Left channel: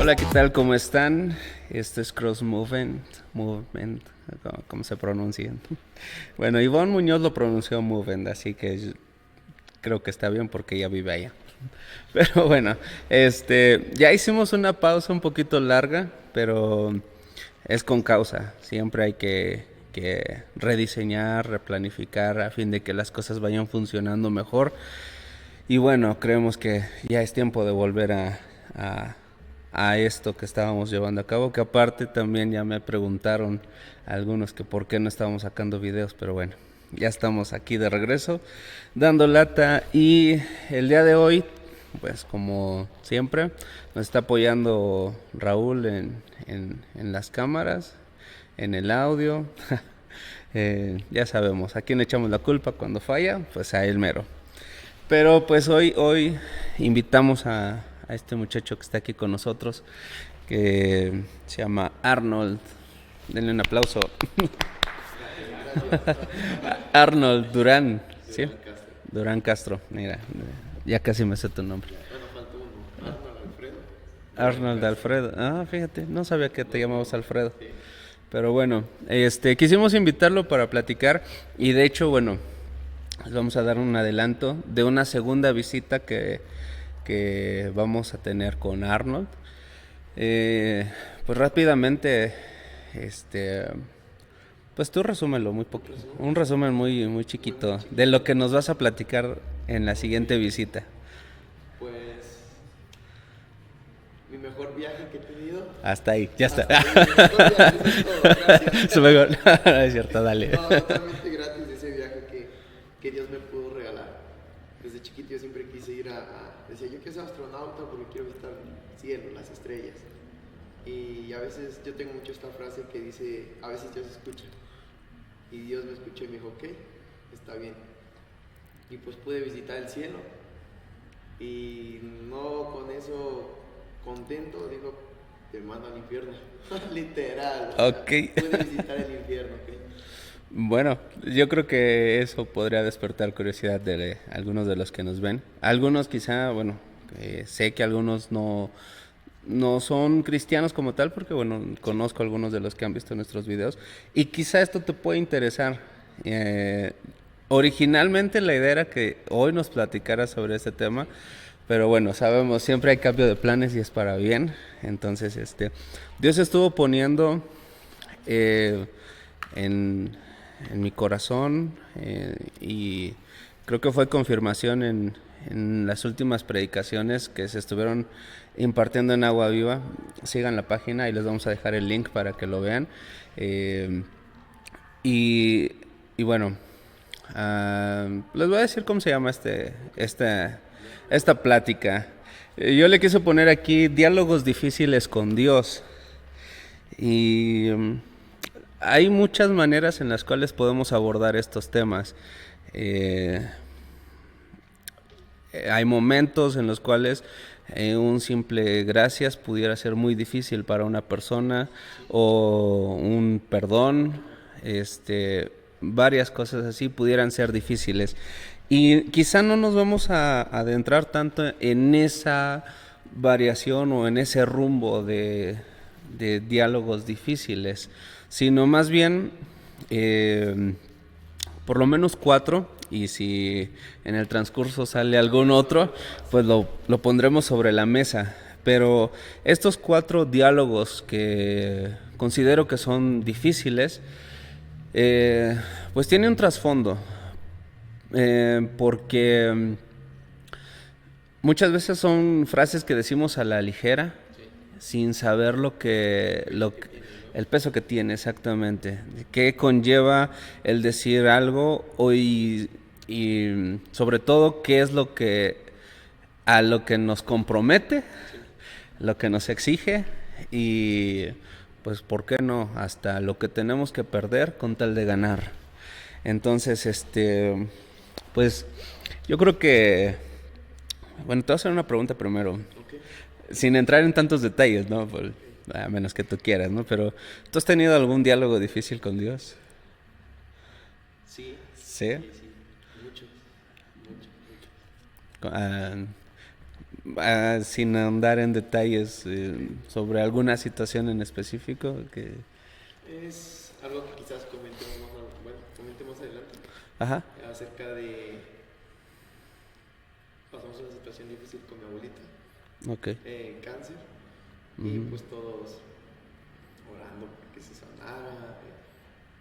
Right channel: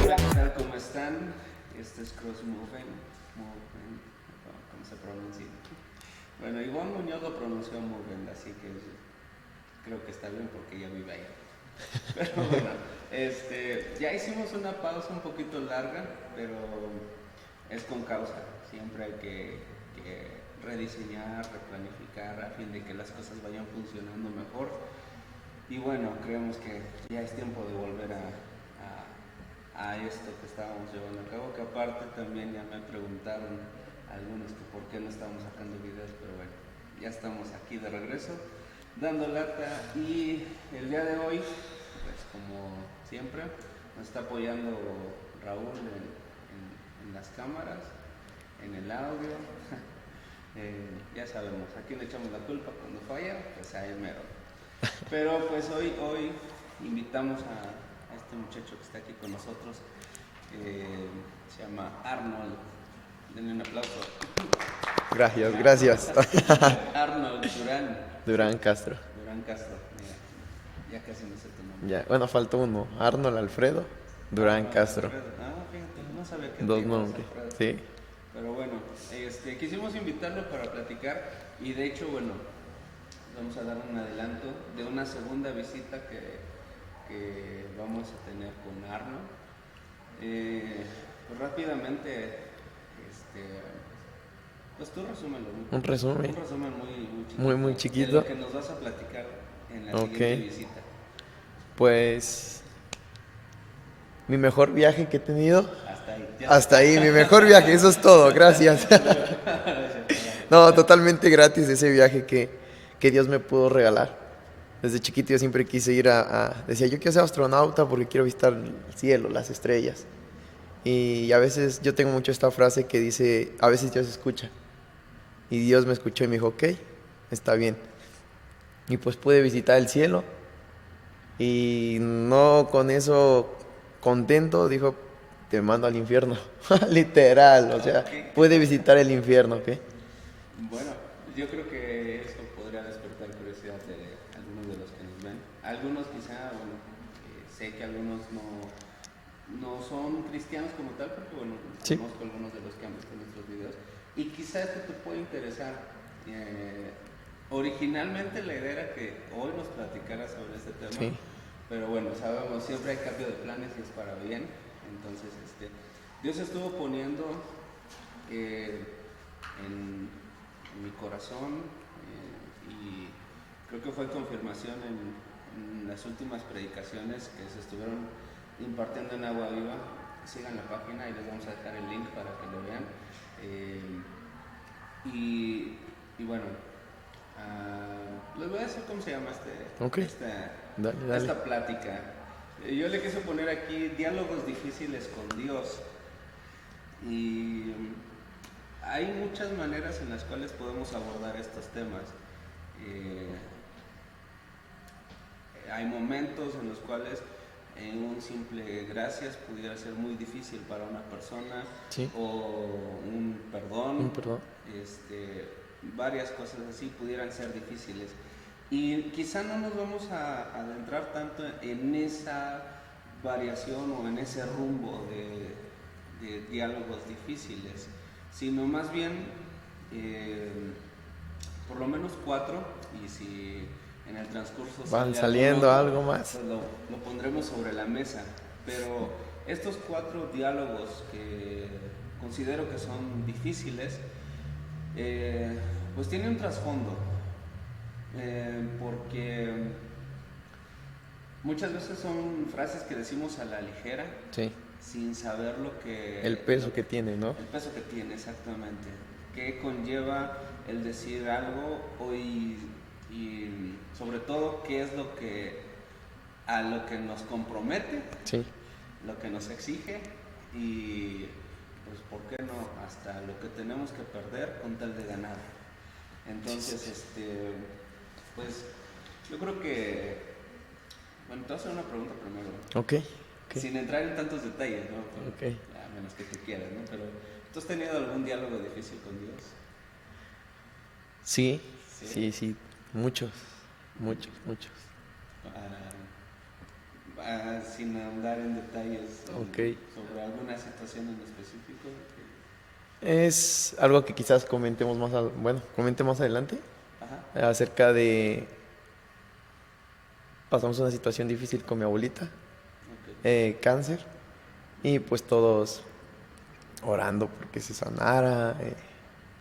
Hola, ¿qué tal? ¿Cómo están? Este es Cross Movement, ¿cómo se pronuncia? Bueno, Ivonne Muñoz lo pronunció Movement, así que creo que está bien porque ella vive allá. Pero bueno, ya hicimos una pausa un poquito larga, pero es con causa. Siempre hay que rediseñar, replanificar a fin de que las cosas vayan funcionando mejor. Y bueno, creemos que ya es tiempo de volver a, a esto que estábamos llevando a cabo, que aparte también ya me preguntaron algunos que por qué no estábamos sacando videos, pero bueno, ya estamos aquí de regreso, dando lata. Y el día de hoy, pues como siempre, nos está apoyando Raúl en las cámaras, en el audio. Ya sabemos, a quién le echamos la culpa cuando falla, pues a él mero. Pero pues hoy invitamos a este muchacho que está aquí con nosotros, que se llama Arnold. Denle un aplauso. Gracias. Arnold Durán. Durán ¿sí? Castro. Durán Castro, mira, ya casi me sé tu nombre. Ya. Bueno, faltó uno. Arnold Alfredo Durán Arnold Castro. Alfredo. Ah, fíjate, no sabía que te Dos llamabas nombres. Alfredo. Sí. Pero bueno, quisimos invitarlo para platicar y de hecho, bueno, les vamos a dar un adelanto de una segunda visita que vamos a tener con Arnold. Pues rápidamente, pues tú resúmelo Un resumen. un resumen muy chiquito, Muy chiquito. de lo que nos vas a platicar en la Ok. siguiente visita. Pues mi mejor viaje que he tenido. Hasta ahí, ya Hasta ahí, mi mejor viaje. Eso es todo. Gracias. No, es cierto, dale. No, totalmente gratis ese viaje que Dios me pudo regalar. Desde chiquito yo siempre quise ir decía, yo quiero ser astronauta porque quiero visitar el cielo, las estrellas. Y a veces yo tengo mucho esta frase que dice, a veces Dios escucha. Y Dios me escuchó y me dijo, ok, está bien. Y pues pude visitar el cielo. Y no con eso contento, dijo, te mando al infierno. Literal, o sea, Ok. pude visitar el infierno, ¿ok? Bueno, yo creo que eso podría despertar curiosidad de algunos de los que nos ven. Algunos quizá, bueno, sé que algunos no son cristianos como tal, porque bueno, Sí. conozco algunos de los que han visto nuestros videos. Y quizá esto te puede interesar. Originalmente la idea era que hoy nos platicaras sobre este tema, Sí. pero bueno, sabemos, siempre hay cambio de planes y es para bien. Entonces, Dios estuvo poniendo en mi corazón y creo que fue confirmación en las últimas predicaciones que se estuvieron impartiendo en Agua Viva. Sigan la página y les vamos a dejar el link para que lo vean. Eh, y bueno, les voy a decir cómo se llama Ok. esta Dale. plática. Yo le quise poner aquí diálogos difíciles con Dios. Y hay muchas maneras en las cuales podemos abordar estos temas. Eh, Hay momentos en los cuales un simple gracias pudiera ser muy difícil para una persona, Sí. o un perdón, Perdón. varias cosas así pudieran ser difíciles. Y quizá no nos vamos a adentrar tanto en esa variación o en ese rumbo de diálogos difíciles, sino más bien por lo menos 4, y si en el transcurso sale algún saliendo otro, algo más. pues lo pondremos sobre la mesa. Pero estos 4 diálogos que considero que son difíciles, pues tienen un trasfondo, porque muchas veces son frases que decimos a la ligera, Sí. sin saber lo que... El peso que tiene, ¿no? El peso que tiene, exactamente. ¿Qué conlleva el decir algo y sobre todo qué es lo que... a lo que nos compromete, Sí. lo que nos exige y pues por qué no, hasta lo que tenemos que perder con tal de ganar. Entonces, pues yo creo que... Bueno, te voy a hacer una pregunta primero. Ok. Sin entrar en tantos detalles, ¿no? A menos que tú quieras, ¿no? Pero, ¿tú has tenido algún diálogo difícil con Dios? Sí, ¿Sí? sí, sí, muchos, muchos, muchos. Ah, sin andar en detalles Ok. sobre alguna situación en específico que... Es algo que quizás comentemos bueno, comente más adelante Ajá, acerca de pasamos una situación difícil con mi abuelita, ok. cáncer, y Ujú, pues todos orando porque se sanara,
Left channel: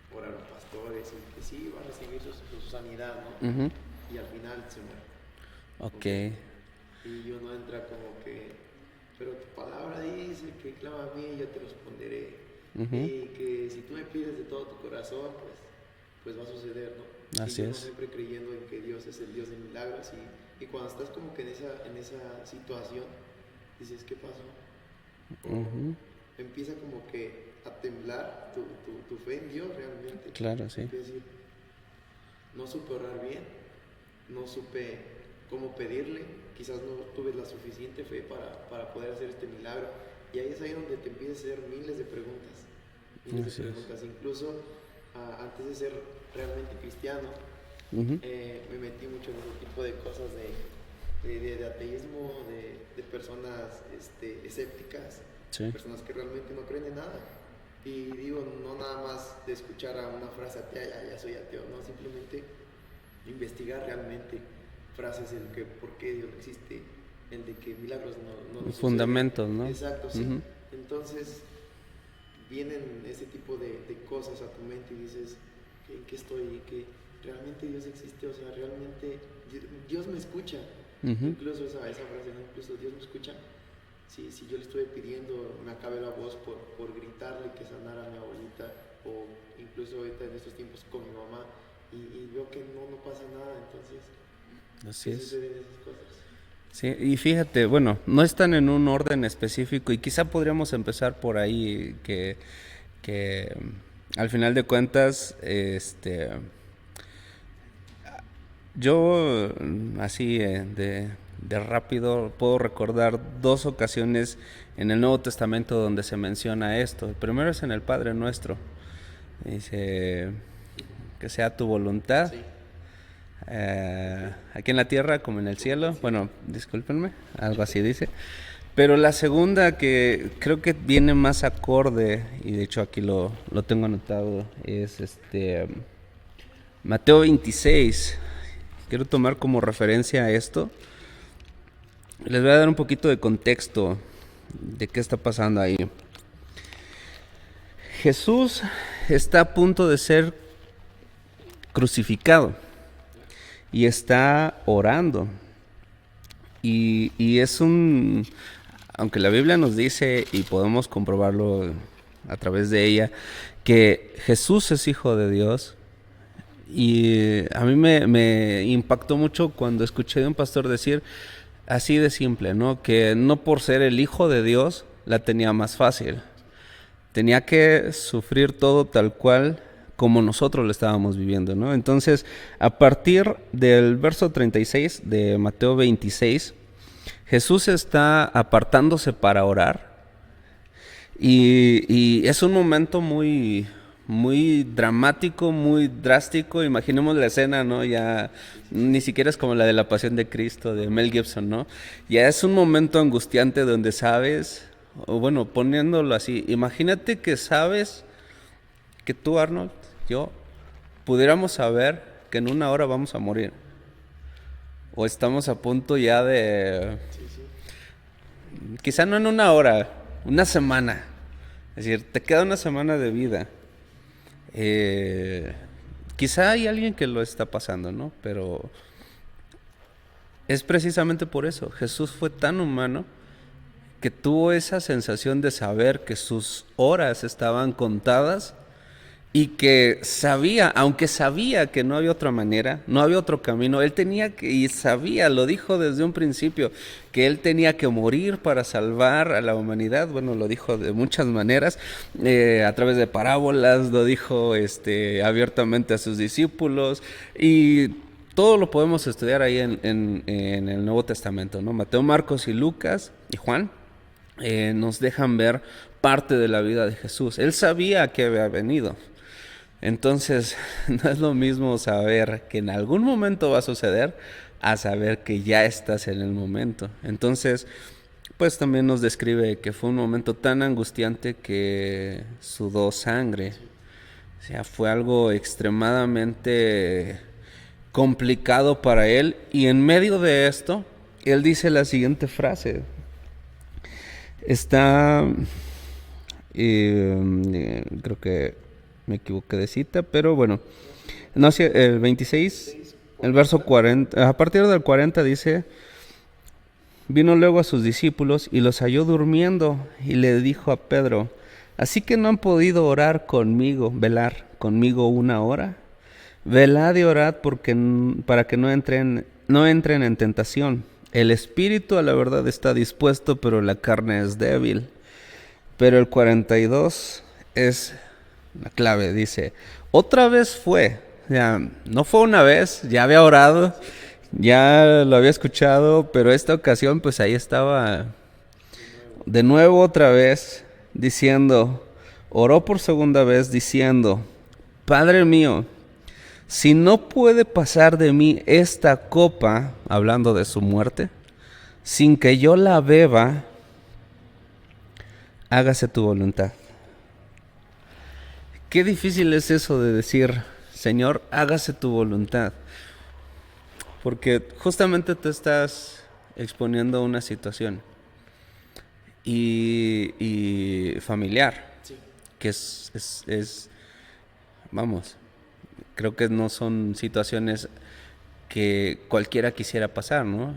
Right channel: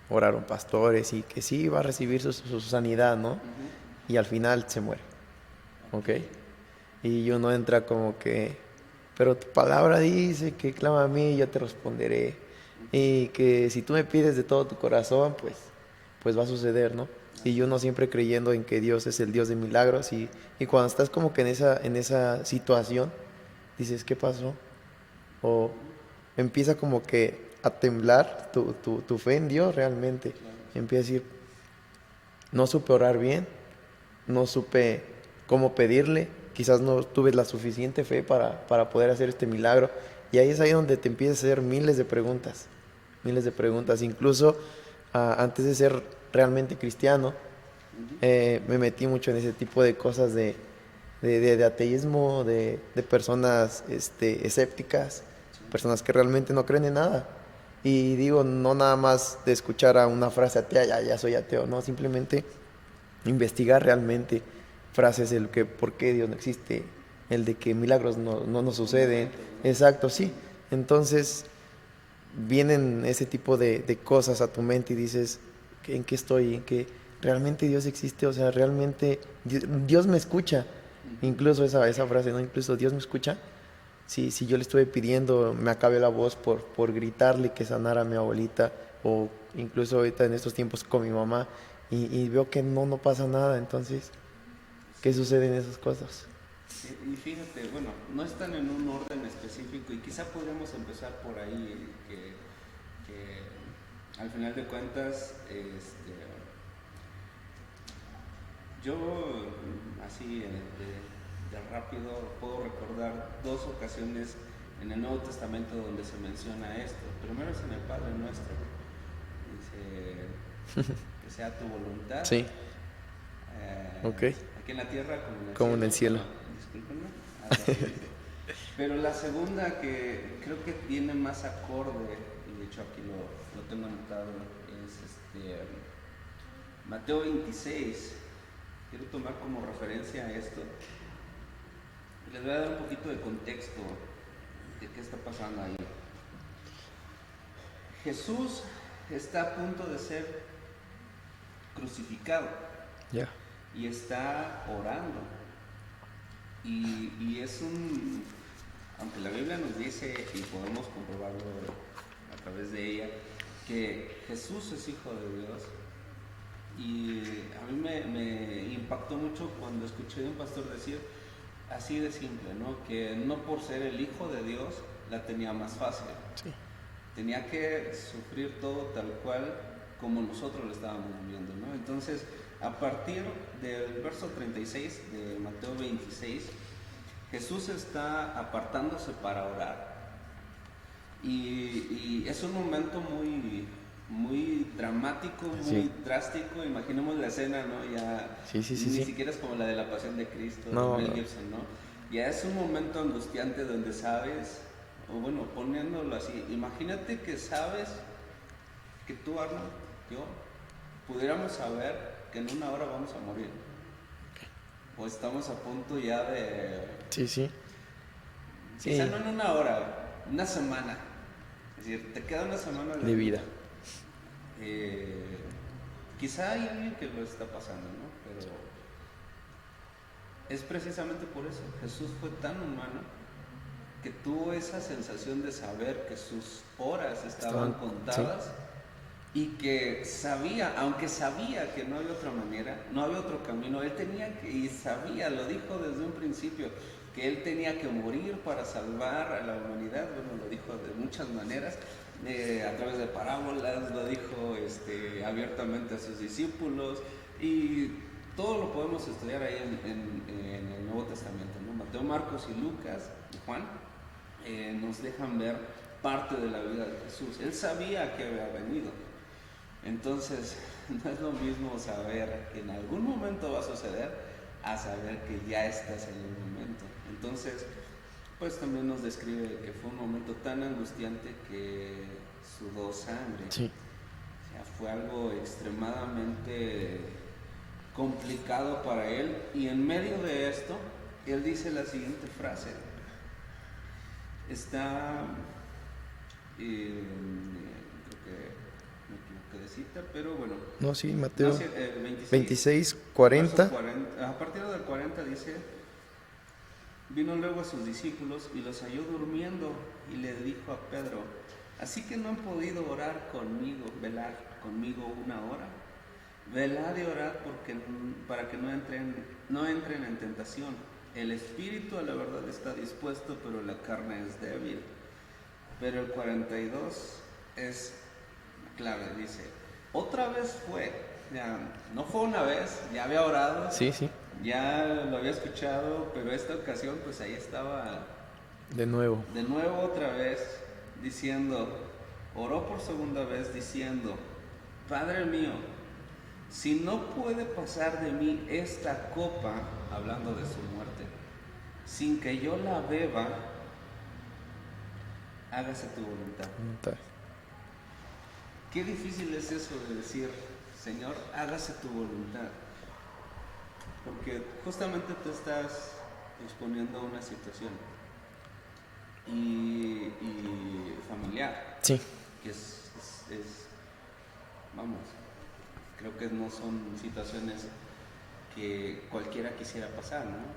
oraron pastores y que sí iba a recibir su sanidad, ¿no? ujú, Y al final se muere, ok. ¿ok? Y uno entra como que, pero tu palabra dice que clama a mí y yo te responderé. Ujú, Y que si tú me pides de todo tu corazón, pues va a suceder, ¿no? Y así uno es. siempre creyendo en que Dios es el Dios de milagros y cuando estás como que en esa situación, dices, ¿qué pasó? O Ujú, empieza como que a temblar tu fe en Dios realmente. claro, sí. Empieza a decir, no supe orar bien, no supe cómo pedirle, quizás no tuve la suficiente fe para poder hacer este milagro. Y ahí es ahí donde te empiezas a hacer miles de Así es. preguntas. Incluso antes de ser realmente cristiano, Ujú, me metí mucho en ese tipo de cosas de ateísmo, de personas escépticas, sí. personas que realmente no creen en nada. Y digo, no nada más de escuchar a una frase atea, ya soy ateo, no, simplemente investigar realmente frases el que por qué Dios no existe, el de que milagros no nos suceden. Fundamentos, ¿no? Exacto, sí. Ujú, Entonces vienen ese tipo de cosas a tu mente y dices, ¿en qué estoy? ¿En qué realmente Dios existe? O sea, realmente Dios me escucha. ujú. Incluso esa frase, ¿no? Incluso Dios me escucha. Si yo le estuve pidiendo, me acabe la voz por gritarle que sanara a mi abuelita, o incluso ahorita en estos tiempos con mi mamá, y veo que no pasa nada, entonces, Así ¿qué es. sucede en esas cosas? Sí, y fíjate, bueno, no están en un orden específico y quizá podríamos empezar por ahí, que al final de cuentas, yo así de rápido puedo recordar dos ocasiones en el Nuevo Testamento donde se menciona esto. El primero es en el Padre Nuestro. Dice que sea tu voluntad, Sí, ok, aquí en la tierra como en el como en el cielo. cielo. Bueno, discúlpenme, algo así dice. Pero la segunda que creo que viene más acorde, y de hecho aquí lo tengo anotado, es Mateo 26. Quiero tomar como referencia a esto. Les voy a dar un poquito de contexto de qué está pasando ahí. Jesús está a punto de ser crucificado Ya. y está orando. Y es un, aunque la Biblia nos dice, y podemos comprobarlo a través de ella, que Jesús es hijo de Dios. Y a mí me impactó mucho cuando escuché de un pastor decir, así de simple, ¿no? Que no por ser el hijo de Dios la tenía más fácil. Sí. Tenía que sufrir todo tal cual como nosotros lo estábamos viviendo, ¿no? Entonces, a partir del verso 36 de Mateo 26, Jesús está apartándose para orar y es un momento muy dramático, Sí, muy drástico. Imaginemos la escena, ¿no? Ya sí, sí, sí, ni sí. siquiera es como la de la Pasión de Cristo de No, Mel no. Gibson, ¿no? Ya es un momento angustiante donde sabes, o bueno, poniéndolo así, imagínate que sabes que tú, Arnold, yo, pudiéramos saber que en una hora vamos a morir. O estamos a punto ya de, Sí, sí, quizá sí, no en una hora, una semana. Es decir, te queda una semana de de vida. vida. Eh, Quizá hay alguien que lo está pasando, ¿no? Pero es precisamente por eso. Jesús fue tan humano que tuvo esa sensación de saber que sus horas estaban Estaban, sí, contadas y que sabía, aunque sabía que no había otra manera, no había otro camino, él tenía que, y sabía, lo dijo desde un principio, que él tenía que morir para salvar a la humanidad. Bueno, lo dijo de muchas maneras, a través de parábolas, lo dijo abiertamente a sus discípulos, y todo lo podemos estudiar ahí en el Nuevo Testamento, ¿no? Mateo, Marcos y Lucas y Juan nos dejan ver parte de la vida de Jesús. Él sabía que había venido. Entonces, no es lo mismo saber que en algún momento va a suceder a saber que ya estás en el momento. Entonces, pues también nos describe que fue un momento tan angustiante que sudó sangre. Sí. O sea, fue algo extremadamente complicado para él. Y en medio de esto, él dice la siguiente frase. Está, creo que me equivoqué de cita, pero bueno. No, sí, No, Mateo sí, el 26, 26, el verso 40. 40. A partir del 40 dice, vino luego a sus discípulos y los halló durmiendo y le dijo a Pedro, así que no han podido orar conmigo, velar conmigo una hora. Velad y orad para que no entren en tentación. El espíritu a la verdad está dispuesto, pero la carne es débil. Pero el 42 es la clave, dice, otra vez fue, ya, no fue una vez, ya había orado, Sí, sí. ya lo había escuchado, pero esta ocasión pues ahí estaba De nuevo. de nuevo otra vez diciendo, oró por segunda vez diciendo, Padre mío, si no puede pasar de mí esta copa, hablando de su muerte, sin que yo la beba, hágase tu voluntad. Qué difícil es eso de decir, Señor, hágase tu voluntad. Porque justamente te estás exponiendo a una situación y familiar, Sí. que vamos, creo que no son situaciones que cualquiera quisiera pasar, ¿no?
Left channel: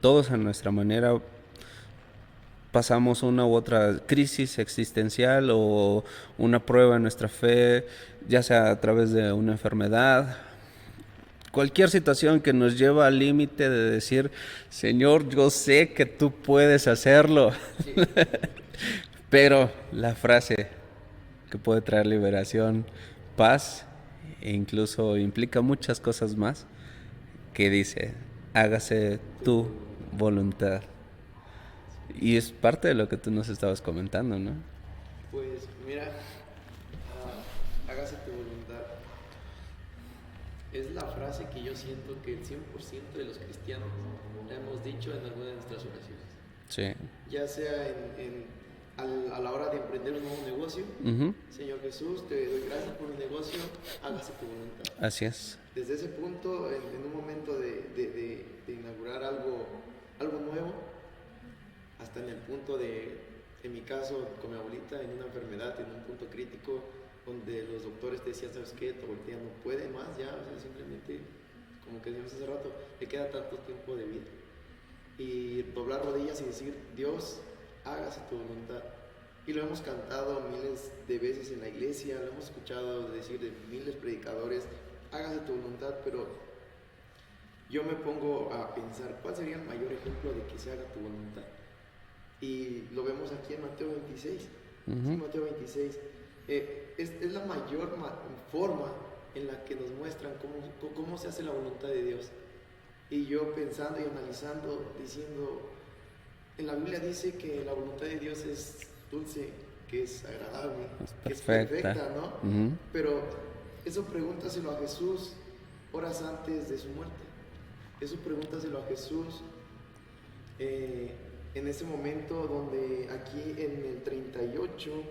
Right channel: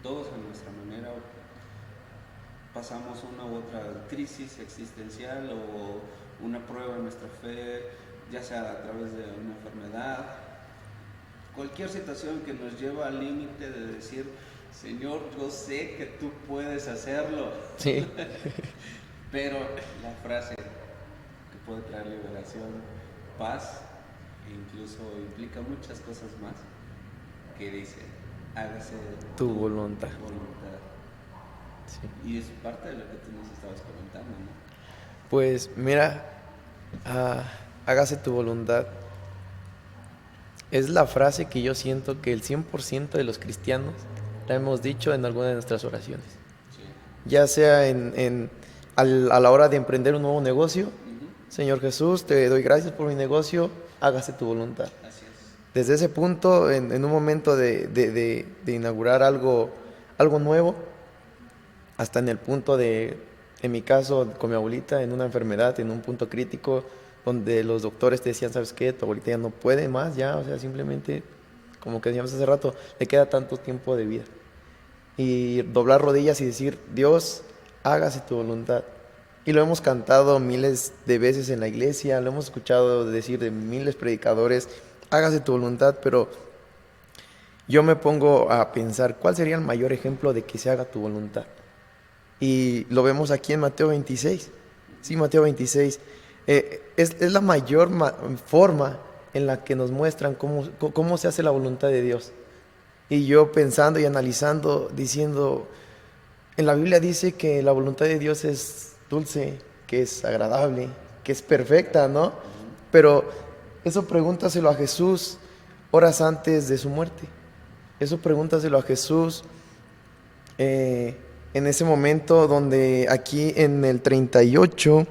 Todos a nuestra manera pasamos una u otra crisis existencial o una prueba en nuestra fe, ya sea a través de una enfermedad, cualquier situación que nos lleva al límite de decir, Señor, yo sé que tú puedes hacerlo. Sí. Pero la frase que puede traer liberación, paz e incluso implica muchas cosas más, que dice, hágase Tu tu voluntad. voluntad. Sí. Y es parte de lo que tú nos estabas comentando, ¿no? Pues mira, hágase tu voluntad. Es la frase que yo siento que el 100% de los cristianos la hemos dicho en alguna de nuestras oraciones. Sí. Ya sea a la hora de emprender un nuevo negocio. Ujú. Señor Jesús, te doy gracias por mi negocio, hágase tu voluntad. Así es. Desde ese punto, en un momento de inaugurar algo nuevo, hasta en el punto en mi caso, con mi abuelita, en una enfermedad, en un punto crítico, donde los doctores te decían, ¿sabes qué? Tu abuelita ya no puede más, ya, o sea, simplemente, como que decíamos hace rato, le queda tanto tiempo de vida. Y doblar rodillas y decir, Dios, hágase tu voluntad. Y lo hemos cantado miles de veces en la iglesia, lo hemos escuchado decir de miles de predicadores, hágase tu voluntad, pero yo me pongo a pensar, ¿cuál sería el mayor ejemplo de que se haga tu voluntad? Y lo vemos aquí en Mateo 26. Sí, Mateo 26. Es la mayor forma en la que nos muestran cómo se hace la voluntad de Dios. Y yo pensando y analizando, diciendo, en la Biblia dice que la voluntad de Dios es dulce, que es agradable, que es perfecta, ¿no? Ujú. Pero eso pregúntaselo a Jesús horas antes de su muerte. Eso pregúntaselo a Jesús en ese momento donde aquí en el 38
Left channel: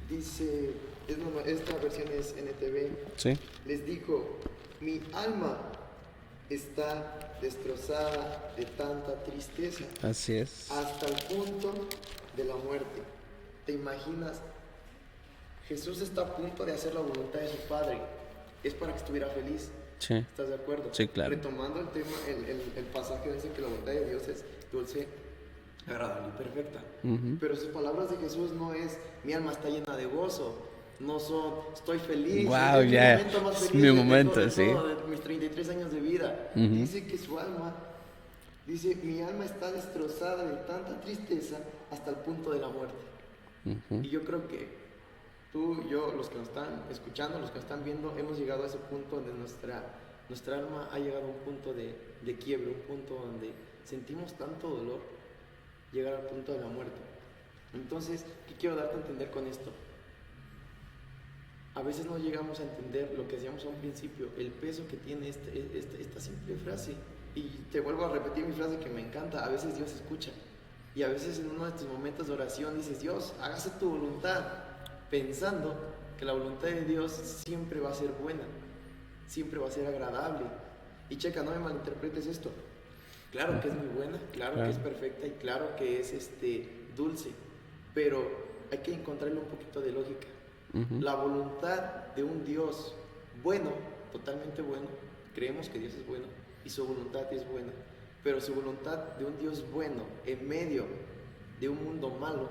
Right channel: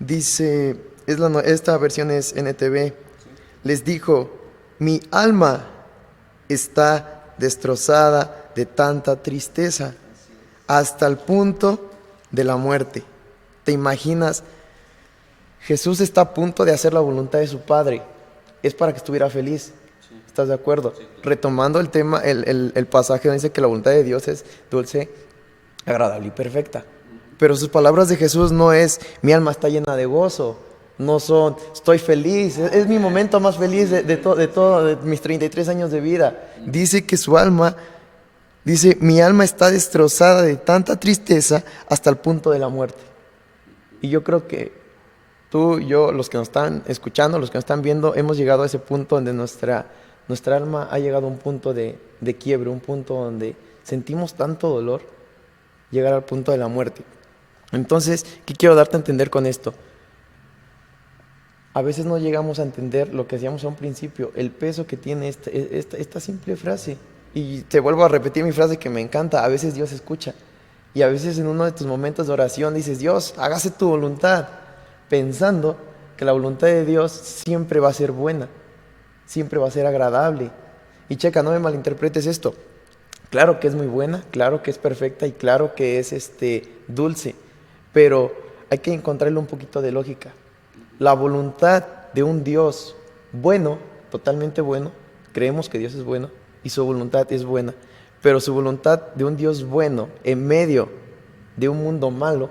dice, esta versión es NTV, Sí. les dijo, mi alma está destrozada de tanta tristeza Así es. hasta el punto de la muerte. ¿Te imaginas? Jesús está a punto de hacer la voluntad de su Padre. Es para que estuviera feliz. Sí. ¿Estás de acuerdo? Sí, claro. Retomando el tema, el pasaje donde dice que la voluntad de Dios es dulce, agradable y perfecta. Pero sus palabras de Jesús no es, mi alma está llena de gozo. No son, estoy feliz, Wow, es mi ya. momento más Es feliz mi momento, de mis 33 años de vida. Dice que su alma, dice, mi alma está destrozada de tanta tristeza hasta el punto de la muerte. Y yo creo que tú, yo, los que nos están escuchando, los que nos están viendo, hemos llegado a ese punto donde nuestra alma ha llegado a un punto de quiebre, un punto donde sentimos tanto dolor, llegar al punto de la muerte. Entonces, ¿qué quiero darte a entender con esto? a veces no llegamos a entender lo que hacíamos a un principio, el peso que tiene esta simple frase. Y te vuelvo a repetir mi frase que me encanta, a veces Dios escucha. Y a veces en uno de tus momentos de oración dices, Dios, hágase tu voluntad, pensando que la voluntad de Dios siempre va a ser buena, siempre va a ser agradable. Y checa, no me malinterpretes esto. Claro que es muy buena, claro que es perfecta y claro que es dulce, pero hay que encontrarle un poquito de lógica. La voluntad de un Dios bueno, totalmente bueno, creemos que Dios es bueno y su voluntad es buena, pero su voluntad de un Dios bueno en medio de un mundo malo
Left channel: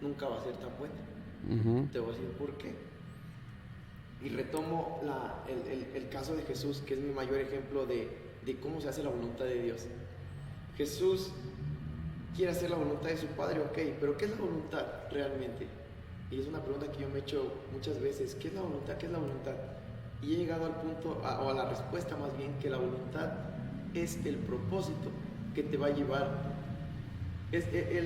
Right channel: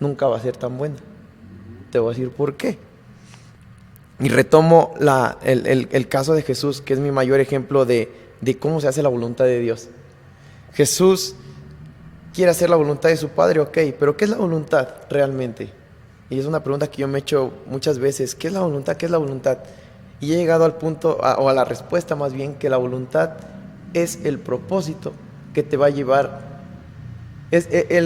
nunca va a ser tan buena. Te voy a decir por qué. Y retomo el caso de Jesús, que es mi mayor ejemplo de cómo se hace la voluntad de Dios. Jesús quiere hacer la voluntad de su Padre, ok, pero ¿qué es la voluntad realmente? Y es una pregunta que yo me he hecho muchas veces. ¿Qué es la voluntad? ¿Qué es la voluntad? Y he llegado al punto, o a la respuesta más bien, que la voluntad es el propósito que te va a llevar.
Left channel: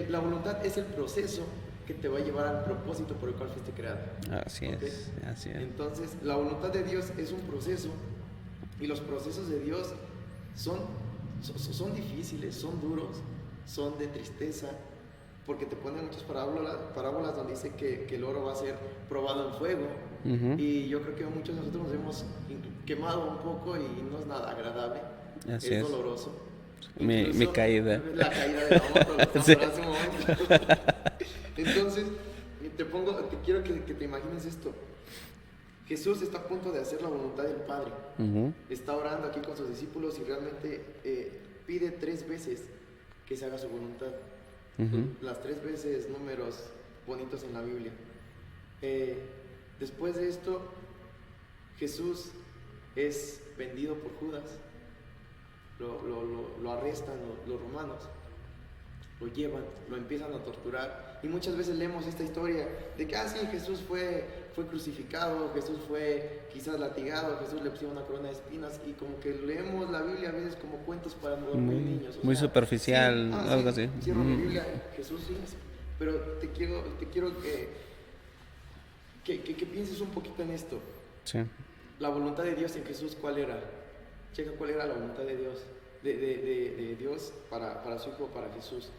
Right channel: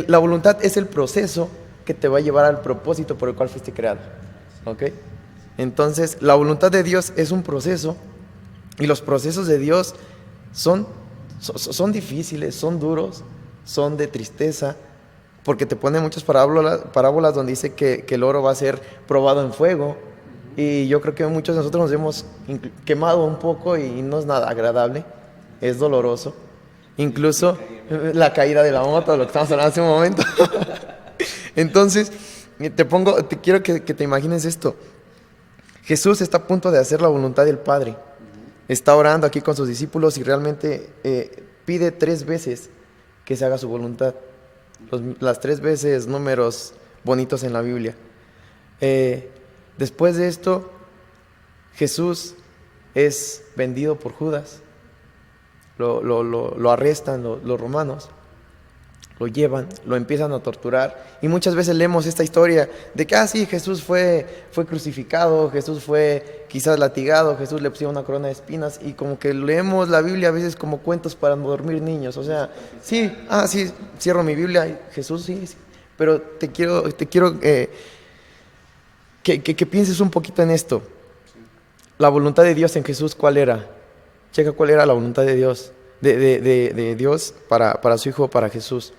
La voluntad es el proceso que te va a llevar al propósito por el cual fuiste creado. Así ¿Ok? es, así es. Entonces, la voluntad de Dios es un proceso y los procesos de Dios son difíciles, son duros, son de tristeza, porque te pone muchas parábolas donde dice que el oro va a ser probado en fuego. Y yo creo que muchos de nosotros nos hemos quemado un poco y no es nada agradable, es doloroso. Incluso caída. la caída de la moto, lo que estamos hablando hace un momento. Entonces, quiero que te imagines esto. Jesús está a punto de hacer la voluntad del Padre. Está orando aquí con sus discípulos y realmente pide 3 veces que se haga su voluntad. Las 3 veces números bonitos en la Biblia. Después de esto, Jesús es vendido por Judas. Lo arrestan los romanos, lo llevan, lo empiezan a torturar. Y muchas veces leemos esta historia de que, sí, Jesús fue crucificado, Jesús fue quizás latigado, Jesús le pusieron una corona de espinas. Y como que leemos la Biblia a veces como cuentos para dormir niños. O sea, muy superficial. Sí, algo así. Cierro mi Biblia y Jesús sí. Pero te quiero que pienses un poquito en esto. Sí. La voluntad de Dios en Jesús, ¿cuál era? Checa cuál era la voluntad de Dios, de Dios para su Hijo, para Jesús.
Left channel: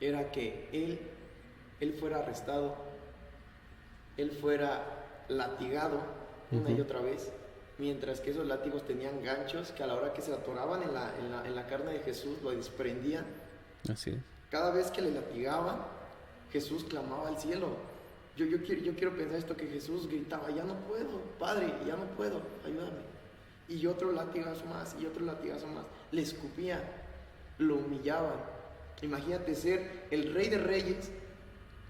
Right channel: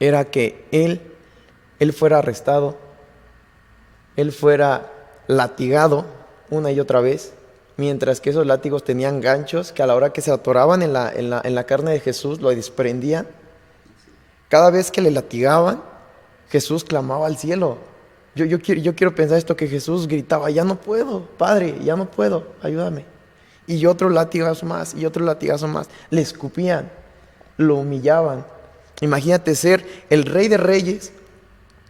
Era que Él fuera arrestado, Él fuera latigado una y otra vez, mientras que esos látigos tenían ganchos que a la hora que se atoraban en la carne de Jesús, lo desprendían. Así es. Cada vez que le latigaban, Jesús clamaba al cielo. Yo quiero pensar esto, que Jesús gritaba, ya no puedo, Padre, ya no puedo, ayúdame. Y otro latigazo más, y otro latigazo más. Le escupían, lo humillaban. Imagínate ser el Rey de Reyes,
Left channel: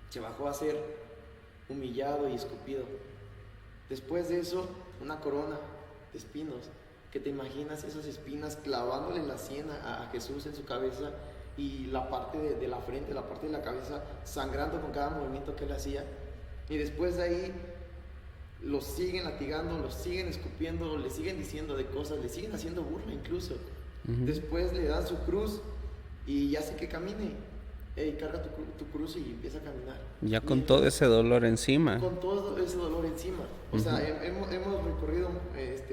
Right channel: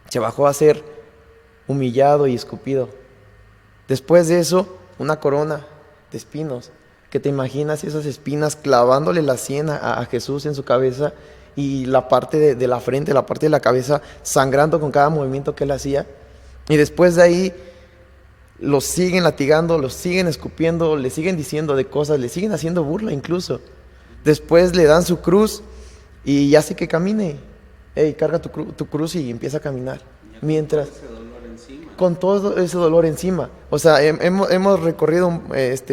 se bajó a ser humillado y escupido. Después de eso, una corona de espinos. ¿Qué te imaginas esas espinas clavándole la sien a Jesús en su cabeza y la parte de la frente, la parte de la cabeza sangrando con cada movimiento que él hacía? Y después de ahí los siguen latigando, los siguen escupiendo, le siguen diciendo de cosas, le siguen haciendo burla incluso. Después le dan su cruz y hace que camine. Carga tu cruz y empieza a caminar. Ya con todo ese dolor encima. Con todo ese dolor encima. O sea, hemos recorrido,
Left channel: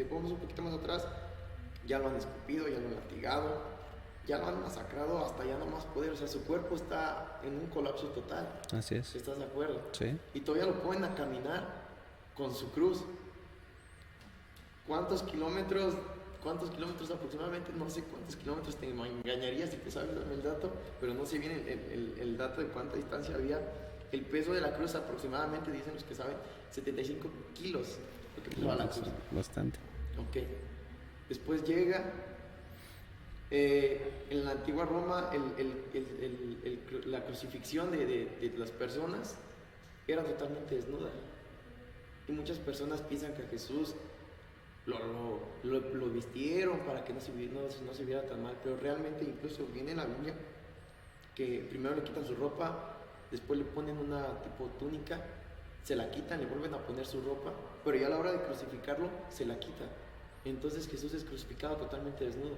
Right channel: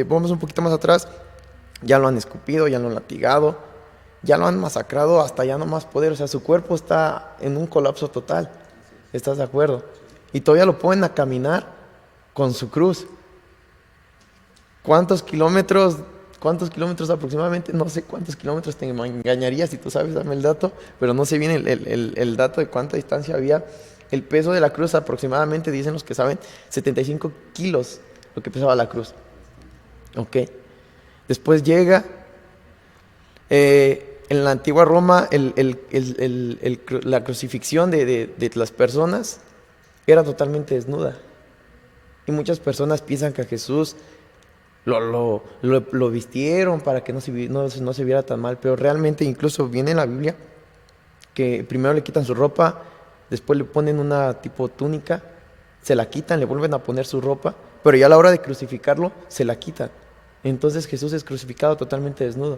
vamos un poquito más atrás, ya lo han escupido, ya lo han latigado, ya lo han masacrado hasta ya no más poder. O sea, su cuerpo está en un colapso total. Así es. ¿Estás de acuerdo? Sí. Y todavía lo ponen a caminar con su cruz. ¿Cuántos kilómetros aproximadamente? No sé cuántos kilómetros, te engañaría si tú sabes, dame el dato, pero no sé bien el dato de cuánta distancia había. El peso de la cruz aproximadamente, dicen los que saben, 75 kilos, lo que pesaba la cruz. Bastante. Ok. Después llega, en la antigua Roma, la crucifixión de las personas era totalmente desnuda. Y muchas personas piensan que a Jesús lo vistieron para que no se viera tan mal, pero realmente incluso viene en la Biblia que primero le quitan su ropa, después le ponen una tipo túnica, se la quitan, le vuelven a poner su ropa, pero ya a la hora de crucificarlo se la quitan. Entonces Jesús es crucificado totalmente desnudo.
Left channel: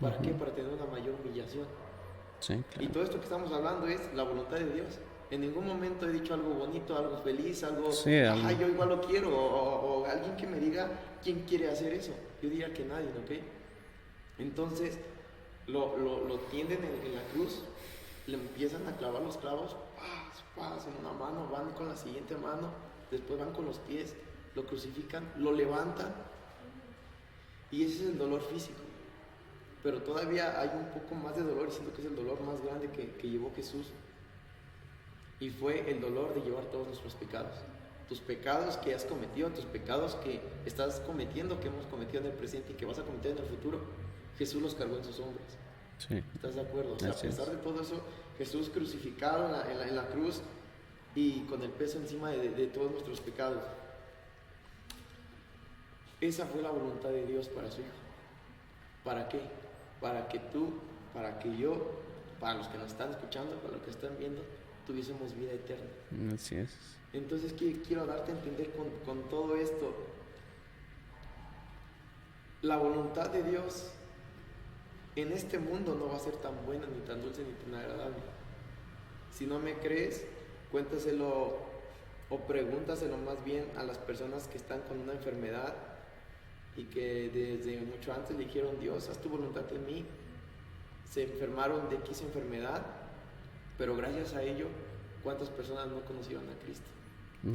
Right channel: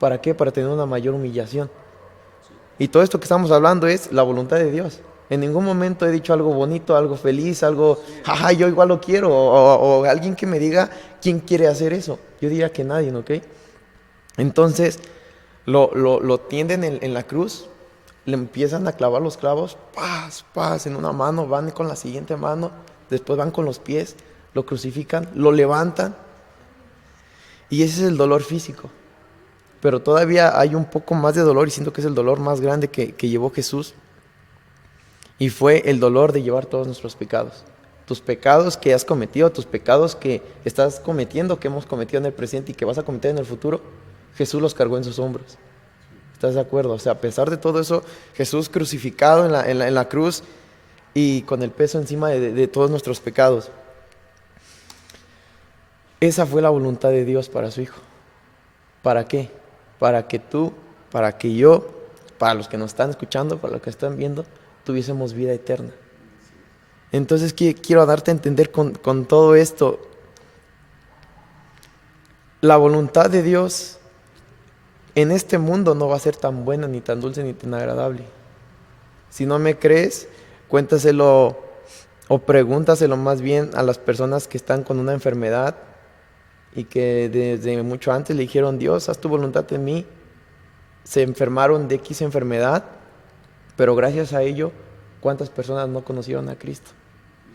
¿Para qué? Para tener una mayor humillación. Sí, claro. Y todo esto que estamos hablando es la voluntad de Dios. En ningún momento he dicho algo bonito, algo feliz, algo, Sí, ajá, yo igual lo quiero. O alguien que me diga quién quiere hacer eso. Yo diría que nadie, ¿ok? Entonces, lo tienden en la cruz, le empiezan a clavar los clavos, paz, paz, en una mano, van con la siguiente mano, después van con los pies, lo crucifican, lo levantan, y ese es el dolor físico. Pero todavía hay un poco más de dolor, y siento que es el dolor más grande que llevó Jesús, y fue el dolor de llevar todos nuestros pecados. Tus pecados que has cometido, tus pecados que estás cometiendo, que hemos cometido en el presente y que vas a cometer en el futuro, Jesús los cargó en sus hombros. sí. ¿Estás de acuerdo? O sea, a pesar de todo eso, Jesús crucificado en la cruz y con el peso encima de todos nuestros pecados. Esa fue la voluntad de Dios para su Hijo. ¿Para qué? Para que tú, para que yo, para los que nos están escuchando, para los que están viendo, tuviésemos vida eterna. Así es. Entonces quiero darte a entender con todo esto, la voluntad de Dios en este mundo no va a ser tan buena, ni tan dulce, ni tan agradable. Si no me crees, cuéntaselo o pregúntaselo más bien a las personas que están con una enfermedad y que desde mucho antes le dijeron: Dios, haz tu voluntad en mí. Se enfermaron de X enfermedad, pero gracias a ello, ¿cuántas personas no conocieron a Cristo?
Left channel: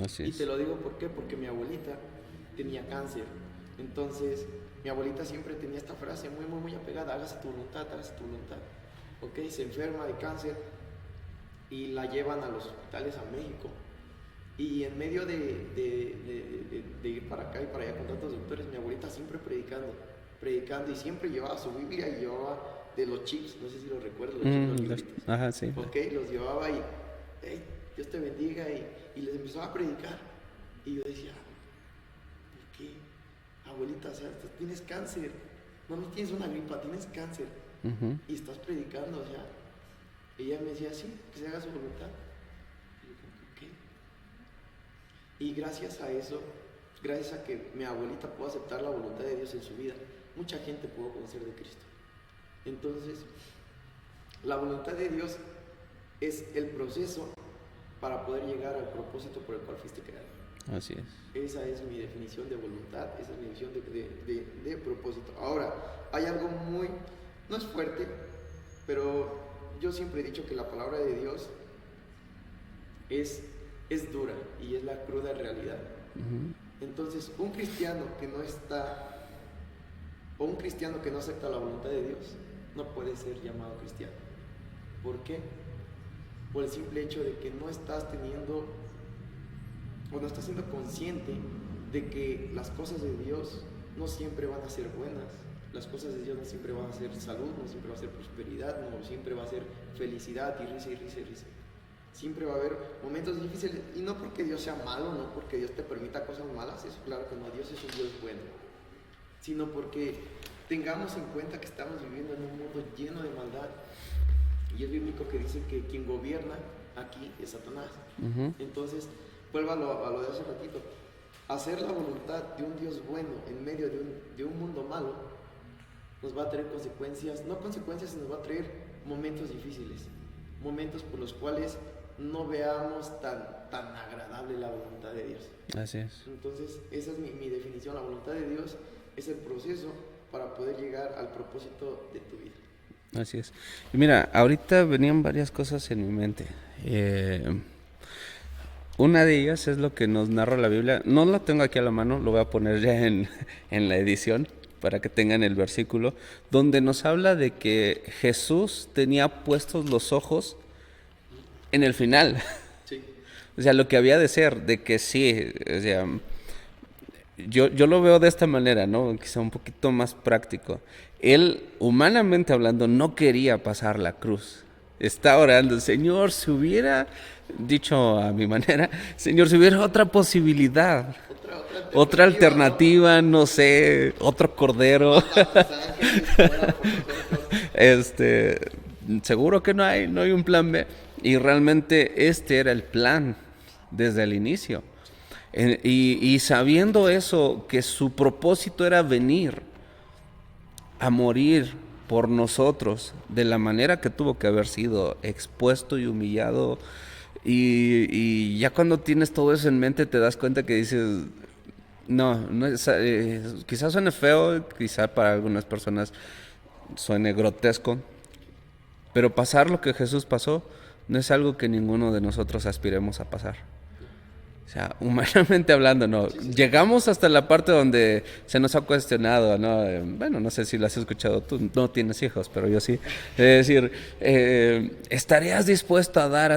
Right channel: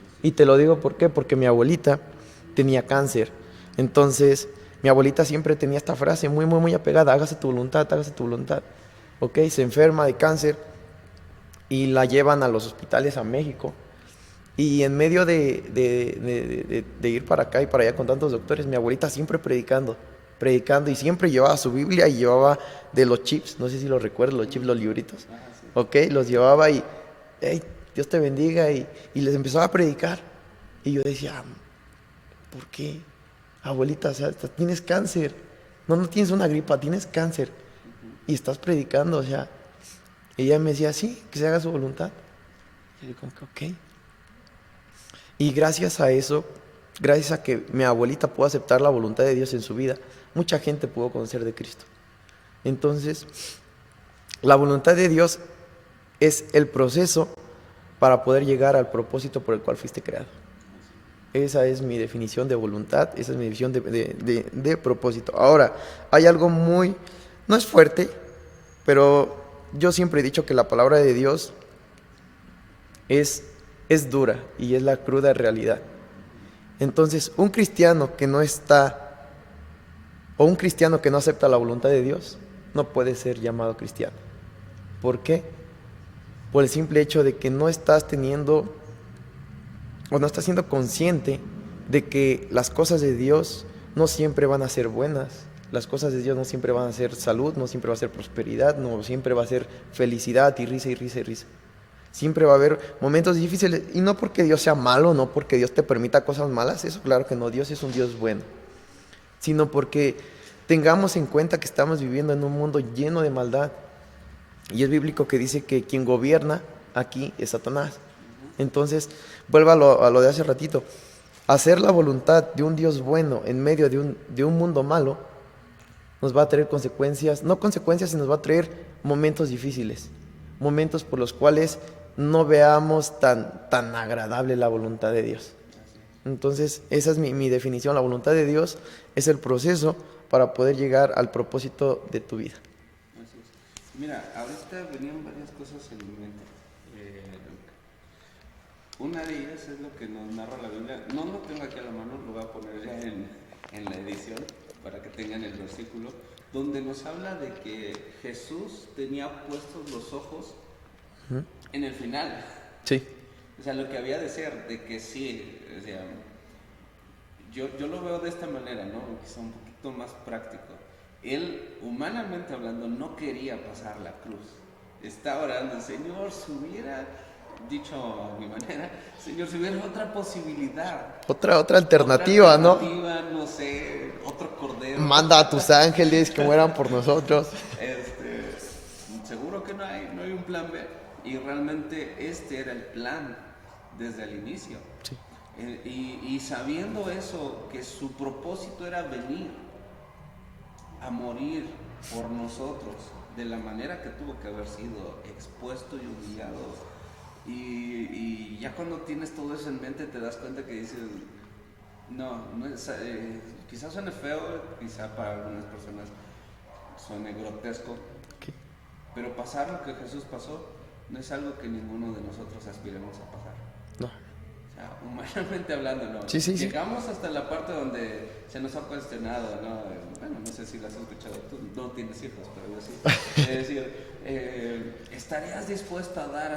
Así Y es. te lo digo ¿por qué? Porque mi abuelita tenía cáncer. Entonces, mi abuelita siempre tenía esta frase muy, muy, muy apegada: hágase tu voluntad, hágase tu voluntad. Ok, se enferma de cáncer y la llevan a los hospitales a México. Y en medio de ir para acá y para allá con tantos doctores, mi abuelita siempre predicando, predicando, y siempre llevaba su Biblia y llevaba de los chips, no sé si los recuerdas, los chips, los libritos. Ajá, sí. Ok, los llevaba y, hey, Dios te bendiga, y les empezaba a predicar. Y yo decía: ¿por qué? Abuelita, o sea, tienes cáncer. No, no tienes una gripa, tienes cáncer. Ujú. Y estás predicando, o sea. Y ella me decía: sí, que se haga su voluntad. Y yo como que, ok. Y gracias a eso, gracias a que mi abuelita pudo aceptar la voluntad de Dios en su vida, mucha gente pudo conocer de Cristo. Entonces, la voluntad de Dios es el proceso para poder llegar al propósito por el cual fuiste creado. Así es. Esa es mi definición de voluntad, esa es mi definición de propósito. Ahora, hay algo muy, no es fuerte, pero yo siempre he dicho que la palabra de Dios es dura y es la cruda realidad. Entonces, un cristiano que no está, o un cristiano que no acepta la voluntad de Dios, no puede ser llamado cristiano. ¿Por qué? Por el simple hecho de que no estás teniendo, o no estás siendo consciente de que las cosas de Dios no siempre van a ser buenas. Las cosas de Dios no siempre van a ser salud, no siempre va a ser prosperidad, no siempre va a ser felicidad y risa y risa y risa. Siempre va a haber momentos difíciles, y no porque Dios sea malo, no porque Dios te permita cosas malas, eso claro que no, Dios es un Dios bueno, sino porque tengamos en cuenta que estamos viviendo en un mundo lleno de maldad, y es bíblico que dice que quien gobierna aquí es Satanás. Entonces, vuelvo a lo de hace ratito, hacer la voluntad de un Dios bueno en medio de un mundo malo nos va a traer consecuencias, no consecuencias, sino nos va a traer momentos difíciles, momentos por los cuales no veamos tan agradable la voluntad de Dios. Así es. Entonces, esa es mi definición. La voluntad de Dios es el proceso para poder llegar al propósito de tu vida. Así es. Y mira, ahorita venían varias cosas en mi mente. Una de ellas es lo que nos narra la Biblia. No lo tengo aquí a la mano, lo voy a poner ya en la edición para que tengan el versículo, donde nos habla de que Jesús tenía puestos los ojos en el final. Sí. O sea, lo que había de ser, de que sí, o sea, yo lo veo de esta manera, ¿no? Quizá un poquito más práctico. Él, humanamente hablando, no quería pasar la cruz. Está orando: Señor, si hubiera, dicho a mi manera, Señor, si hubiera otra posibilidad. Otra Otra alternativa, alternativa, no sé, otro cordero. Manda a tus ángeles que mueran por nosotros. Seguro que no hay un plan B. Y realmente este era el plan desde el inicio. Sí. Y sabiendo eso, que su propósito era venir a morir por nosotros de la manera que tuvo que haber sido expuesto y humillado, Y ya cuando tienes todo eso en mente te das cuenta que dices, no, no es, quizás suene feo, quizás para algunas personas suene grotesco, Ok. pero pasar lo que Jesús pasó no es algo que ninguno de nosotros aspiremos a pasar. No. O sea, humanamente hablando, no. Sí, sí, sí. Llegamos hasta la parte donde se nos ha cuestionado, ¿no? Bueno, no sé si lo has escuchado tú, no tienes hijos, pero yo sí. Es decir, ¿estarías dispuesto a dar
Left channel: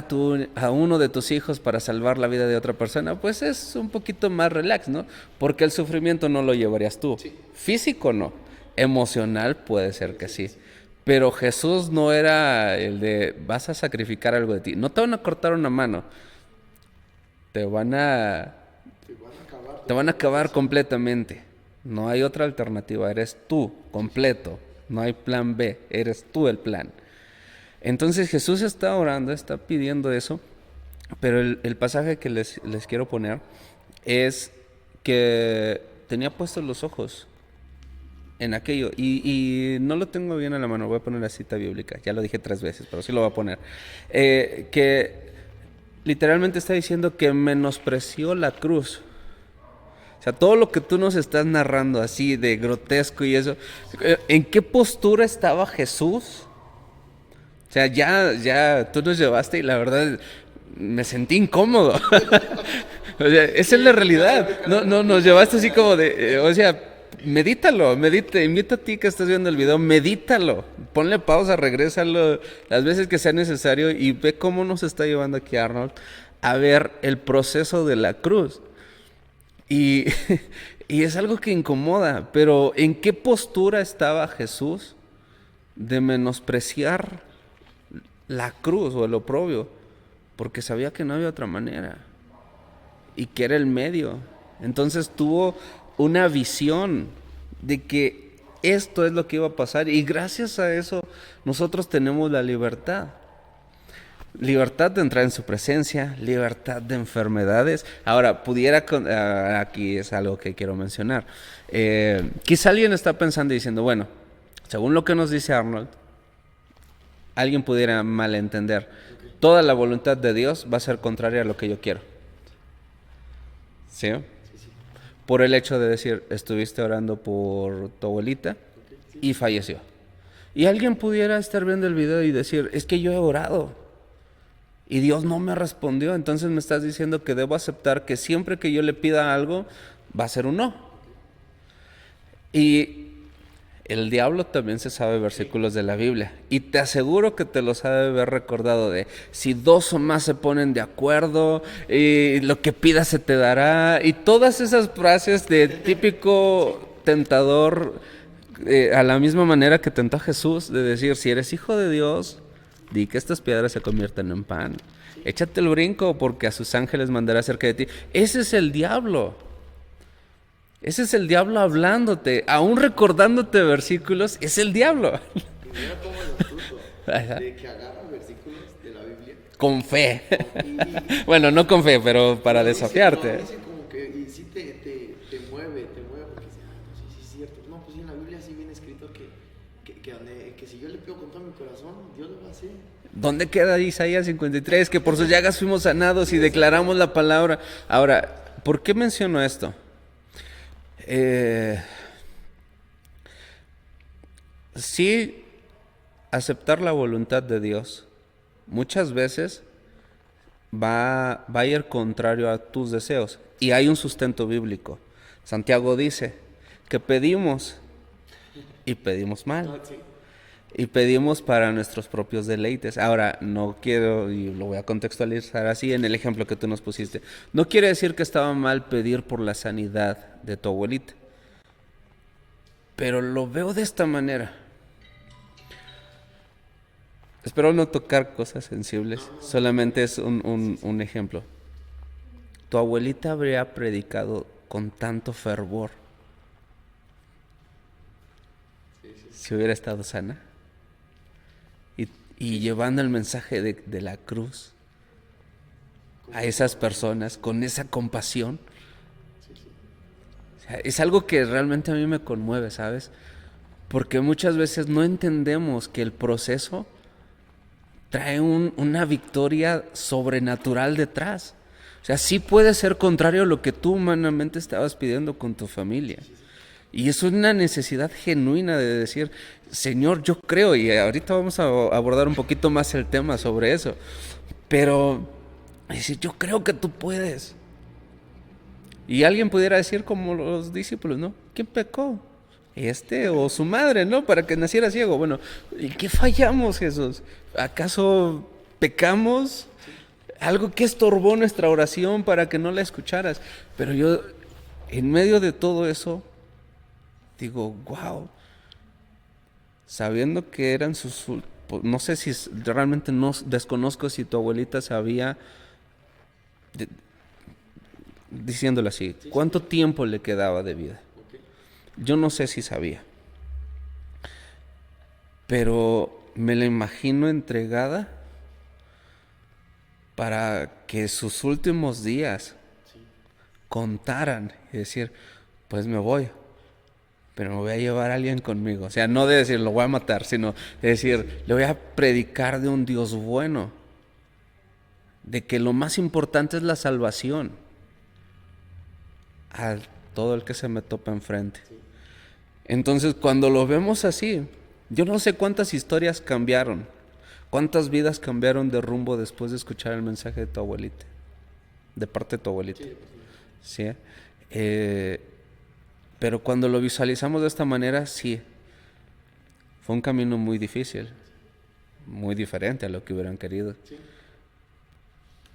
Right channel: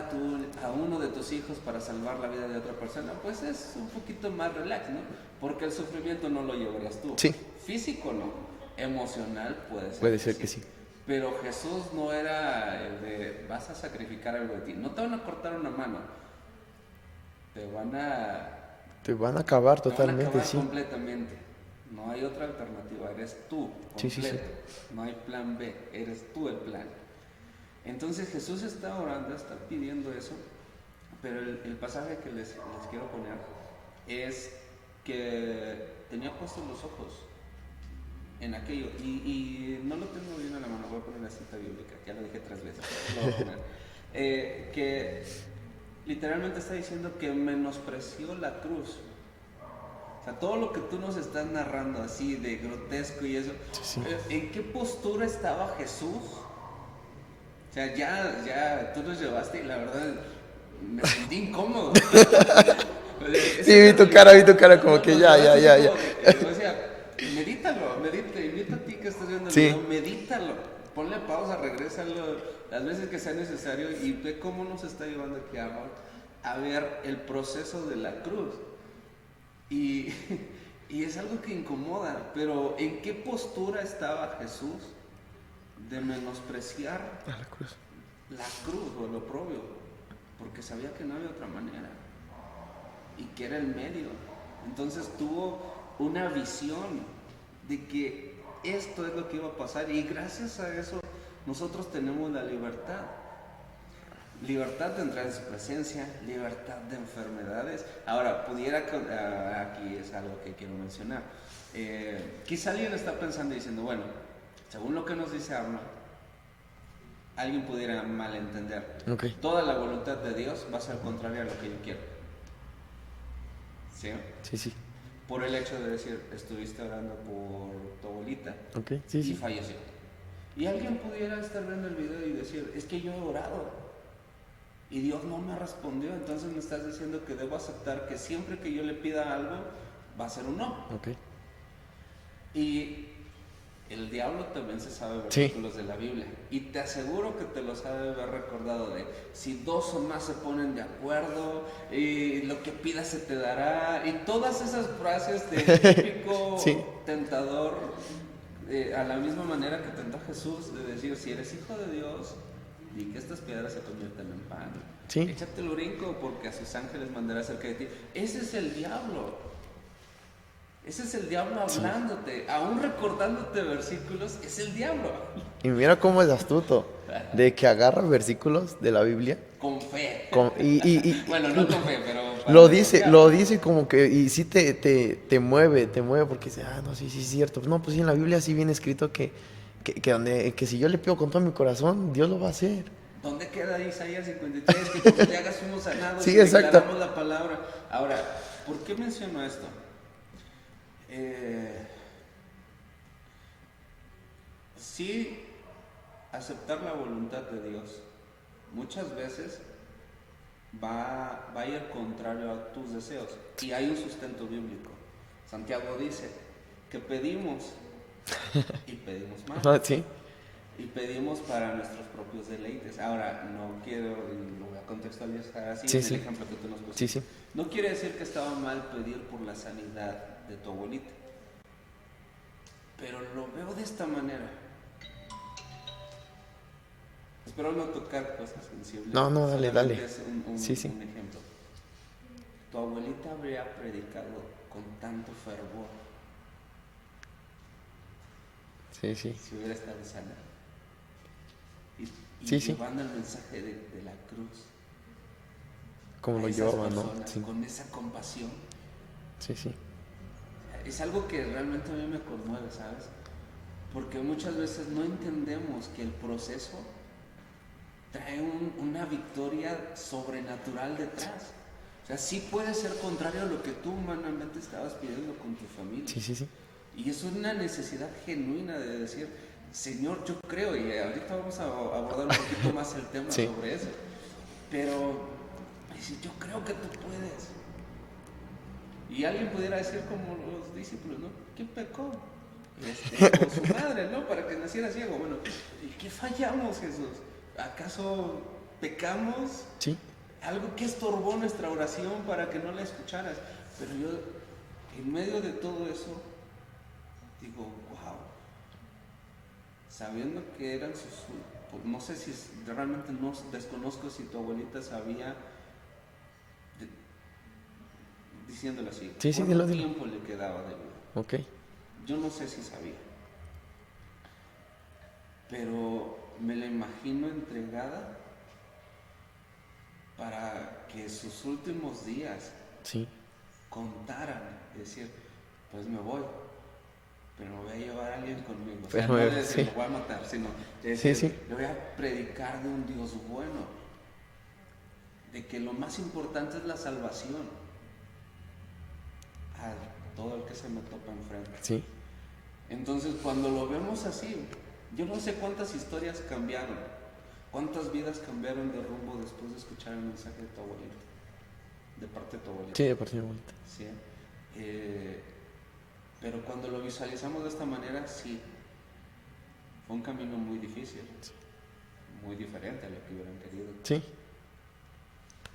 a uno de tus hijos para salvar la vida de otra persona? Pues es un poquito más relax, ¿no? Porque el sufrimiento no lo llevarías tú. Sí. Físico no. Emocional puede ser Puede que ser sí. que sí. Pero Jesús no era el de vas a sacrificar algo de ti. No te van a cortar una mano. Te van a Te van a acabar te van a totalmente. acabar Sí. completamente. No hay otra alternativa, eres tú, Sí, sí, sí. completo. No hay plan B, eres tú el plan. Entonces Jesús está orando, está pidiendo eso, pero el pasaje que les quiero poner es que tenía puestos los ojos en aquello, y no lo tengo bien a la mano, voy a poner la cita bíblica, ya lo dije 3 veces, pero sí lo voy a poner. Que literalmente está diciendo que menospreció la cruz. O sea, todo lo que tú nos estás narrando así de grotesco y eso, ¿en qué postura estaba Jesús? O sea, ya tú nos llevaste y la verdad me sentí incómodo. O sea, esa Sí, es la vi tu cara, vi realidad. tu cara No, como no, que nos ya, llevaste ya, así ya, como ya. de, o sea, medítalo, invita a ti que estás viendo el Sí. video, medítalo, ponle pausa, regrésalo las veces que sea necesario y ve cómo nos está llevando aquí Arnold a ver el proceso de la cruz. Y, y es algo que incomoda, pero ¿en qué postura estaba Jesús de menospreciar A la cruz. la cruz o el oprobio? Porque sabía que no había otra manera y que era el medio. Entonces tuvo una visión de que esto es lo que iba a pasar y gracias a eso nosotros tenemos la libertad. Libertad de entrar en su presencia, libertad de enfermedades. Ahora, aquí es algo que quiero mencionar. Quizá alguien está pensando y diciendo, bueno, según lo que nos dice Arnold, alguien pudiera malentender. Ok. Toda la voluntad de Dios va a ser contraria a lo que yo quiero. ¿Sí? Sí, sí. Por el hecho de decir, estuviste orando por tu abuelita Ok. Sí, y sí. falleció. Y alguien pudiera estar viendo el video y decir, es que yo he orado y Dios no me respondió, entonces me estás diciendo que debo aceptar que siempre que yo le pida algo, va a ser un no. Ok. Y el diablo también se sabe versículos de la Biblia. Y te aseguro que te los ha de haber recordado de si dos o más se ponen de acuerdo, y lo que pidas se te dará. Y todas esas frases de típico Sí. tentador, a la misma manera que tentó a Jesús, de decir, si eres hijo de Dios, di que estas piedras se convierten en pan. Sí. Échate el brinco porque a sus ángeles mandará cerca de ti. Ese es el diablo. Ese es el diablo hablándote, aún recordándote versículos, es el diablo. Y mira cómo es astuto. Ajá. De que agarra versículos de la Biblia. Con fe. Y Bueno, no con fe, pero para lo desafiarte. dice como que, y sí te mueve porque dice, ah, no, sí, sí, es cierto. No, pues sí, en la Biblia sí viene escrito que si yo le pido con todo mi corazón, Dios lo va a hacer. ¿Dónde queda Isaías 53? Que por sus llagas fuimos sanados Sí, y exacto. declaramos la palabra. Ahora, ¿por qué menciono esto? Sí, aceptar la voluntad de Dios muchas veces va a ir contrario a tus deseos. Y hay un sustento bíblico. Santiago dice que pedimos y pedimos mal. Ah, sí. Y pedimos para nuestros propios deleites. Ahora, no quiero, y lo voy a contextualizar así Sí, en el sí. ejemplo que tú nos pusiste. Sí, sí. No quiere decir que estaba mal pedir por la sanidad de tu abuelita. Pero lo veo de esta manera. Espero no tocar cosas sensibles. No, no, dale, solamente dale. es un Sí, sí. un ejemplo. Tu abuelita habría predicado con tanto fervor Sí, sí. si hubiera estado sana. Y Sí, sí. llevando el mensaje de la cruz Como a el esas diablo, ¿no? personas Sí, con esa compasión. sí, sí. O sea, es algo que realmente a mí me conmueve, ¿sabes? Porque muchas veces no entendemos que el proceso trae una victoria sobrenatural detrás. O sea, sí puede ser contrario a lo que tú humanamente estabas pidiendo con tu familia. Sí, sí, sí. Y eso es una necesidad genuina de decir, Señor, yo creo, y ahorita vamos a abordar un poquito más el tema Sí. sobre eso, pero decir, yo creo que tú puedes. Y alguien pudiera decir como los discípulos, ¿no? ¿Quién pecó? ¿Este o su madre, no? Para que naciera ciego. Bueno, ¿y qué fallamos, Jesús? ¿Acaso pecamos? Sí. Algo que estorbó nuestra oración para que no la escucharas. Pero yo, en medio de todo eso, digo, wow, sabiendo que eran no sé si realmente no desconozco si tu abuelita sabía, de- diciéndolo así, Sí, sí, cuánto dilo, dilo. tiempo le quedaba de vida. Ok. Yo no sé si sabía, pero me la imagino entregada para que sus últimos días Sí. contaran y decir, pues me voy, pero me voy a llevar a alguien conmigo. O sea, Pues, no de decir, sí. lo voy a matar, sino de decir, Sí, sí. le voy a predicar de un Dios bueno, de que lo más importante es la salvación a todo el que se me topa enfrente. Sí. Entonces, cuando lo vemos así, yo no sé cuántas historias cambiaron, cuántas vidas cambiaron de rumbo después de escuchar el mensaje de tu abuelita, de parte de tu abuelita. Sí, deportivamente. ¿Sí? Pero cuando lo visualizamos de esta manera, sí, fue un camino muy difícil, muy diferente a lo que hubieran querido. Sí.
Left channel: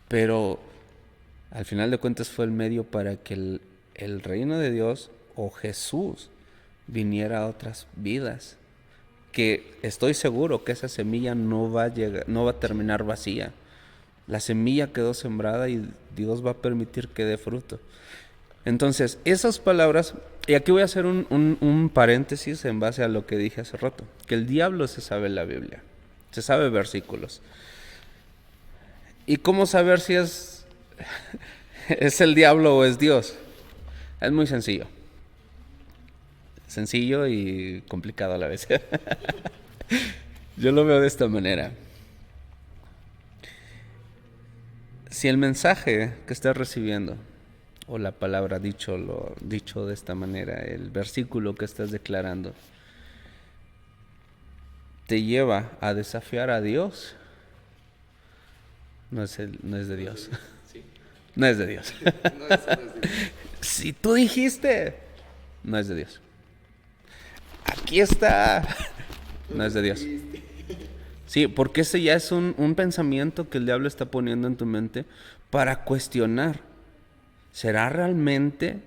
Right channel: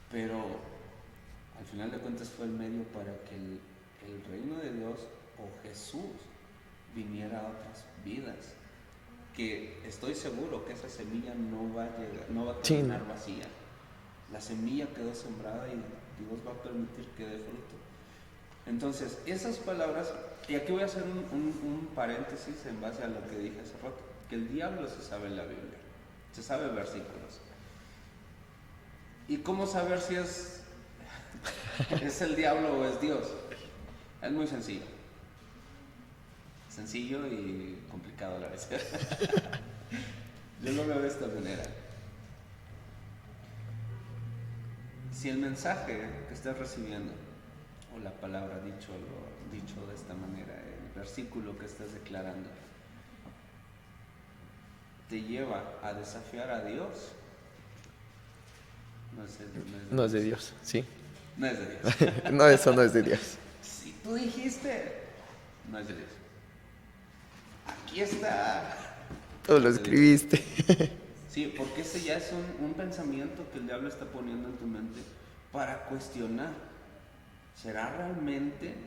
Pero al final de cuentas fue el medio para que el reino de Dios o Jesús viniera a otras vidas. Que estoy seguro que esa semilla no va a llegar, no va a terminar vacía. La semilla quedó sembrada y Dios va a permitir que dé fruto. Entonces, esas palabras, y aquí voy a hacer un paréntesis en base a lo que dije hace rato, que el diablo se sabe la Biblia, se sabe versículos. ¿Y cómo saber si es el diablo o es Dios? Es muy sencillo. Sencillo y complicado a la vez. Yo lo veo de esta manera. Si el mensaje que estás recibiendo, o la palabra dicho de esta manera, el versículo que estás declarando, te lleva a desafiar a Dios, no es de No Dios. es de Dios. Sí. No es de Dios. No, eso no es de Dios. Si tú dijiste, no es de Dios. Aquí está. Tú No lo es de Dios. escribiste. Sí, porque ese ya es un pensamiento que el diablo está poniendo en tu mente para cuestionar. ¿Será realmente?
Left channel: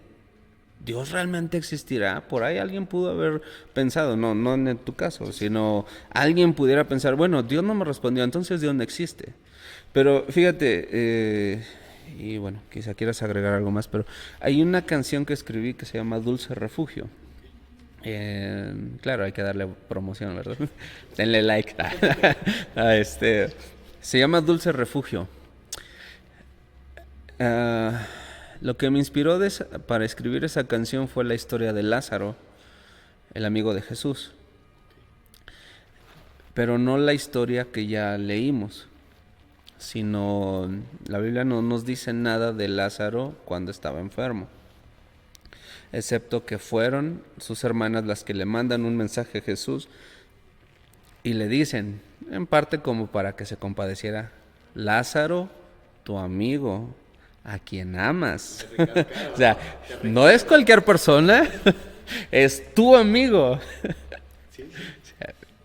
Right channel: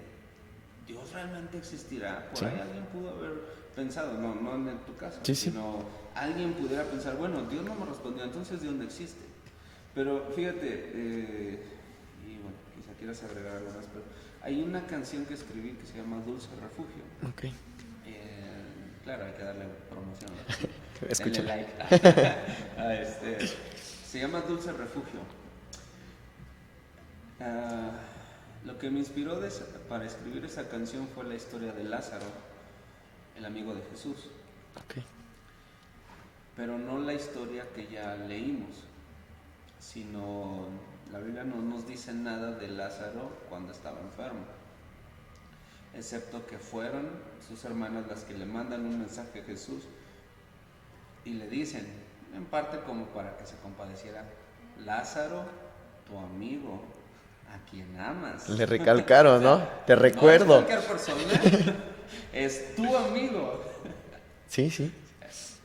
¿Dios realmente existirá? Por ahí alguien pudo haber pensado, no en tu caso, Sí, sí. sino alguien pudiera pensar, bueno, Dios no me respondió, entonces Dios no existe. Pero fíjate, y bueno, quizá quieras agregar algo más, pero hay una canción que escribí que se llama Dulce Refugio. Ok. Claro, hay que darle promoción, ¿verdad? Escucha. Denle like. Se llama Dulce Refugio. Lo que me inspiró para escribir esa canción fue la historia de Lázaro, el amigo de Jesús, Ok. pero no la historia que ya leímos, sino la Biblia no nos dice nada de Lázaro cuando estaba enfermo, excepto que fueron sus hermanas las que le mandan un mensaje a Jesús y le dicen, en parte como para que se compadeciera, Lázaro, tu amigo, a quien amas. Le recalcaron, O sea, ¿no? Te recuerdo. no es cualquier persona, es tu amigo. Sí, sí.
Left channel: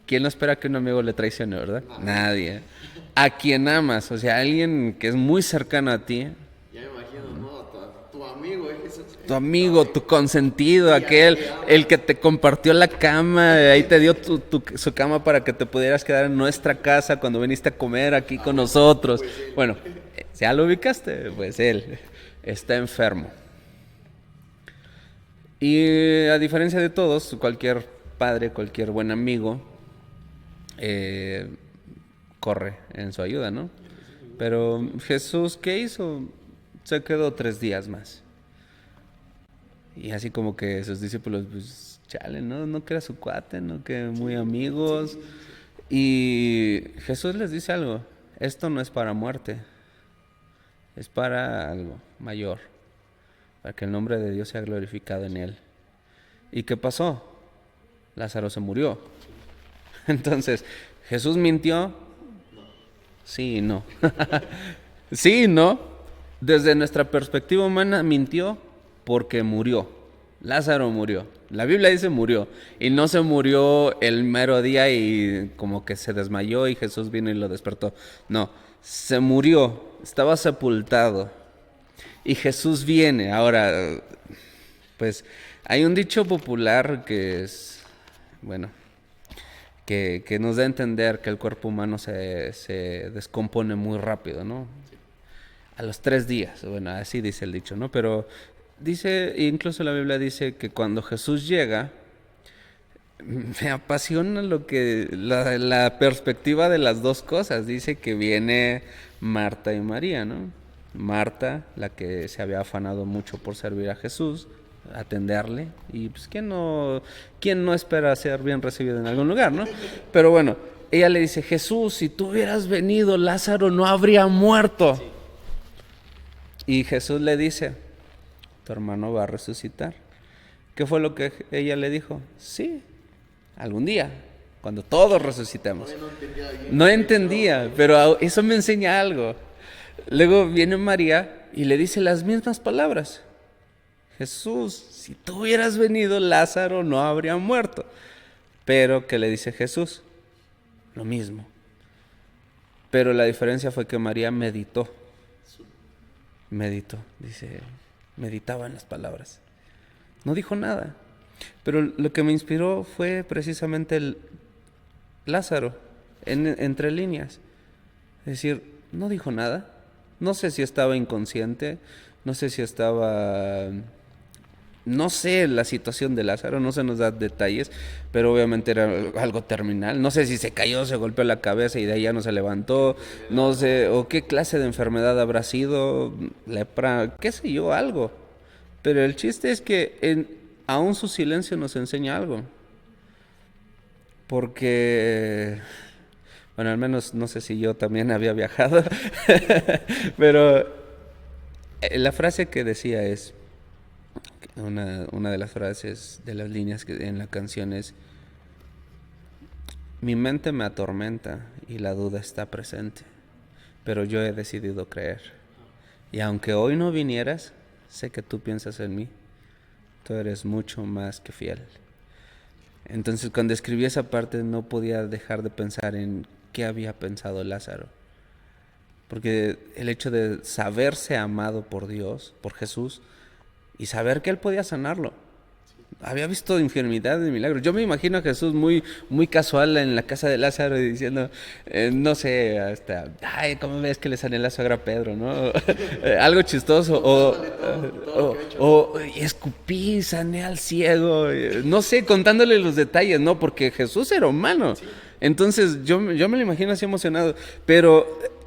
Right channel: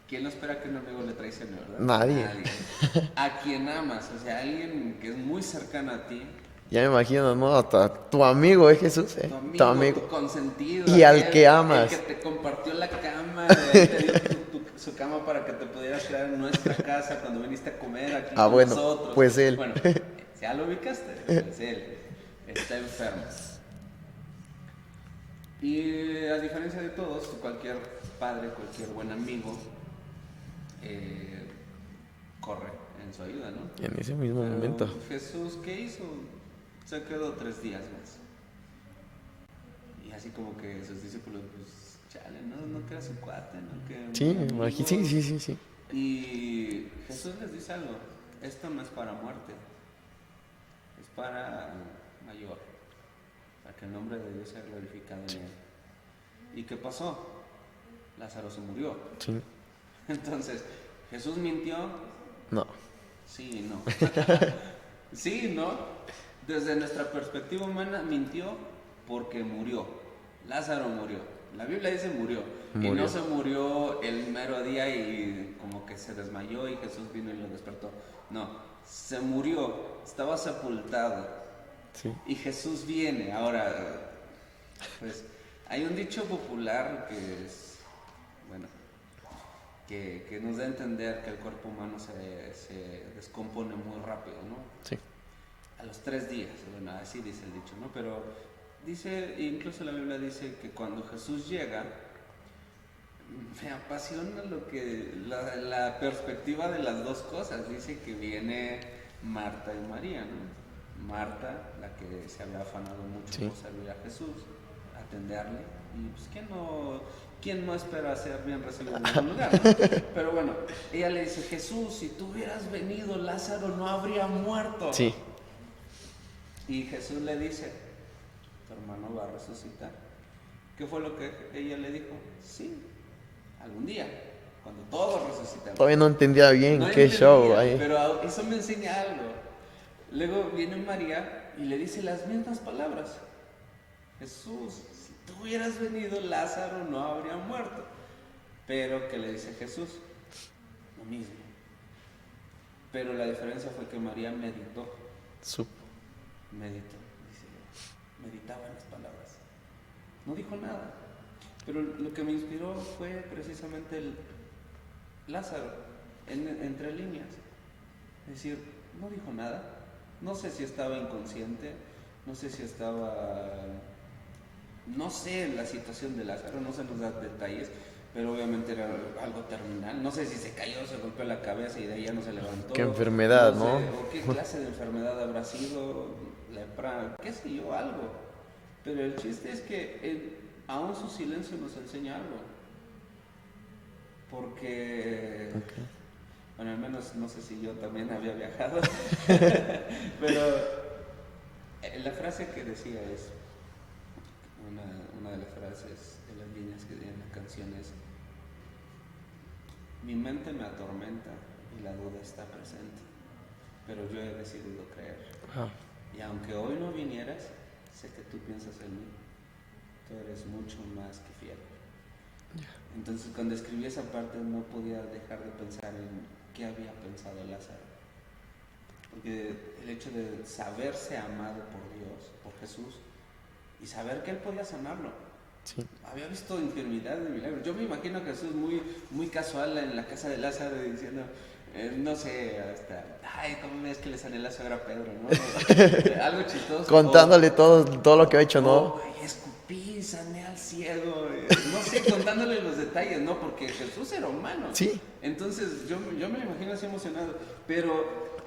¿Quién no espera que un amigo le traicione, verdad? Nadie. A quien amas, o sea, alguien que es muy cercano a ti, Ya me imagino, ¿no? Hasta tu amigo, Jesús. tu amigo, tu consentido, Y al aquel, que amas. el que te compartió la cama, ahí te dio su cama para que te pudieras quedar en nuestra casa cuando viniste a comer aquí con bueno, nosotros. pues él. Bueno, ya lo ubicaste, pues él está enfermo. Y a diferencia de todos, cualquier padre, cualquier buen amigo, corre en su ayuda, ¿no? En ese mismo Pero momento. Jesús, ¿qué hizo? Se quedó 3 días más. Y así como que sus discípulos, pues, chale, no que era su cuate, no que Sí, muy me imagino. amigos. Sí. Y Jesús les dice algo, esto no es para muerte, es para algo mayor, para que el nombre de Dios sea glorificado en él. ¿Y qué pasó? Lázaro se murió. Sí. Entonces, ¿Jesús mintió? No. Sí y no. Sí y no. Desde nuestra perspectiva humana mintió porque murió. Lázaro murió. La Biblia dice murió. Y no se murió el mero día y como que se desmayó y Jesús vino y lo despertó. No, se murió. Estaba sepultado. Sí. Y Jesús viene. Ahora, pues hay un dicho popular que es, bueno, que nos da a entender que el cuerpo humano se descompone muy rápido, ¿no? Sí. A los 3 días, bueno, así dice el dicho, ¿no? Pero dice, incluso la Biblia dice que cuando Jesús llega, me apasiona la perspectiva de las dos cosas. Dice que viene Marta y María, ¿no? Marta, la que se había afanado mucho por servir a Jesús, atenderle, y pues quién no espera ser bien recibido en algún lugar, ¿no? Pero bueno, ella le dice, Jesús, si tú hubieras venido, Lázaro no habría muerto. Sí. Y Jesús le dice, tu hermano va a resucitar. ¿Qué fue lo que ella le dijo? Sí, algún día, cuando todos resucitemos. Todavía no entendía bien. No qué entendía, show ahí. pero eso me enseña algo. Luego viene María y le dice las mismas palabras. Jesús, si tú hubieras venido, Lázaro no habría muerto. Pero, ¿qué le dice Jesús? Lo mismo. Pero la diferencia fue que María meditó. Meditó, dice, meditaba en las palabras. No dijo nada. Pero lo que me inspiró fue precisamente el Lázaro, entre líneas. Es decir, no dijo nada. No sé si estaba inconsciente, no sé si estaba... No sé la situación de Lázaro, no se nos da detalles, pero obviamente era algo terminal. No sé si se cayó, se golpeó la cabeza y de ahí ya no se levantó. ¿Qué enfermedad, no sé, no? o qué clase de enfermedad habrá sido, lepra, qué sé yo, algo. Pero el chiste es que aún su silencio nos enseña algo. Porque, bueno, al menos no sé si yo también había viajado, pero la frase que decía es, una de las frases, de las líneas que en la canción es, mi mente me atormenta y la duda está presente, pero yo he decidido creer. Ah, Y aunque hoy no vinieras, sé que tú piensas en mí. Tú eres mucho más que fiel. Entonces, cuando escribí esa parte, no podía dejar de pensar en qué había pensado Lázaro. Porque el hecho de saberse amado por Dios, por Jesús, y saber que Él podía sanarlo. sí. Había visto infinidad de milagros. Yo me imagino a Jesús muy, muy casual en la casa de Lázaro y diciendo, no sé, hasta, ay, ¿cómo ves que le sané la suegra a Pedro, no? Algo chistoso. Contándole todo lo que ha hecho, ¿no? Y escupí, sané al ciego. No sé, contándole los detalles, ¿no? Porque Jesús era humano. Sí. Entonces, yo me lo imagino así emocionado. Pero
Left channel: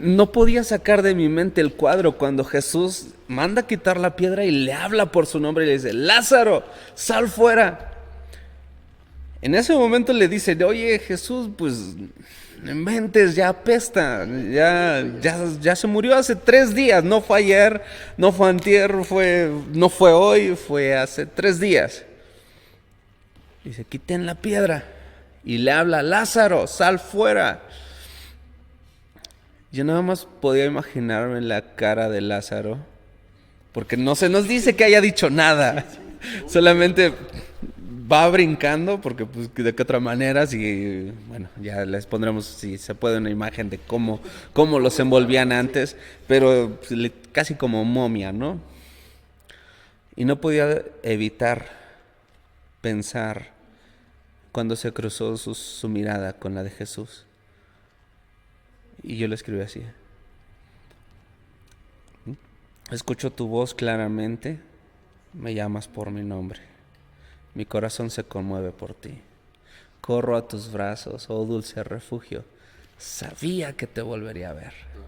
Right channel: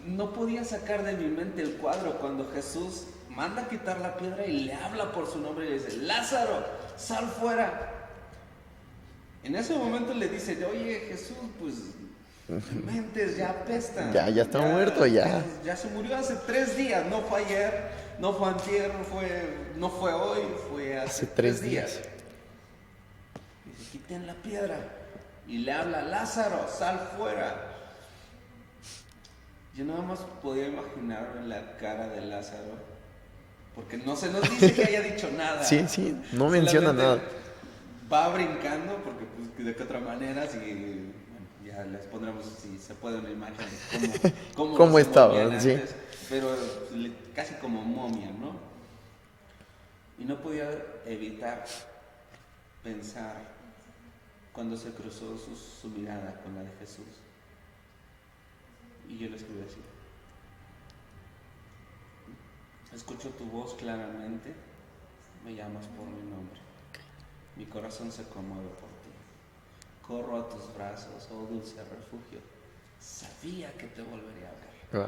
no podía sacar de mi mente el cuadro cuando Jesús manda quitar la piedra y le habla por su nombre y le dice, Lázaro, sal fuera. En ese momento le dice, oye Jesús, pues no inventes, ya apesta. Ya está muerto, ya se murió hace 3 días, no fue ayer, no fue antier, no fue hoy, fue hace 3 días. Dice, quiten la piedra. Y le habla, Lázaro, sal fuera. Yo nada más podía imaginarme la cara de Lázaro, porque no se nos dice que haya dicho nada. Sí, no solamente menciona nada. va brincando, porque pues de qué otra manera, si, bueno, ya les pondremos si se puede una imagen de cómo los envolvían estaban, sí. antes, pero pues, casi como momia, ¿no? Y no podía evitar pensar cuando se cruzó su mirada con la de Jesús. Y yo le escribí así. Escucho tu voz claramente, me llamas por mi nombre. Mi corazón se conmueve por ti. Corro a tus brazos, oh dulce refugio. Sabía que te volvería a ver. Wow.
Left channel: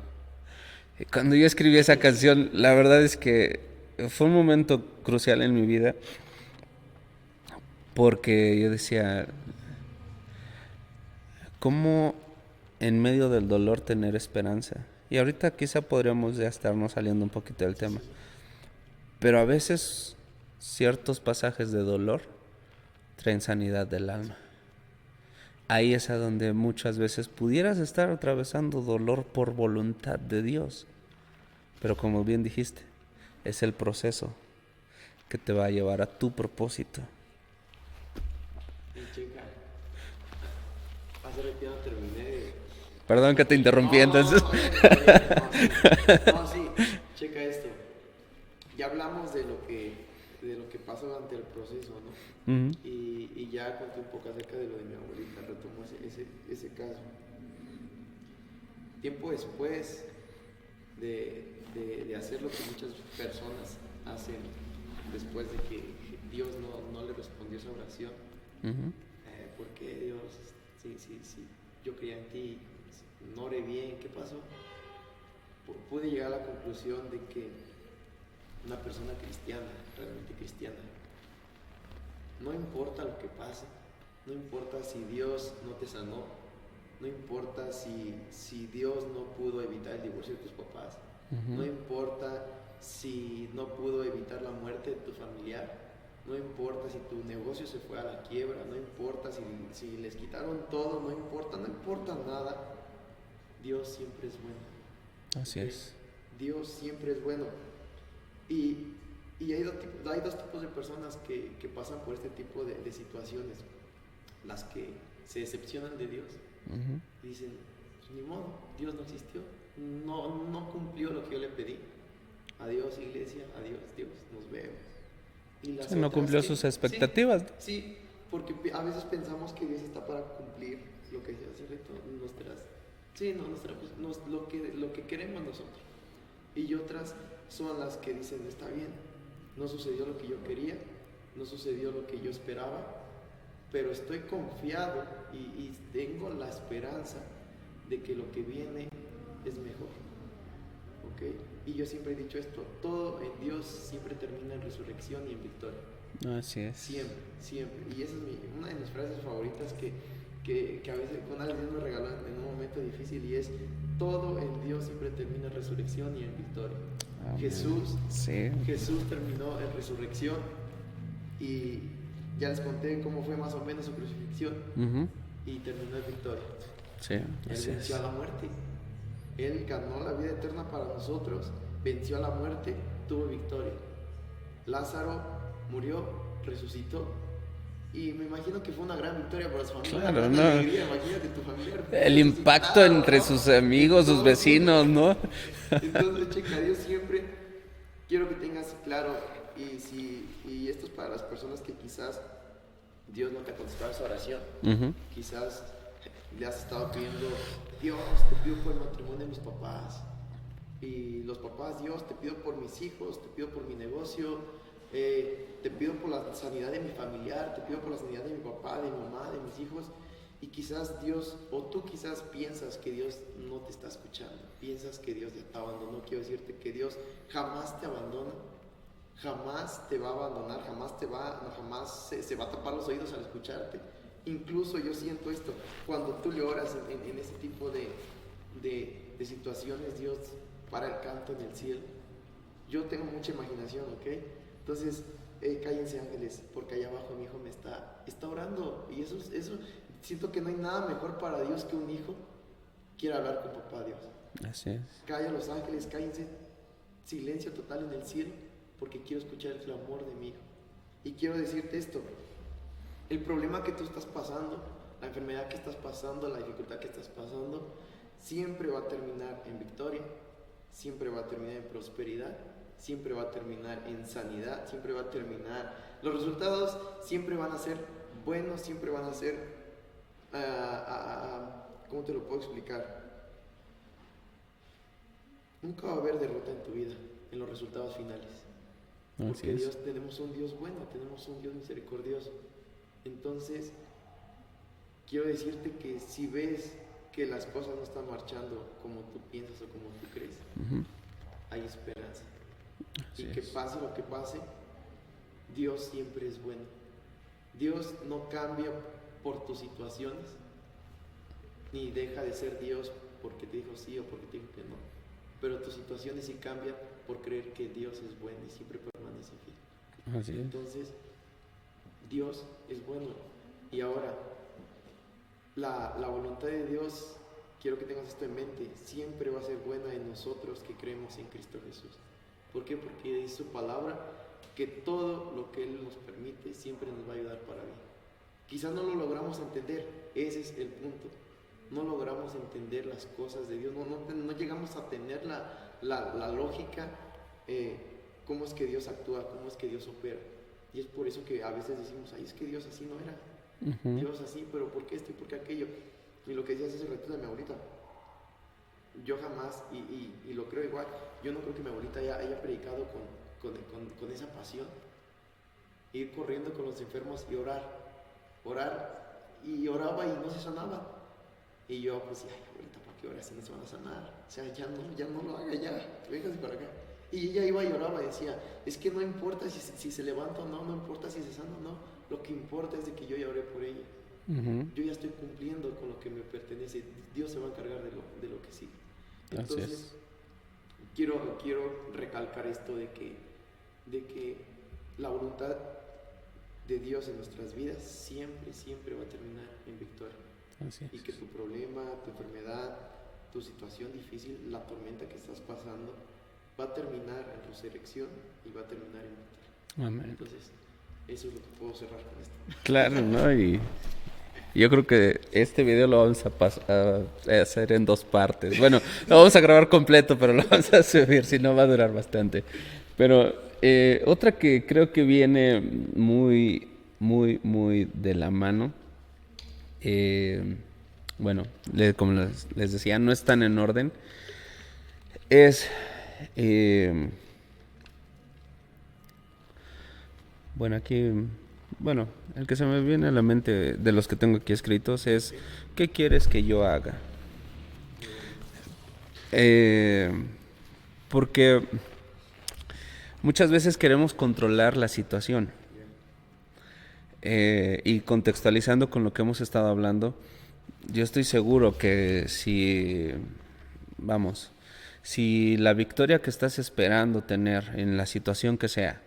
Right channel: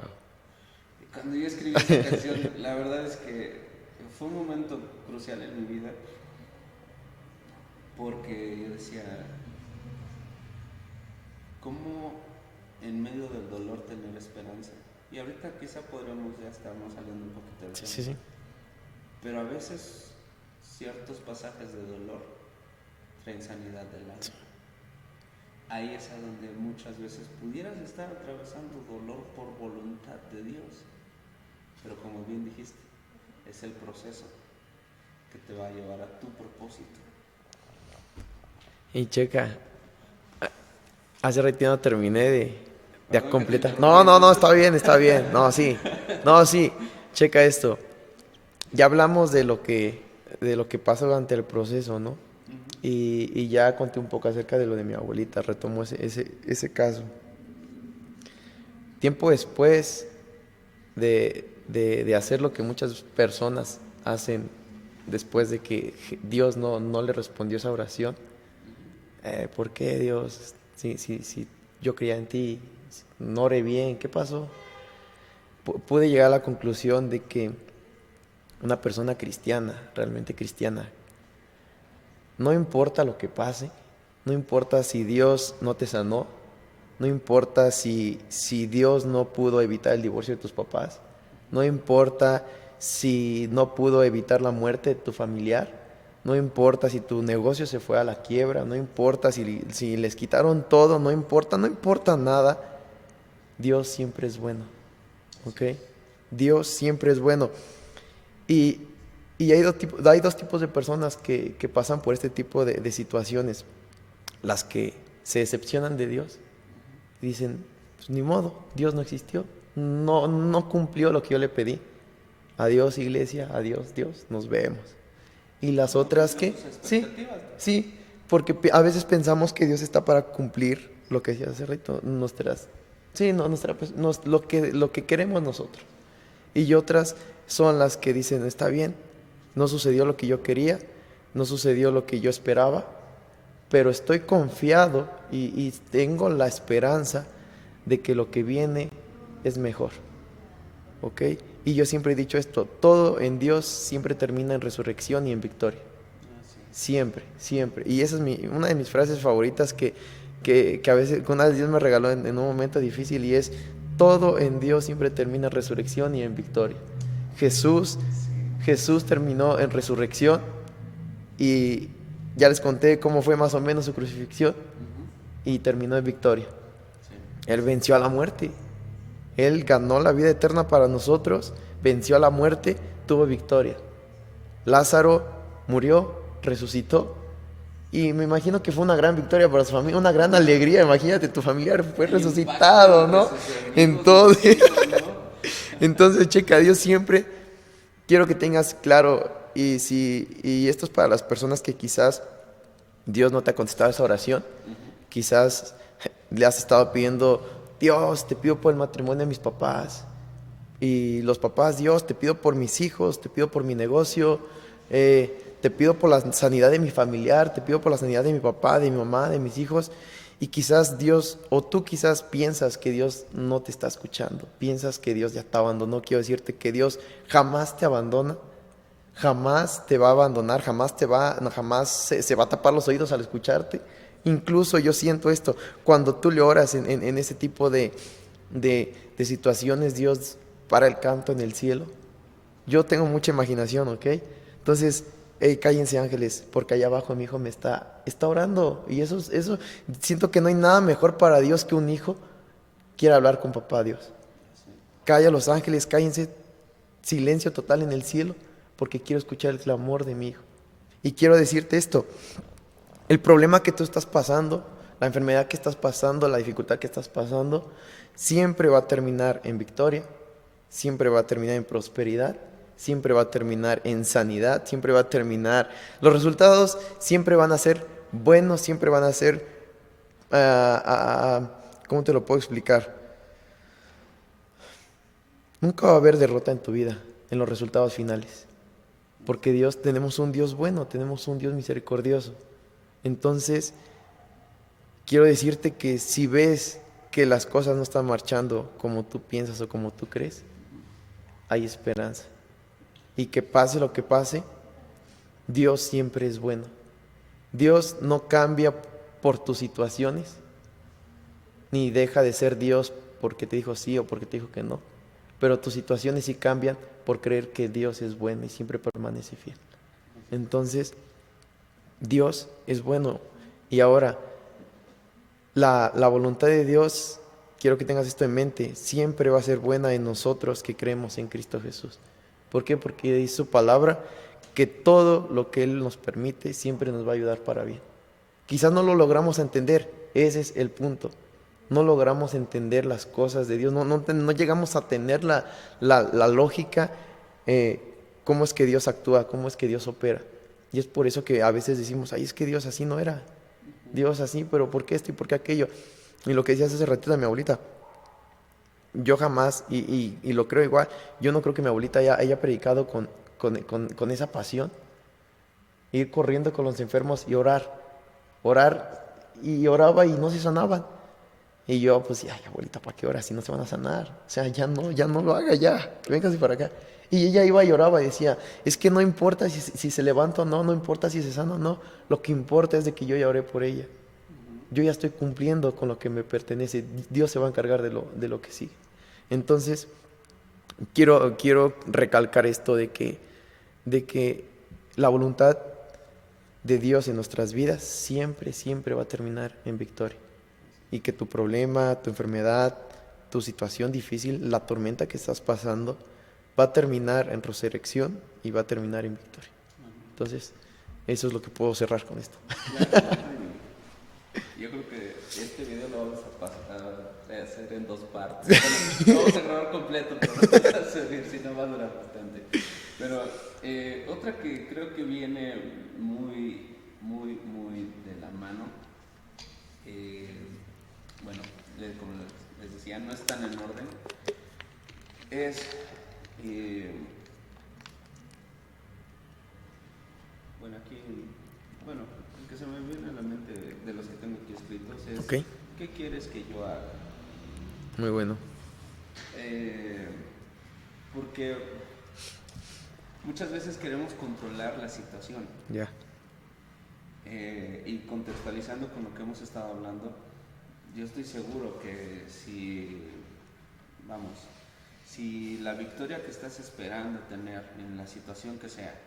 Y cuando yo escribí esa canción, la verdad es que fue un momento crucial en mi vida, porque yo decía, cómo en medio del dolor tener esperanza. Y ahorita quizá podríamos ya estarnos saliendo un poquito del tema. Sí, sí. Pero a veces ciertos pasajes de dolor traen sanidad del alma. Ahí es a donde muchas veces pudieras estar atravesando dolor por voluntad de Dios. Pero como bien dijiste, es el proceso que te va a llevar a tu propósito. Y checa, hace ratito no terminé de Perdón que te completar. interrumpí. No, entonces. está bien, está bien. No, sí, checa esto. Ya hablamos de lo que pasa durante el proceso, ¿no? Ujú. Y ya conté un poco acerca de lo de mi abuelita, retomo ese caso. Tiempo después de hacer lo que muchas personas hacen después de que Dios no le respondió esa oración, Ujú. ¿por qué Dios? Si yo creía en ti, no oré bien, ¿qué pasó? Pude llegar a la conclusión de que una persona cristiana, realmente cristiana, no importa lo que pase, no importa si Dios no te sanó, no importa si Dios no pudo evitar el divorcio de tus papás, no importa si no pudo evitar la muerte de tu familiar, no importa si tu negocio se fue a la quiebra, no importa si les quitaron todo, no importa nada, Dios siempre es bueno, Así ¿ok? es. Dios siempre es bueno. Y, y hay dos tipos de personas que pasan por este tipo de situaciones. Las que se decepcionan de Dios Ujú. y dicen, pues ni modo, Dios no existió, no cumplió lo que yo le pedí. Adiós iglesia, adiós Dios, nos vemos. Y las No otras cumplió que, sus sí, expectativas. sí, porque a veces pensamos que Dios está para cumplir lo que decía hace rato, sí, no, lo que queremos nosotros. Y otras son las que dicen, está bien, no sucedió lo que yo quería, no sucedió lo que yo esperaba, pero estoy confiado y tengo la esperanza de que lo que viene es mejor, ¿ok? Y yo siempre he dicho esto, todo en Dios siempre termina en resurrección y en victoria, Así es. siempre, siempre. Y esa es una de mis frases favoritas que a veces, que una vez Dios me regaló en un momento difícil y es, todo en Dios siempre termina en resurrección y en victoria. Jesús, Sí. Jesús terminó en resurrección y ya les conté cómo fue más o menos su crucifixión Ujú. y terminó en victoria. Sí. Él Así venció a es. la muerte. Él ganó la vida eterna para nosotros, venció a la muerte, tuvo victoria. Lázaro murió, resucitó y me imagino que fue una gran victoria para su familia, una Claro, gran ¿no? alegría. Imagínate, tu familiar fue El impacto resucitado, entre ¿no? sus amigos, sus Entonces, vecinos, ¿no? entonces, checa, Dios siempre quiero que tengas claro y esto es para las personas que quizás Dios no te ha contestado esa oración. Ujú. Quizás le has estado pidiendo, Dios, te pido por el matrimonio de mis papás. Y los papás, Dios, te pido por mis hijos, te pido por mi negocio, te pido por la sanidad de mi familiar, te pido por la sanidad de mi papá, de mi mamá, de mis hijos. Y quizás Dios, o tú quizás piensas que Dios no te está escuchando, piensas que Dios ya te abandonó. Quiero decirte que Dios jamás te abandona, jamás te va a abandonar, jamás se va a tapar los oídos al escucharte. Incluso yo siento esto, cuando tú le oras en ese tipo de situaciones, Dios para el canto en el cielo. Yo tengo mucha imaginación, ¿ok? Entonces, hey, cállense ángeles, porque allá abajo mi hijo está orando. Y eso, siento que no hay nada mejor para Dios que un hijo quiera hablar con papá Dios. Así es. Calla los ángeles, cállense, silencio total en el cielo, porque quiero escuchar el clamor de mi hijo. Y quiero decirte esto, el problema que tú estás pasando, la enfermedad que estás pasando, la dificultad que estás pasando, siempre va a terminar en victoria, siempre va a terminar en prosperidad, siempre va a terminar en sanidad, siempre va a terminar, los resultados siempre van a ser buenos, siempre van a ser, ¿cómo te lo puedo explicar? Nunca va a haber derrota en tu vida, en los resultados finales. Porque Así es. Dios, tenemos un Dios bueno, tenemos un Dios misericordioso. Entonces, quiero decirte que si ves que las cosas no están marchando como tú piensas o como tú crees, Ujú. hay esperanza. Y Así que es. pase lo que pase, Dios siempre es bueno. Dios no cambia por tus situaciones. ni deja de ser Dios porque te dijo sí o porque te dijo que no. Pero tus situaciones sí cambian por creer que Dios es bueno y siempre permanece fiel. Así es. Entonces, Dios es bueno. Y ahora, la voluntad de Dios, quiero que tengas esto en mente, siempre va a ser buena en nosotros que creemos en Cristo Jesús. ¿Por qué? Porque dice su palabra que todo lo que Él nos permite siempre nos va a ayudar para bien. Quizás no lo logramos entender, ese es el punto. No logramos entender las cosas de Dios, no llegamos a tener la lógica, cómo es que Dios actúa, cómo es que Dios opera. Y es por eso que a veces decimos, ay, es que Dios así no era. Dios así, pero ¿por qué esto y por qué aquello? Y lo que decías hace ratito de mi abuelita, yo jamás, y lo creo igual, yo no creo que mi abuelita haya predicado con esa pasión, ir corriendo con los enfermos y orar, y oraba y no se sanaban. Y yo pues, ay abuelita, ¿para qué oras si no se van a sanar? O sea, ya no lo haga ya, véngase para acá. Y ella iba y oraba y decía, es que no importa si se levanta o no, no importa si se sana o no, lo que importa es de que yo ya oré por ella. Yo ya estoy cumpliendo con lo que me pertenece, Dios se va a encargar de lo que sigue. Entonces, quiero recalcar esto de que la voluntad de Dios en nuestras vidas siempre va a terminar en victoria. Y que tu problema, tu enfermedad, tu situación difícil, la tormenta que estás pasando, va a terminar en resurrección y va a terminar en victoria. Amén. Entonces, eso es lo que puedo cerrar con esto. Claro, ¿no? Y yo creo que este video lo vamos a hacer en 2 partes. Bueno, lo vamos a grabar completo, pero lo vamos a subir, si no va a durar bastante. Pero otra que creo que viene muy de la mano, bueno, como les decía, no están en orden, es... bueno, aquí... Bueno, el que se me viene a la mente de los que tengo aquí escritos es... Ok. ¿Qué quieres que yo haga? Muy bueno. Porque muchas veces queremos controlar la situación. Ya. Y contextualizando con lo que hemos estado hablando, yo estoy seguro que si la victoria que estás esperando tener en la situación que sea,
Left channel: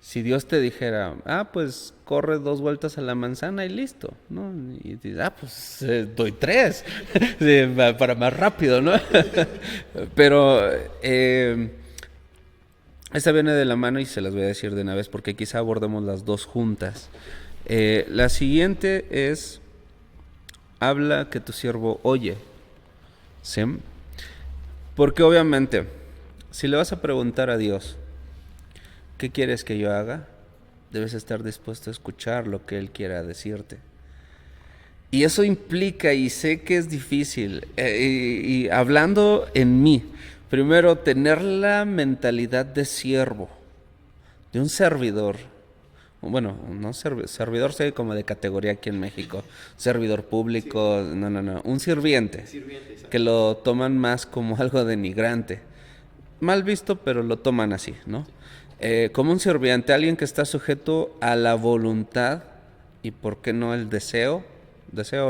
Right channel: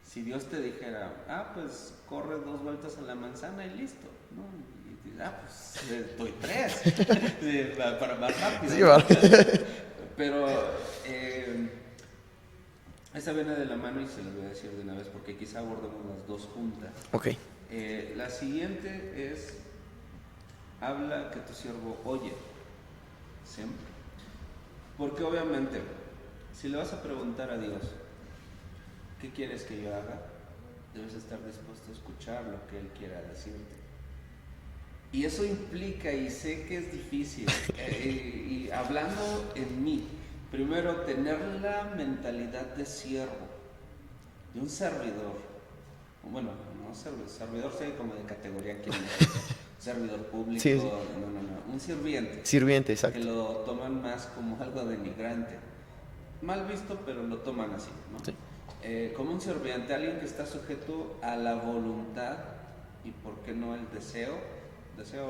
si Dios te dijera, pues corre 2 vueltas a la manzana y listo, ¿no? Y dices, pues doy 3 sí, para más rápido, ¿no? Pero esta viene de la mano y se las voy a decir de una vez porque quizá abordemos las 2 juntas. Ok. La siguiente es, habla que tu siervo oye, ¿sí? Porque obviamente, si le vas a preguntar a Dios, ¿qué quieres que yo haga? Debes estar dispuesto a escuchar lo que Él quiera decirte. Y eso implica, y sé que es difícil, y hablando en mí, primero tener la mentalidad de siervo, de un servidor. Bueno, no servidor sé como de categoría aquí en México, servidor público, sí. No, un sirviente. Sirviente, exacto. Que lo toman más como algo denigrante. Mal visto, pero lo toman así, ¿no? Sí. Como un sirviente, alguien que está sujeto a la voluntad y por qué no el deseo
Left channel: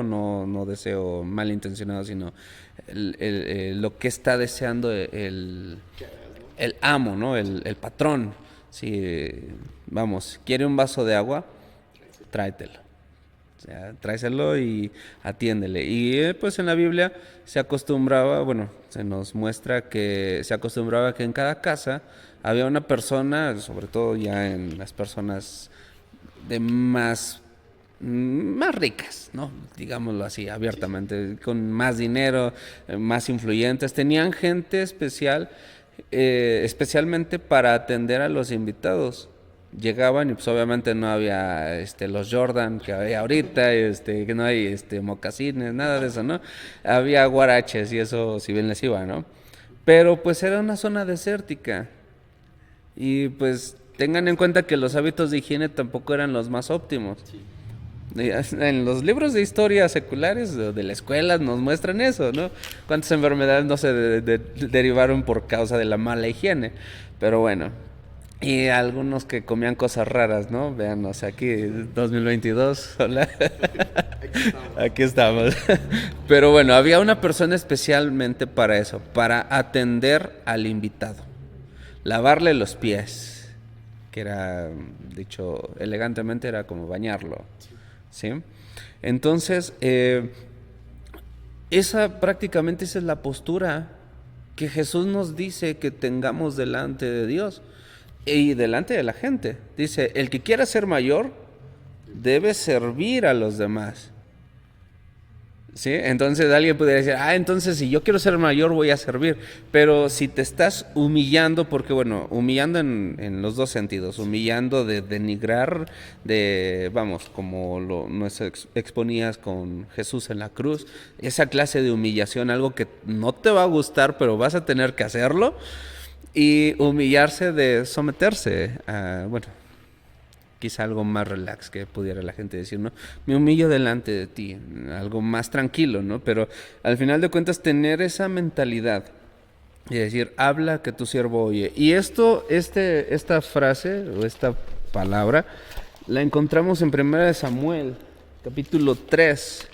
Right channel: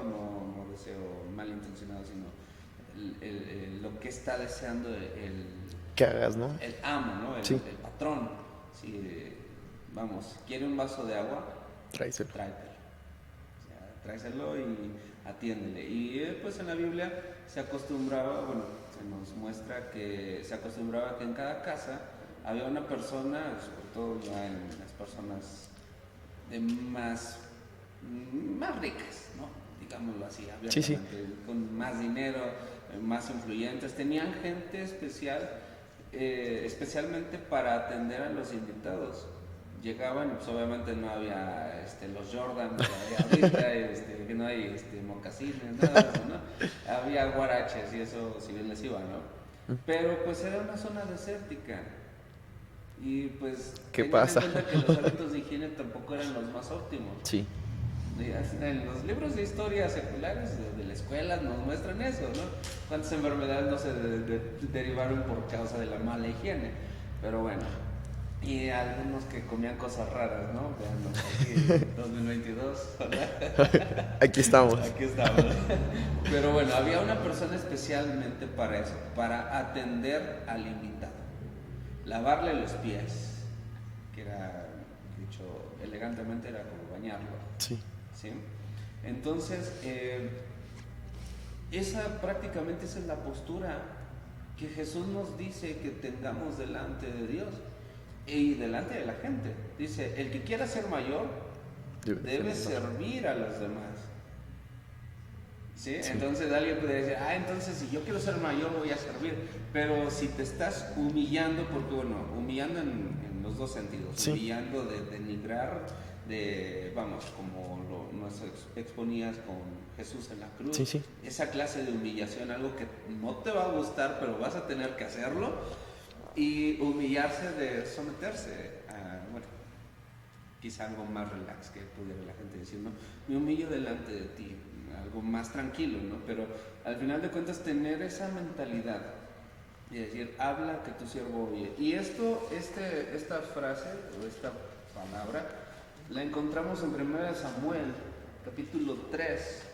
no deseo malintencionado, sino lo que está deseando que hagas, ¿no? El amo, ¿no? Sí. El patrón. Si, quiere un vaso de agua, tráetelo. O sea, tráeselo y atiéndele. Y pues en la Biblia se nos muestra que se acostumbraba que en cada casa había una persona, sobre todo ya en las personas de más ricas, ¿no? Digámoslo así, abiertamente, sí. Con más dinero, más influyentes. Tenían gente especial, especialmente para atender a los invitados. Llegaban y pues obviamente no había los Jordan que hay ahorita, que no hay mocasines, nada de eso, ¿no? Había guaraches y eso si bien les iba, ¿no? Pero pues era una zona desértica. Y pues tengan en cuenta que los hábitos de higiene tampoco eran los más óptimos. Sí. En los libros de historia seculares de la escuela nos muestran eso, ¿no? Cuántas enfermedades no se derivaron por causa de la mala higiene. Pero bueno, Y algunos que comían cosas raras, ¿no? Véanos aquí, 2022, hola. Aquí estamos. Aquí estamos. Pero bueno, había una persona especialmente para eso, para atender al invitado, lavarle los pies, que era, dicho elegantemente, era como bañarlo, Sí. ¿sí? Entonces, prácticamente esa es la postura que Jesús nos dice que tengamos delante de Dios y delante de la gente. Dice, el que quiera ser mayor debe servir a los demás. ¿Sí? Entonces alguien podría decir, entonces si yo quiero ser mayor voy a servir. Pero si te estás humillando, porque bueno, humillando en los dos sentidos, Sí. humillando de denigrar, vamos, como nos exponías con Jesús en la cruz, Sí, sí. esa clase de humillación, algo que no te va a gustar, pero vas a tener que hacerlo, y humillarse de someterse a, bueno, quizá algo más relax que pudiera la gente decir, ¿no? Me humillo delante de ti, algo más tranquilo, ¿no? Pero al final de cuentas tener esa mentalidad y decir, habla que tu siervo oye. Y esta frase o esta palabra la encontramos en 1 Samuel, capítulo 3.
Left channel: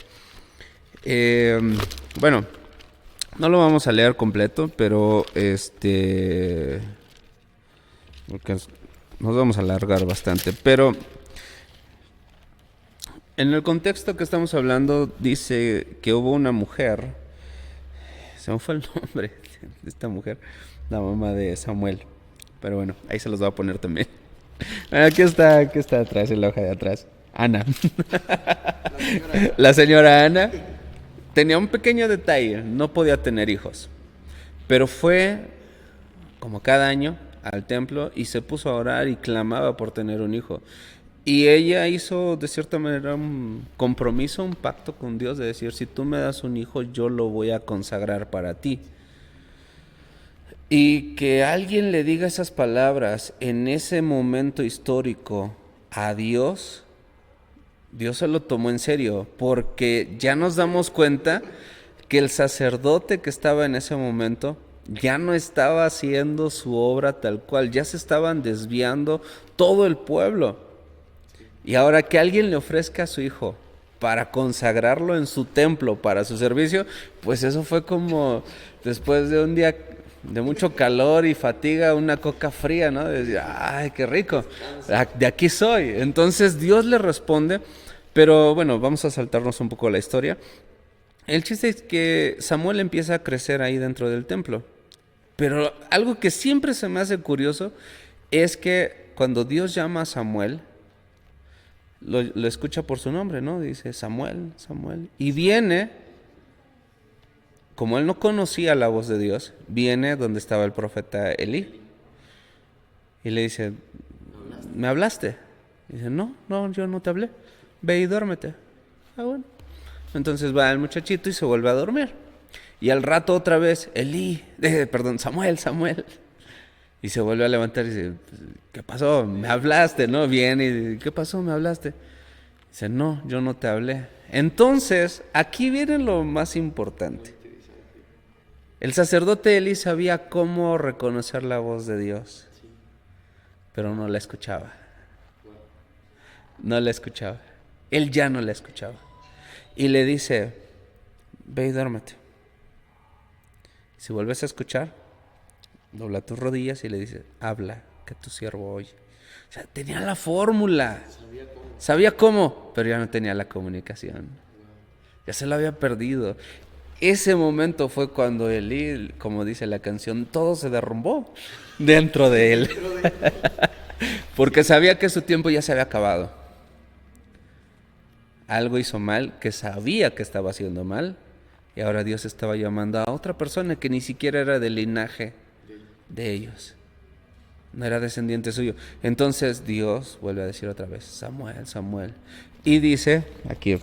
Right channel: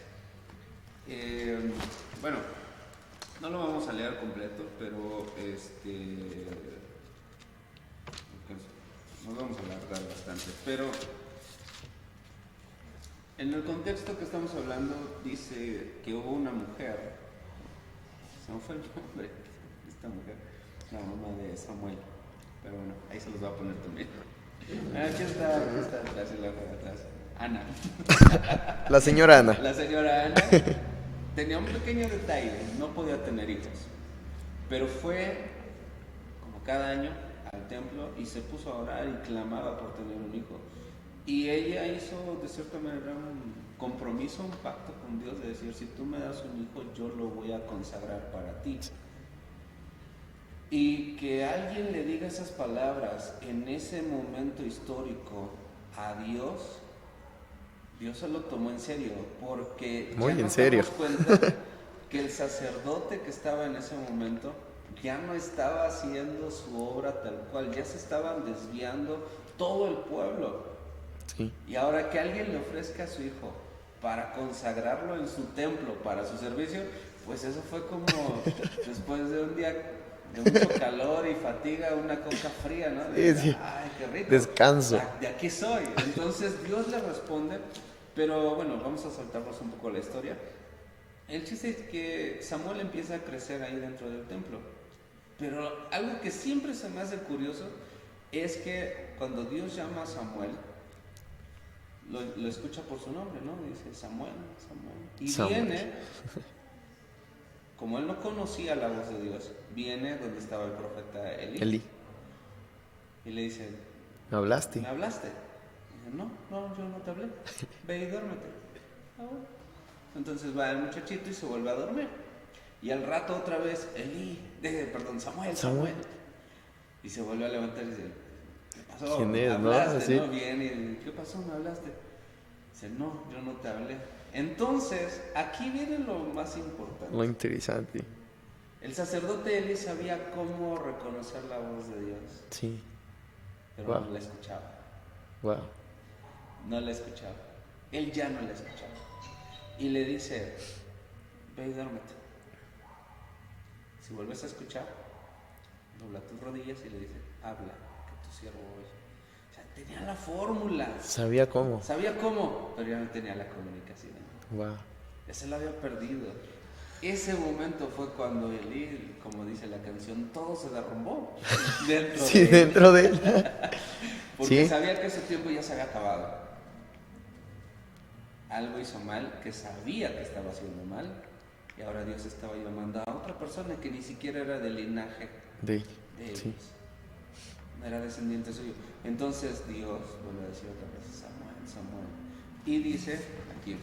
Bueno, no lo vamos a leer completo, pero porque nos vamos a alargar bastante, pero en el contexto que estamos hablando dice que hubo una mujer, se me fue el nombre de esta mujer, la mamá de Samuel, pero bueno, ahí se los voy a poner también. Aquí está atrás, en la hoja de atrás. Ana. La señora Ana. La señora Ana tenía un pequeño detalle, no podía tener hijos, pero fue como cada año al templo y se puso a orar y clamaba por tener un hijo. Y ella hizo de cierta manera un compromiso, un pacto con Dios de decir, si tú me das un hijo, yo lo voy a consagrar para ti. Y que alguien le diga esas palabras en ese momento histórico a Dios, Dios se lo tomó en serio, porque ya nos damos cuenta que el sacerdote que estaba en ese momento ya no estaba haciendo su obra tal cual, ya se estaban desviando todo el pueblo. Sí. Y ahora que alguien le ofrezca a su hijo para consagrarlo en su templo, para su servicio, pues eso fue como después de un día de mucho calor y fatiga, una coca fría, ¿no? Ay, qué rico. Descanso. De aquí soy. Entonces Dios le responde, pero bueno, vamos a saltarnos un poco la historia. El chiste es que Samuel empieza a crecer ahí dentro del templo. Pero algo que siempre se me hace curioso es que cuando Dios llama a Samuel, lo escucha por su nombre, ¿no? Dice Samuel, Samuel. Y Samuel. viene, como él no conocía la voz de Dios, viene donde estaba el profeta Elí. Y le dice, ¿Me hablaste? ¿me hablaste? Y dice, no, yo no te hablé. Ve y duérmete. Bueno. Entonces va el muchachito y se vuelve a dormir. Y al rato otra vez, Samuel. Y se vuelve a levantar y dice, ¿qué pasó? Me hablaste, ¿no? Viene y ¿qué pasó? ¿Me hablaste? Dice, no, yo no te hablé. Entonces, aquí viene lo más importante. Muy interesante. El sacerdote Elí sabía cómo reconocer la voz de Dios, Sí. pero no la escuchaba. Wow. No la escuchaba. Él ya no la escuchaba. Y le dice, ve y duérmete. Si vuelves a escuchar, dobla tus rodillas y le dice, habla, que tu siervo oye. O sea, tenía la fórmula. Sabía cómo. Sabía cómo, pero ya no tenía la comunicación. Wow. Ya se la había perdido. Ese momento fue cuando Elí, como dice la canción, todo se derrumbó dentro de él. Dentro de él. Porque Sí. sabía que su tiempo ya se había acabado. Algo hizo mal, que sabía que estaba haciendo mal, y ahora Dios estaba llamando a otra persona que ni siquiera era del linaje de ellos. No era descendiente suyo. Entonces Dios vuelve a decir otra vez, Samuel, Samuel. Y dice, aquí,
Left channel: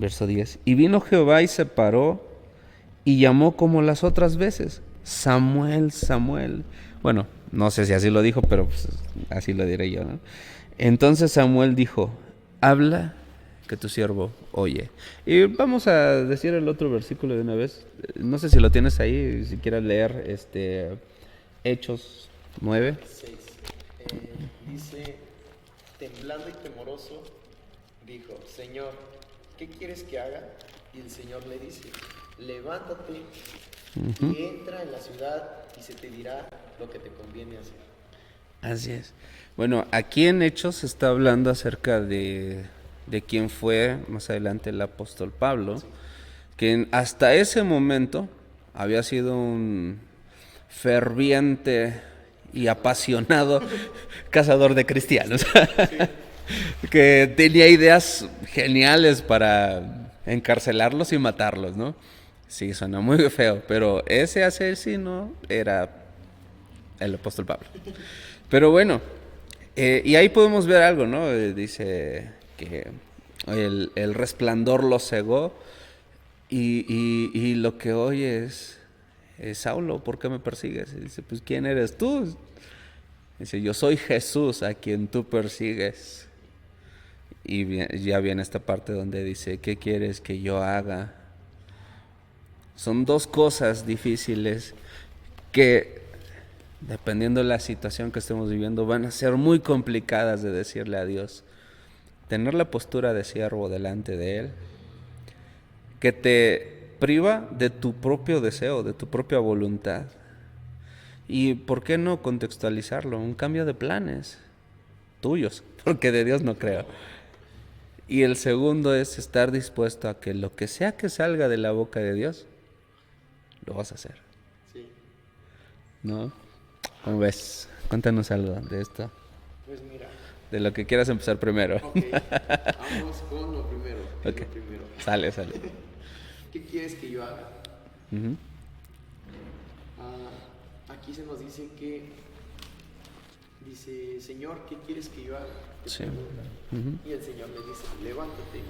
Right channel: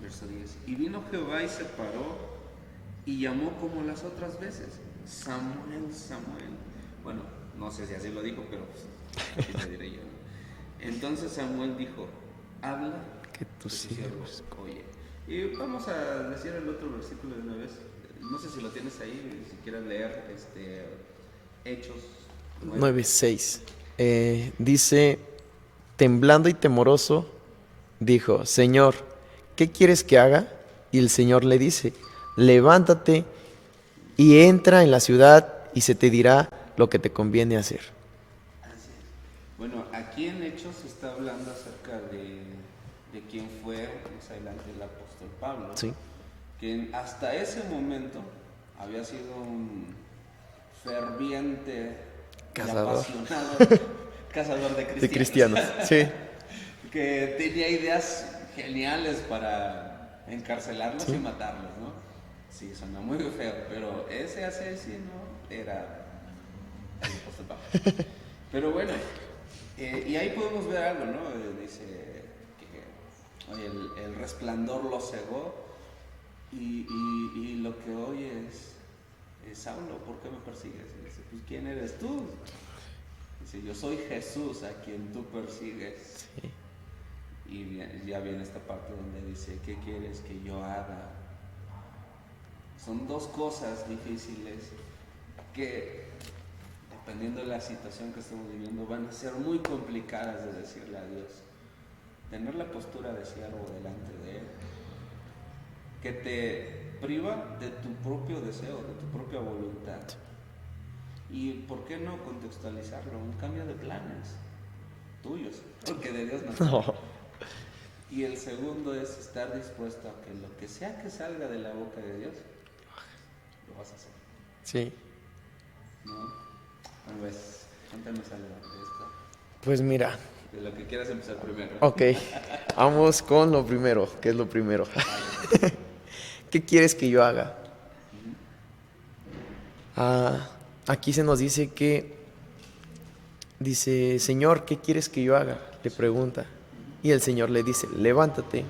verso 10, y vino Jehová y se paró y llamó como las otras veces, Samuel, Samuel. Bueno, no sé si así lo dijo, pero pues, así lo diré yo, ¿no? Entonces Samuel dijo, habla que tu siervo oye. Y vamos a decir el otro versículo de una vez. No sé si lo tienes ahí, si quieres leer Hechos 9. 9:6. Dice, temblando y temoroso, dijo, Señor, ¿qué quieres que haga? Y el Señor le dice, levántate y entra en la ciudad y se te dirá lo que te conviene hacer. Así es. Bueno, aquí en Hechos se está hablando acerca de quién fue más adelante el apóstol Pablo, Sí. que hasta ese momento había sido un ferviente y Cazador. apasionado cazador de De cristianos, cristianos. Sí. que tenía ideas geniales para encarcelarlos y matarlos, ¿no? Sí, suena muy feo, pero ese asesino era el apóstol Pablo. Pero bueno, y ahí podemos ver algo, ¿no? Dice que el resplandor lo cegó y lo que oye es Saulo, ¿por qué me persigues? Y dice, pues ¿quién eres tú? Dice, yo soy Jesús a quien tú persigues. Y ya viene esta parte donde dice, ¿qué quieres que yo haga? Son dos cosas difíciles que, dependiendo de la situación que estemos viviendo, van a ser muy complicadas de decirle a Dios. Tener la postura de siervo delante de Él, que te priva de tu propio deseo, de tu propia voluntad. Y ¿por qué no contextualizarlo? Un cambio de planes tuyos, porque de Dios no creo. Y el segundo es estar dispuesto a que lo que sea que salga de la boca de Dios, lo vas a hacer, Sí. ¿no? ¿Cómo ves? Cuéntanos algo de esto, Pues mira, de lo que quieras empezar primero. ok, vamos con lo primero. ¿Qué es lo primero? Sale. ¿Qué quieres que yo haga? Ujú. Aquí se nos dice dice, Señor, ¿qué quieres que yo haga? Le pregunta. Y el Señor le dice, levántate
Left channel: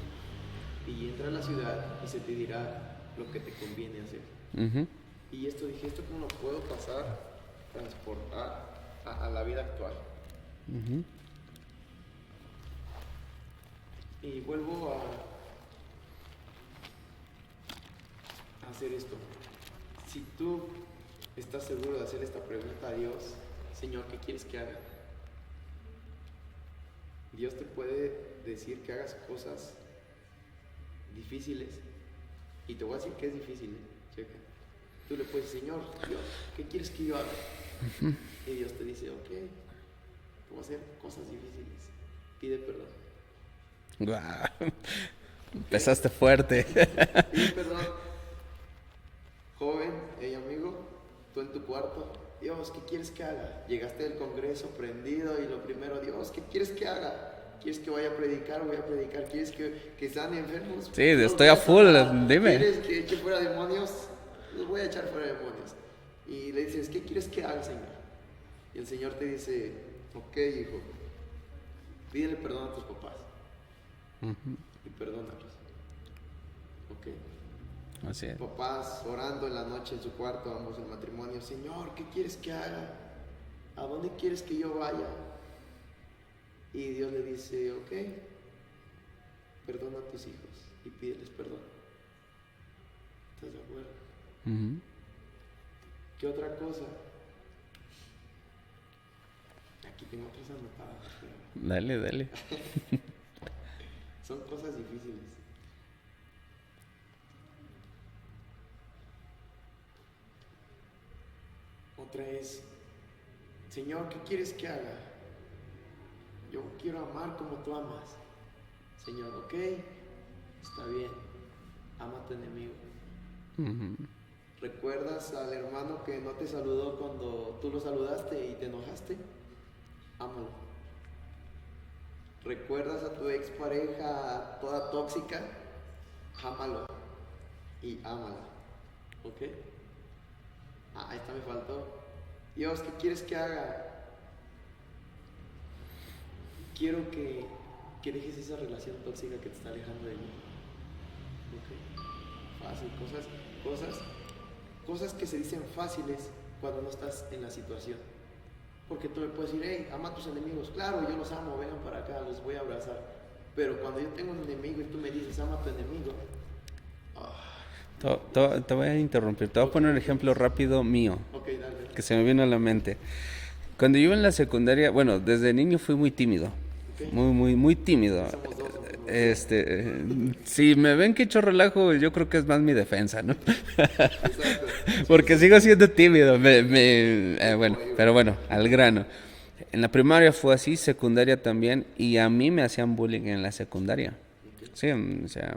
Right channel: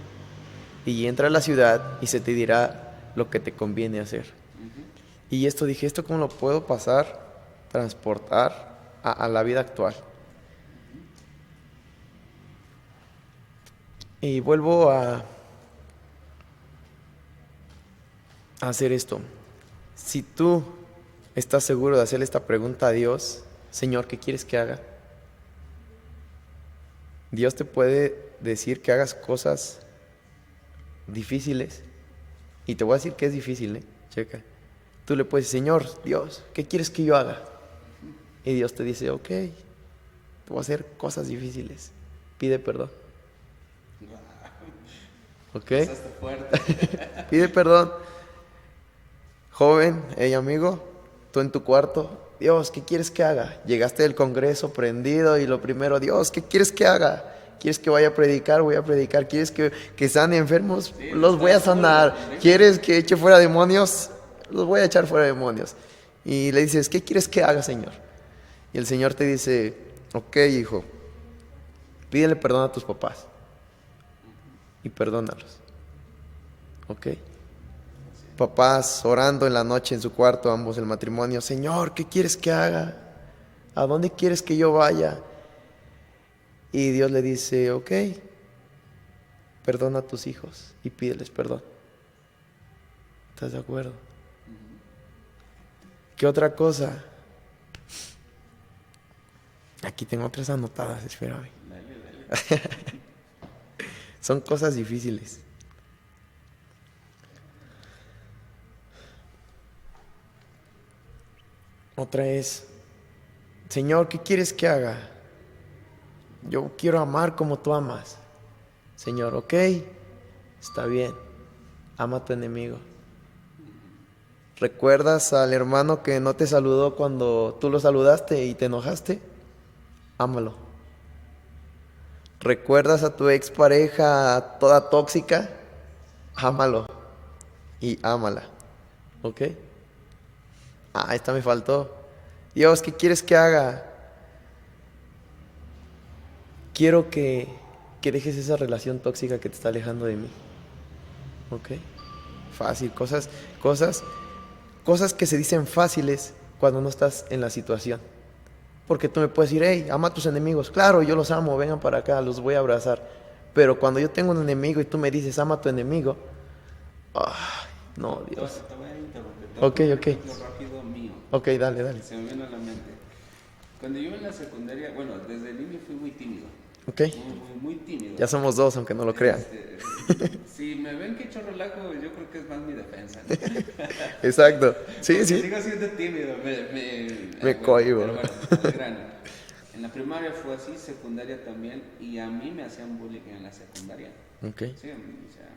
y entra a la ciudad y se te dirá lo que te conviene hacer. Ujú. Y esto dije, ¿esto cómo lo puedo transportar a la vida actual? Y vuelvo a hacer esto. Si tú estás seguro de hacerle esta pregunta a Dios, Señor, ¿qué quieres que haga? Dios te puede decir que hagas cosas difíciles. Y te voy a decir que es difícil, ¿eh? Checa. Tú le puedes decir, Señor, Dios, ¿qué quieres que yo haga? Y Dios te dice, ok, te voy a hacer cosas difíciles. Pide perdón. Guau. ¿Ok? Empezaste fuerte. Pide perdón. Joven, hey amigo, tú en tu cuarto, Dios, ¿qué quieres que haga? Llegaste del Congreso prendido y lo primero, Dios, ¿qué quieres que haga? ¿Quieres que vaya a predicar? Voy a predicar. ¿Quieres que sane enfermos? Sí, Los estoy voy a a full, sanar. dime. ¿Quieres que eche fuera demonios? Los voy a echar fuera demonios. Y le dices, ¿qué quieres que haga, Señor? Y el Señor te dice, ok, hijo, pídele perdón a tus papás y perdónalos. ¿Ok? Así es. Papás orando en la noche en su cuarto, ambos el matrimonio, Señor, ¿qué quieres que haga? ¿A dónde quieres que yo vaya? Y Dios le dice, ok, perdona a tus hijos y pídeles perdón. ¿Estás de acuerdo? Ujú. ¿Qué otra cosa? Aquí tengo otras anotadas, espérame. Dale. Son cosas difíciles. Otra es, Señor, ¿qué quieres que haga? Yo quiero amar como tú amas. Señor, ok, está bien. Ama a tu enemigo. ¿Recuerdas al hermano que no te saludó cuando tú lo saludaste y te enojaste? Ámalo. ¿Recuerdas a tu expareja toda tóxica? Ámalo y ámala. ¿Ok? Esta me faltó. Dios, ¿qué quieres que haga? Quiero que dejes esa relación tóxica que te está alejando de mí. ¿Ok? Fácil, cosas que se dicen fáciles cuando no estás en la situación. Porque tú me puedes decir, hey, ama a tus enemigos. Claro, yo los amo, vengan para acá, los voy a abrazar. Pero cuando yo tengo un enemigo y tú me dices, ama a tu enemigo, no, Dios. Te voy a interrumpir. Te voy a Ok, poner un ok. ejemplo rápido mío, Ok, dale. que se me vino a la mente. Cuando yo iba en la secundaria, bueno, desde niño fui muy tímido. Ok. Muy tímido. Ya somos dos, aunque no lo creas. Si me ven que echo relajo, yo creo que es más mi defensa, ¿no? Exacto. Sí, Porque sí. sigo siendo tímido. Bueno, cohíbo. pero bueno, al grano. En la primaria fue así, secundaria también, y a mí me hacían bullying en la secundaria. Ok. Sí, o sea,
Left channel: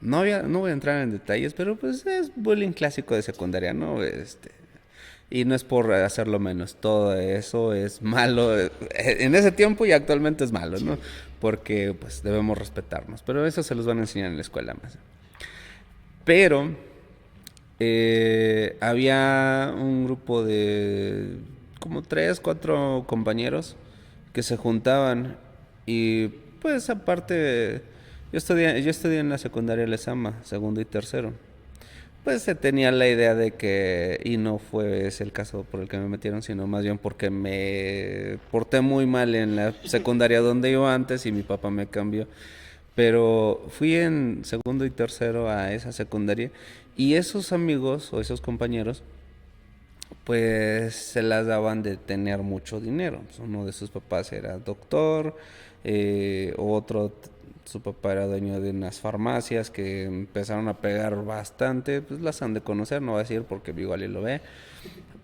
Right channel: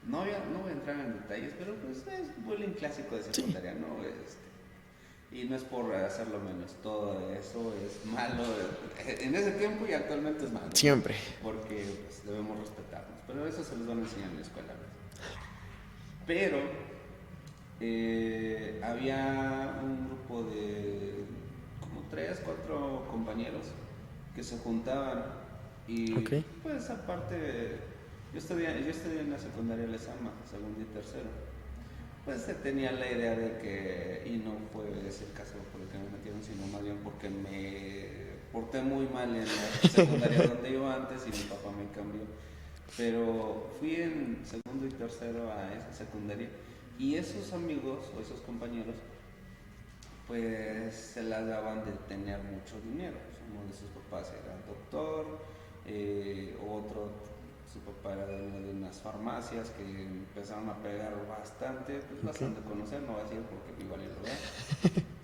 no voy a entrar en detalles, pero pues es bullying clásico de secundaria, ¿no? Y no es por hacerlo menos, todo eso es malo. En ese tiempo y actualmente es malo, ¿no? Siempre. Porque pues debemos respetarnos, pero eso se los van a enseñar en la escuela más. Pero había un grupo de como 3, 4 compañeros que se juntaban y Ok. pues aparte yo estudié en la secundaria Lezama, segundo y tercero. Pues se tenía la idea de que, y no fue ese el caso por el que me metieron, sino más bien porque me porté muy mal en la secundaria donde iba antes y mi papá me cambió. Pero fui en segundo y tercero a esa secundaria y esos amigos o esos compañeros pues se las daban de tener mucho dinero. Uno de sus papás era doctor, su papá era dueño de unas farmacias que empezaron a pegar bastante, pues las han de conocer, no voy a decir porque igual y lo ve.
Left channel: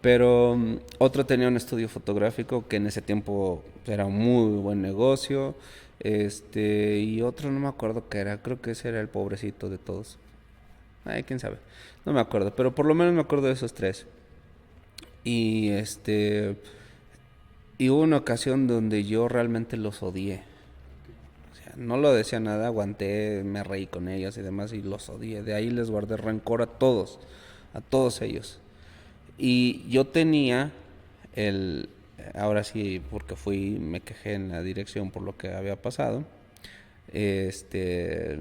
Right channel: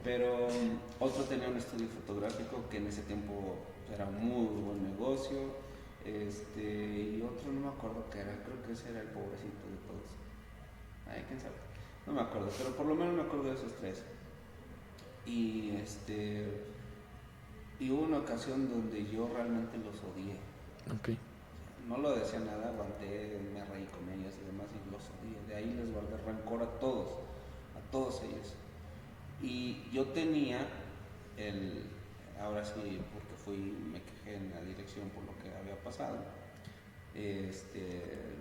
Pero otro tenía un estudio fotográfico que en ese tiempo era un muy buen negocio. Y otro no me acuerdo qué era, creo que ese era el pobrecito de todos. Ay, quién sabe, no me acuerdo, pero por lo menos me acuerdo de esos tres. Y y hubo una ocasión donde yo realmente los odié. Ok. O sea, no lo decía nada, aguanté, me reí con ellos y demás y los odié. De ahí les guardé rencor a todos ellos. Y yo tenía ahora sí, porque me quejé en la dirección por lo que había pasado. Este,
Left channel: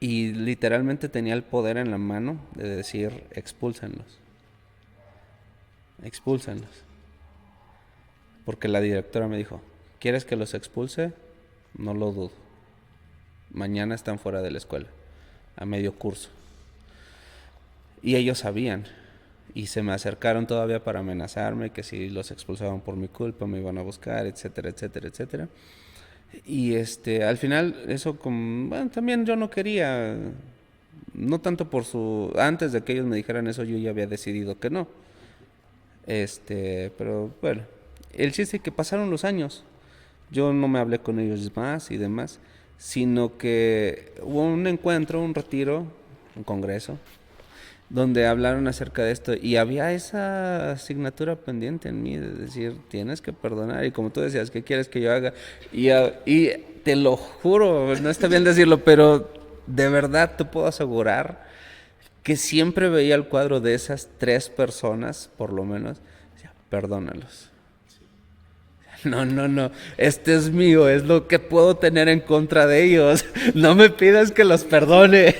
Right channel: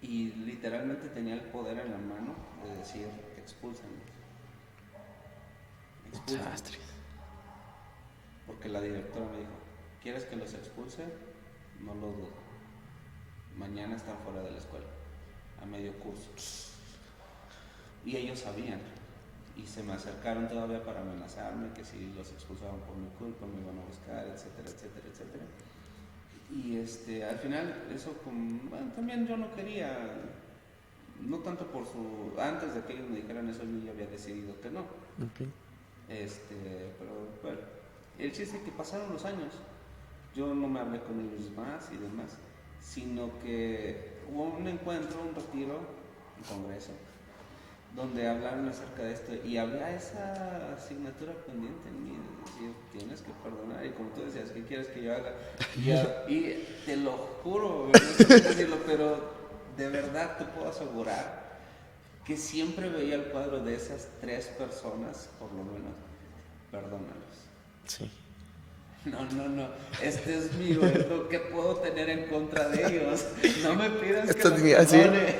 y literalmente tenía el poder en la mano de decir, expúlsenlos. Expúlsenlos. Porque la directora me dijo, ¿quieres que los expulse? No lo dudo. Mañana están fuera de la escuela, a medio curso. Y ellos sabían. Y se me acercaron todavía para amenazarme que si los expulsaban por mi culpa me iban a buscar, etcétera, etcétera, etcétera. Y al final eso bueno, también yo no quería, no tanto antes de que ellos me dijeran eso yo ya había decidido que no. Ok. Pero bueno, el chiste es que pasaron los años. Yo no me hablé con ellos más y demás, sino que hubo un encuentro, un retiro, un congreso, donde hablaron acerca de esto y había esa asignatura pendiente en mí de decir, tienes que perdonar y como tú decías, ¿qué quieres que yo haga? Y te lo juro, no está bien decirlo, pero de verdad te puedo asegurar que siempre veía el cuadro de esas 3 personas, por lo menos, decía, perdónalos. Sí. No, este es mío, es lo que puedo tener en contra de ellos. No me pidas que Esto los es mío, perdone.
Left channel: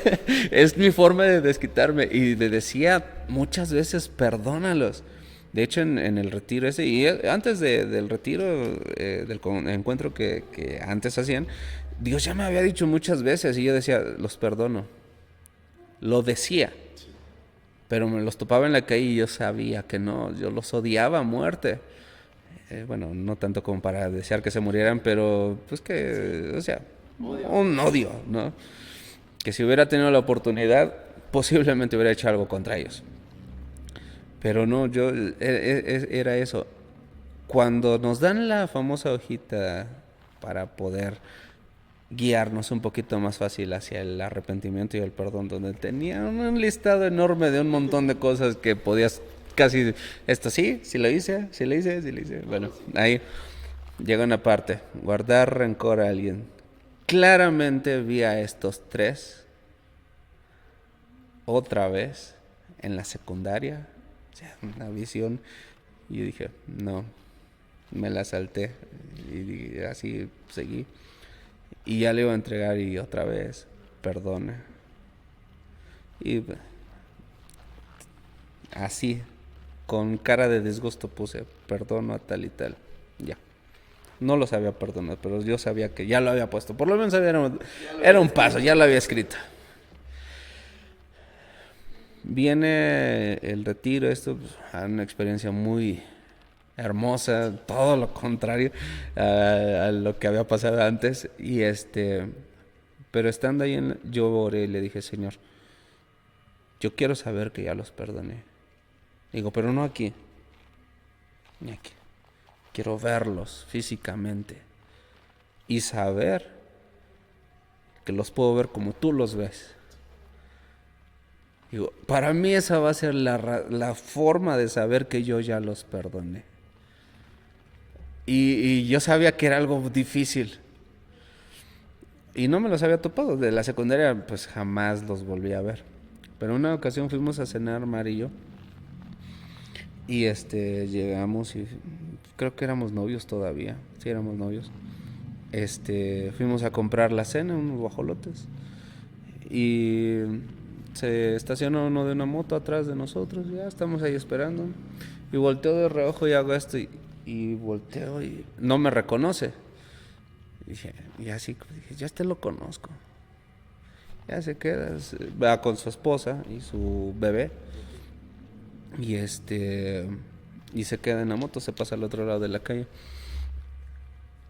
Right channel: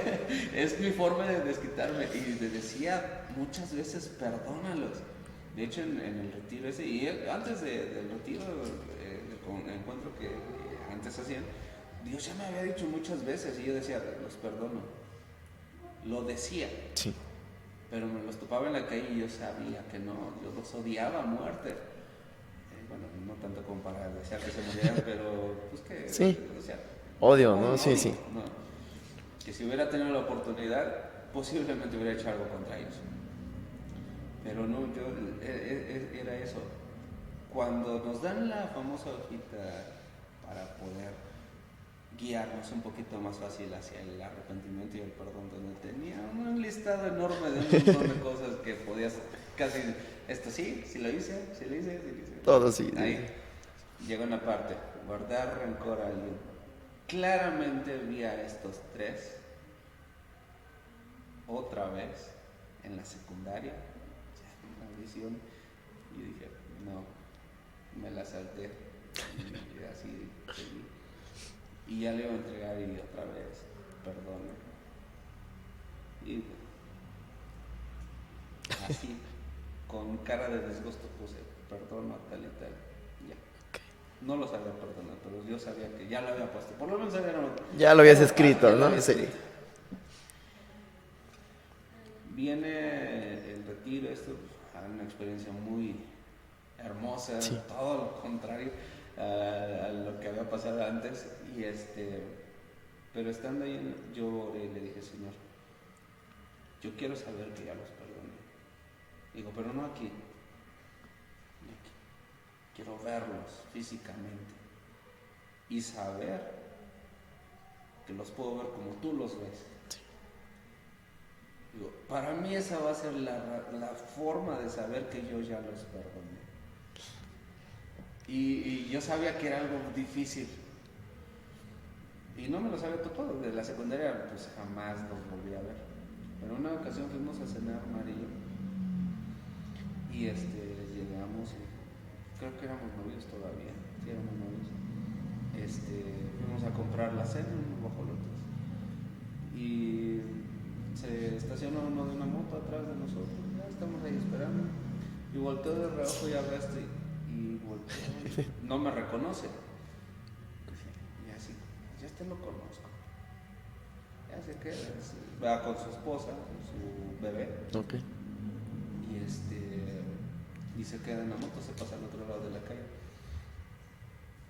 Es mi forma de desquitarme. Y le decía muchas veces, perdónalos. De hecho, en el retiro ese, y antes del retiro, encuentro que antes hacían, Dios ya me había dicho muchas veces y yo decía, los perdono. Lo decía, Sí. pero me los topaba en la calle y yo sabía que no, yo los odiaba a muerte. Bueno, no tanto como para desear que se murieran, pero pues que, Sí. o sea, Odio, un ¿no? Sí, odio, sí. ¿no? Que si hubiera tenido la oportunidad, posiblemente hubiera hecho algo contra ellos. Pero no, era eso. Cuando nos dan la famosa hojita para poder guiarnos un poquito más fácil hacia el arrepentimiento y el perdón, donde tenía un listado enorme de un montón de cosas que podías casi, esto sí lo hice, sí lo hice, sí lo hice. Todo Bueno, sí. ahí llega una parte, guardar rencor a alguien. Claramente vi a estos 3 otra vez en la secundaria, o sea, una visión, y yo dije, no, me la salté y así seguí. Y ya le iba a entregar y otra vez, perdona. Y así, con cara de disgusto puse, perdono a tal y tal. Ya. No lo sabía perdonar, pero yo sabía que ya lo había puesto. Por lo menos Ya lo habías era un escrito, paso, ya lo ¿no? había Sí. escrito. Viene el retiro, esto, pues, una experiencia muy hermosa, todo lo contrario a lo que había pasado antes. Pero estando ahí, yo oré y le dije, Señor, yo quiero saber que ya los perdoné. Digo, pero no aquí, ni aquí. Quiero verlos físicamente y saber que los puedo ver como tú los ves. Digo, para mí esa va a ser la forma de saber que yo ya los perdoné. Y yo sabía que era algo difícil. Y no me los había topado. De la secundaria, pues jamás los volví a ver. Pero una ocasión fuimos a cenar, Mar y yo. Y llegamos y creo que éramos novios todavía. Sí, éramos novios. Fuimos a comprar la cena, unos guajolotes. Y se estacionó uno de una moto atrás de nosotros. Ya estamos ahí esperando. Y volteo de reojo y hago esto. Y volteo y no me reconoce. Y así, dije, ya lo conozco. Ya se queda, va con su esposa y su bebé. Okay. Y se queda en la moto, se pasa al otro lado de la calle.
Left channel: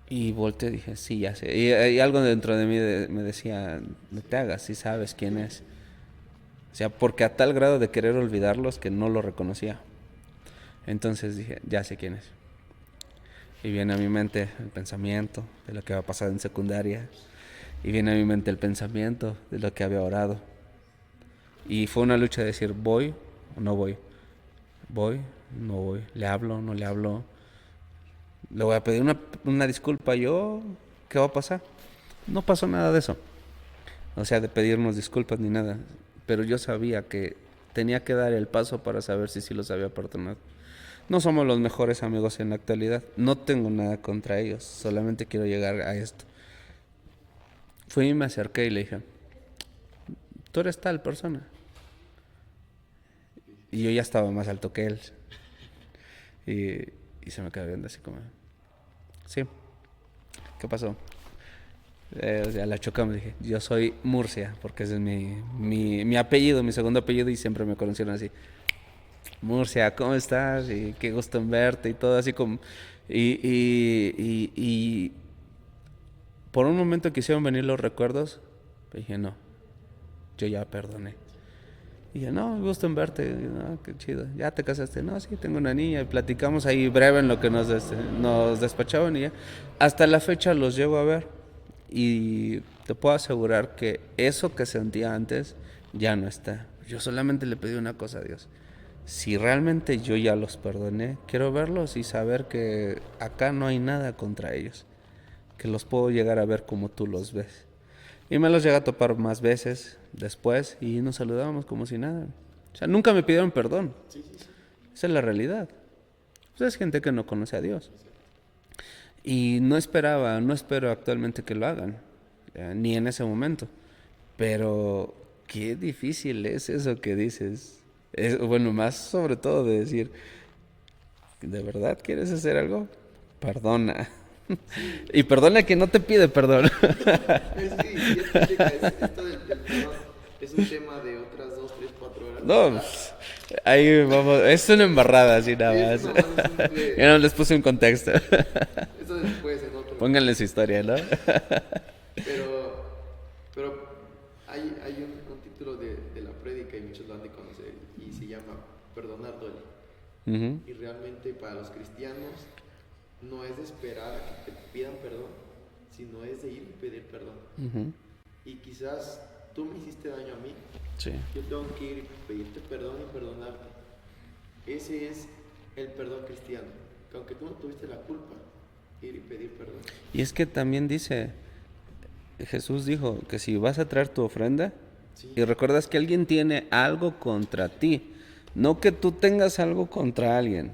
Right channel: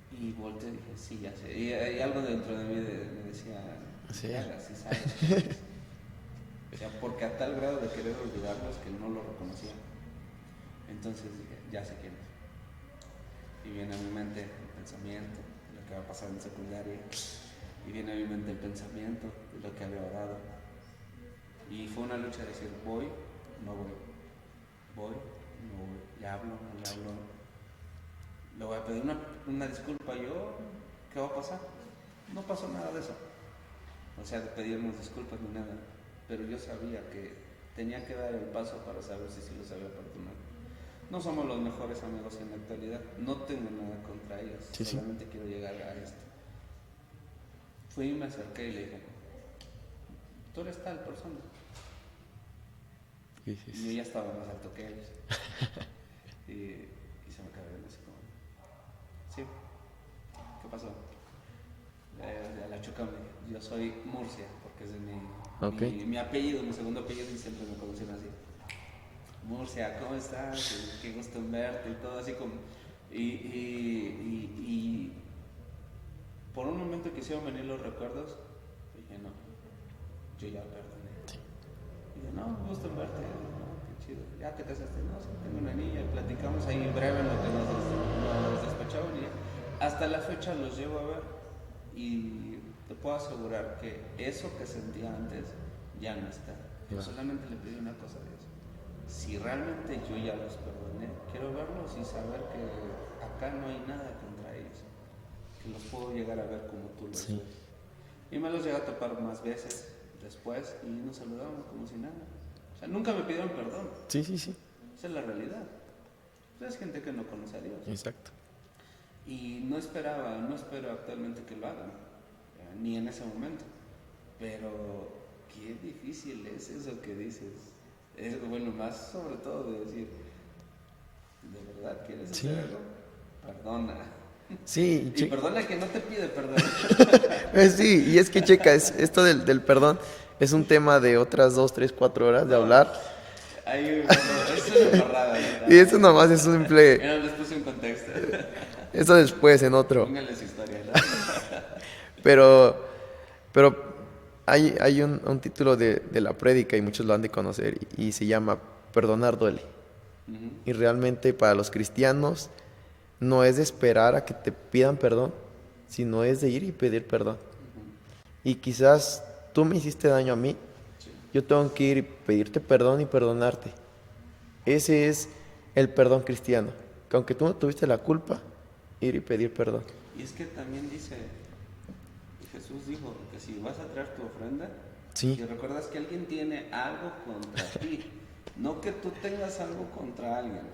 Y volteé y dije, sí, ya sé. Y algo dentro de mí me decía, no te hagas, sí sabes quién es. O sea, porque a tal grado de querer olvidarlos que no lo reconocía. Entonces dije, ya sé quién es. Y viene a mi mente el pensamiento de lo que había pasado en secundaria. Y viene a mi mente el pensamiento de lo que había orado. Y fue una lucha de decir, ¿voy o no voy? ¿Voy? No voy. ¿Le hablo? ¿No le hablo? ¿Le voy a pedir una disculpa yo? ¿Qué va a pasar? No pasó nada de eso. O sea, de pedirnos disculpas ni nada. Pero yo sabía que tenía que dar el paso para saber si sí los había perdonado. No somos los mejores amigos en la actualidad. No tengo nada contra ellos. Solamente quiero llegar a esto. Fui y me acerqué y le dije, tú eres tal persona. Y yo ya estaba más alto que él. y se me quedó viendo así como, sí, ¿qué pasó? O sea, la chocamos, dije, yo soy Murcia, porque ese es mi apellido, mi segundo apellido, y siempre me conocieron así. Murcia, ¿cómo estás? Y qué gusto en verte y todo así como... Y por un momento quisieron venir los recuerdos, pero dije, no, yo ya perdoné. Y dije, no, gusto en verte, no, qué chido, ¿ya te casaste? No, sí, tengo una niña, y platicamos ahí breve en lo que nos despachaban y ya. Hasta la fecha los llego a ver y te puedo asegurar que eso que sentía antes ya no está. Yo solamente le pedí una cosa a Dios. Si realmente yo ya los perdoné, quiero verlos y saber que acá no hay nada contra ellos, que los puedo llegar a ver como tú los ves. Y me los llegué a topar más veces después y nos saludábamos como si nada. O sea, nunca me pidieron perdón. Sí. Esa es la realidad. Pues es gente que no conoce a Dios. Exacto. Y no espero actualmente que lo hagan, ni en ese momento. Pero qué difícil es eso que dices. Bueno, más sobre todo de decir, ¿de verdad quieres hacer algo? Perdona. Sí. Y perdona a quien no te pide perdón. Sí, y es que checa, esto del perdón es un tema de otras 2, 3, 4 horas de hablar. Ahí vamos, es una embarrada, así nada. Y eso nomás es simple. Ya no les puse un contexto. Eso después en otro. Pónganle su historia, ¿no? Pero hay un título de la prédica y muchos lo han de conocer y se llama Perdonar duele. Uh-huh. Y realmente para los cristianos no es de esperar a que te pidan perdón, sino es de ir y pedir perdón. Uh-huh. Y quizás tú me hiciste daño a mí, Sí. yo tengo que ir y pedirte perdón y perdonarte. Ese es el perdón cristiano, que aunque tú no tuviste la culpa, ir y pedir perdón. Y es que también Jesús dijo que si vas a traer tu ofrenda, Sí. y recuerdas que alguien tiene algo contra ti, no que tú tengas algo contra alguien.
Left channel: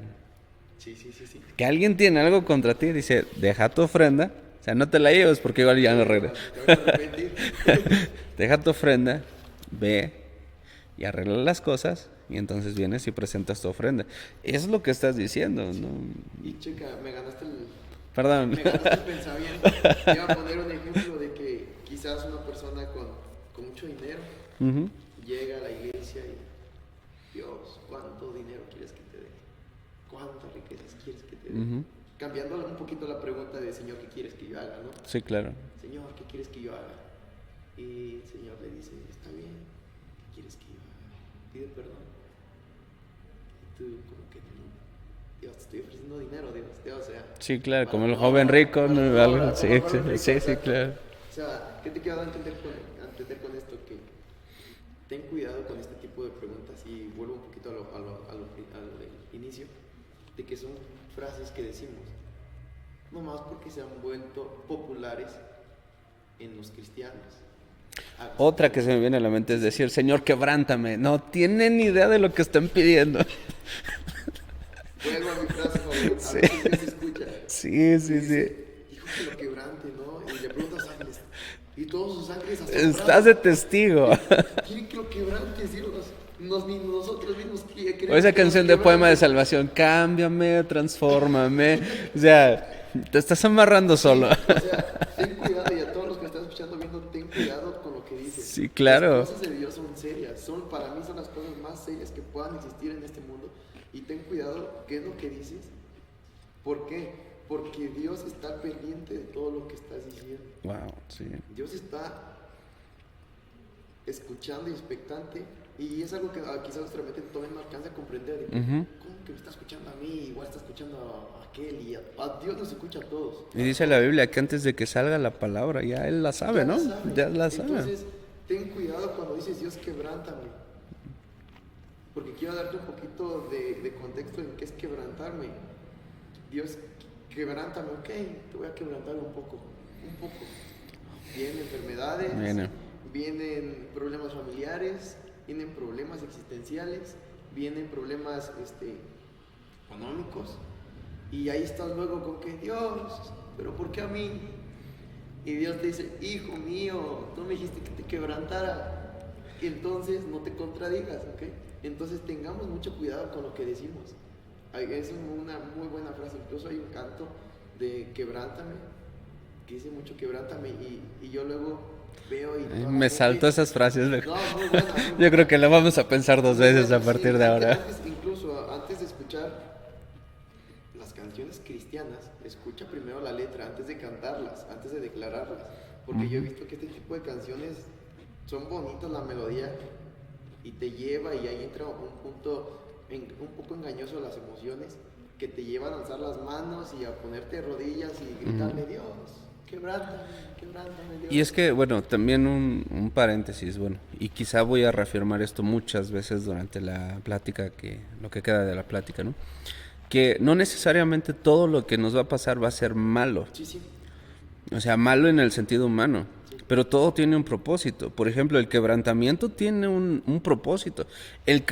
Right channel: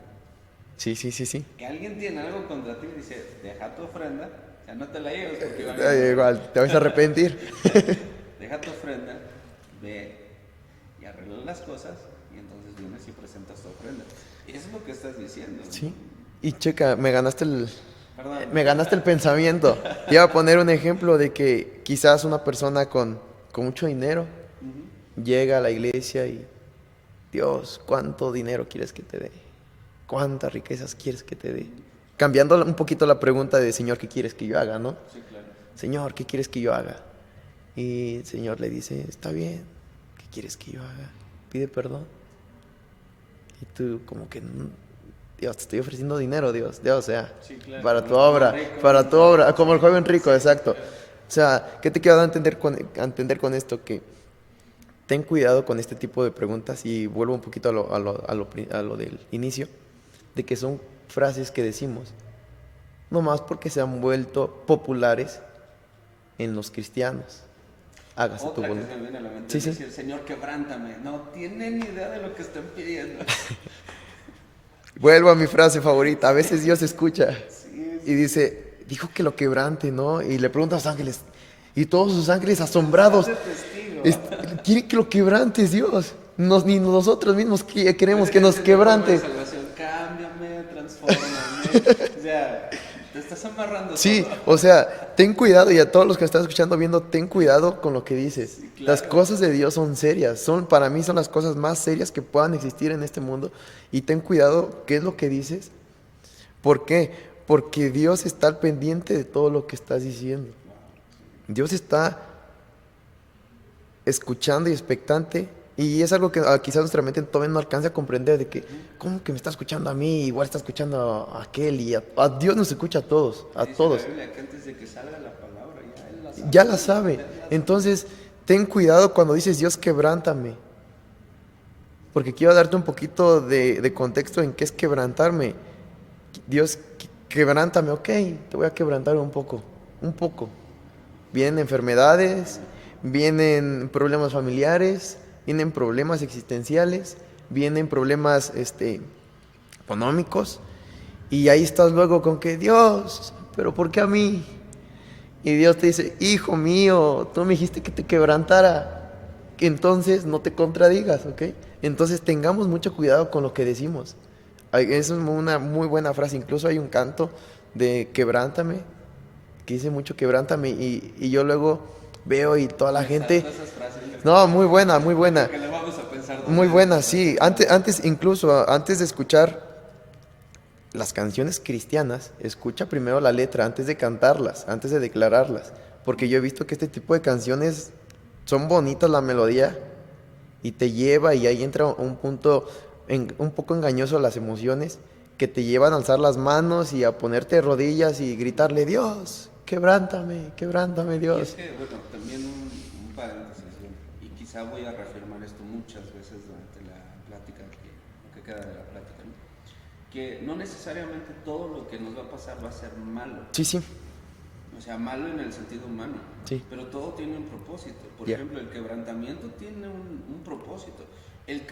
Sí. Que alguien tiene algo contra ti, dice, deja tu ofrenda, o sea, no te la lleves porque igual ya no Igual, te vas a arrepentir. deja tu ofrenda, ve y arregla las cosas y entonces vienes y presentas tu ofrenda. Eso es lo que estás diciendo, Sí. ¿no? Y checa, me ganaste Perdón. el pensamiento. Te iba a poner un ejemplo de que quizás una persona con mucho dinero Uh-huh. llega a la iglesia Dios, ¿cuánto dinero quieres que te dé? ¿Cuántas riquezas quieres que te dé? Ujú. Cambiando un poquito la pregunta de, Señor, ¿qué quieres que yo haga, no? Sí, claro. Señor, ¿qué quieres que yo haga? Y el Señor le dice, está bien, ¿qué quieres que yo haga? Pide perdón. Y tú como que, Dios, te estoy ofreciendo dinero, Dios, o sea, Sí, claro, para como tu el joven obra, rico, para ¿no? tu obra, Algo como así, el joven sí, rico, sí, exacto. claro. O sea, ¿qué te quiero dar a entender con esto? Que ten cuidado con este tipo de preguntas y vuelvo un poquito a lo del inicio, de que son frases que decimos, nomás porque se han vuelto populares en los cristianos. Hágase tu Otra que se voluntad. me viene a la mente Sí, es sí. decir, Señor, quebrántame. No tienen ni idea de lo que están pidiendo. Vuelvo a mi frase favorita. A veces Dios escucha Sí, y sí, sí. dice, dijo que lo quebrante, ¿no? Y le pregunta a los ángeles, y todos sus ángeles Estás asombrados, de testigo. es- quieren que lo quebrantes, Dios. Ni nosotros mismos O queremos esa que nos canción de poema de quebrante. salvación, cámbiame, transfórmame. O sea, te estás amarrando Sí, solo. o sea, ten cuidado y a todos los que están escuchando, viendo, ten cuidado con lo que dices. Sí, Las claro. cosas de Dios son serias, para mí son las cosas más serias que puedan existir en este mundo. Y ten cuidado qué es lo que dices. ¿Por qué? Porque Dios está al pendiente de todo lo que estás diciendo. Wow, sí. Dios está escuchando y expectante. Y es algo que quizás nuestra mente todavía no alcanza a comprender de que, Ujú. ¿cómo que me está escuchando a mí? Igual está escuchando a aquel y a Dios nos escucha a todos, Y a dice la todos. Biblia que antes de que salga la palabra, ya Él la sabe, Ya ¿no? la sabe. Ya la sabe. Entonces, ten cuidado cuando dices, Dios, quebrántame. Porque quiero darte un poquito de contexto en qué es quebrantarme. Dios, quebrántame, ok, te voy a quebrantar un poco, un poco. Vienen enfermedades, Viene. vienen problemas familiares, vienen problemas existenciales, vienen problemas económicos. Y ahí estás luego con que, Dios, pero ¿por qué a mí? Y Dios te dice, hijo mío, tú me dijiste que te quebrantara, que entonces no te contradigas, ¿ok? Entonces tengamos mucho cuidado con lo que decimos. Es una muy buena frase, incluso hay un canto de quebrántame, que dice mucho quebrántame, y yo luego veo y toda la Me salto gente... esas frases. No, muy buena, muy Yo creo buena, que la vamos a pensar dos muy veces buena, a sí. partir de ahora. Antes de escuchar las canciones cristianas, escucha primero la letra antes de cantarlas, antes de declararlas. Porque yo he visto que este tipo de canciones son bonitas la melodía y te lleva y ahí entra un punto un poco engañoso a las emociones que te llevan a alzar las manos y a ponerte de rodillas y gritarle, Dios, quebrántame, Y es Dios. que, bueno, también un paréntesis, bueno, y quizá voy a reafirmar esto muchas veces durante la plática, lo que queda de la plática, ¿no? Que no necesariamente todo lo que nos va a pasar va a ser malo. Sí, sí, O sea, malo en el sentido humano. sí. Pero todo tiene un propósito. Por Ya. ejemplo, el quebrantamiento tiene un propósito. El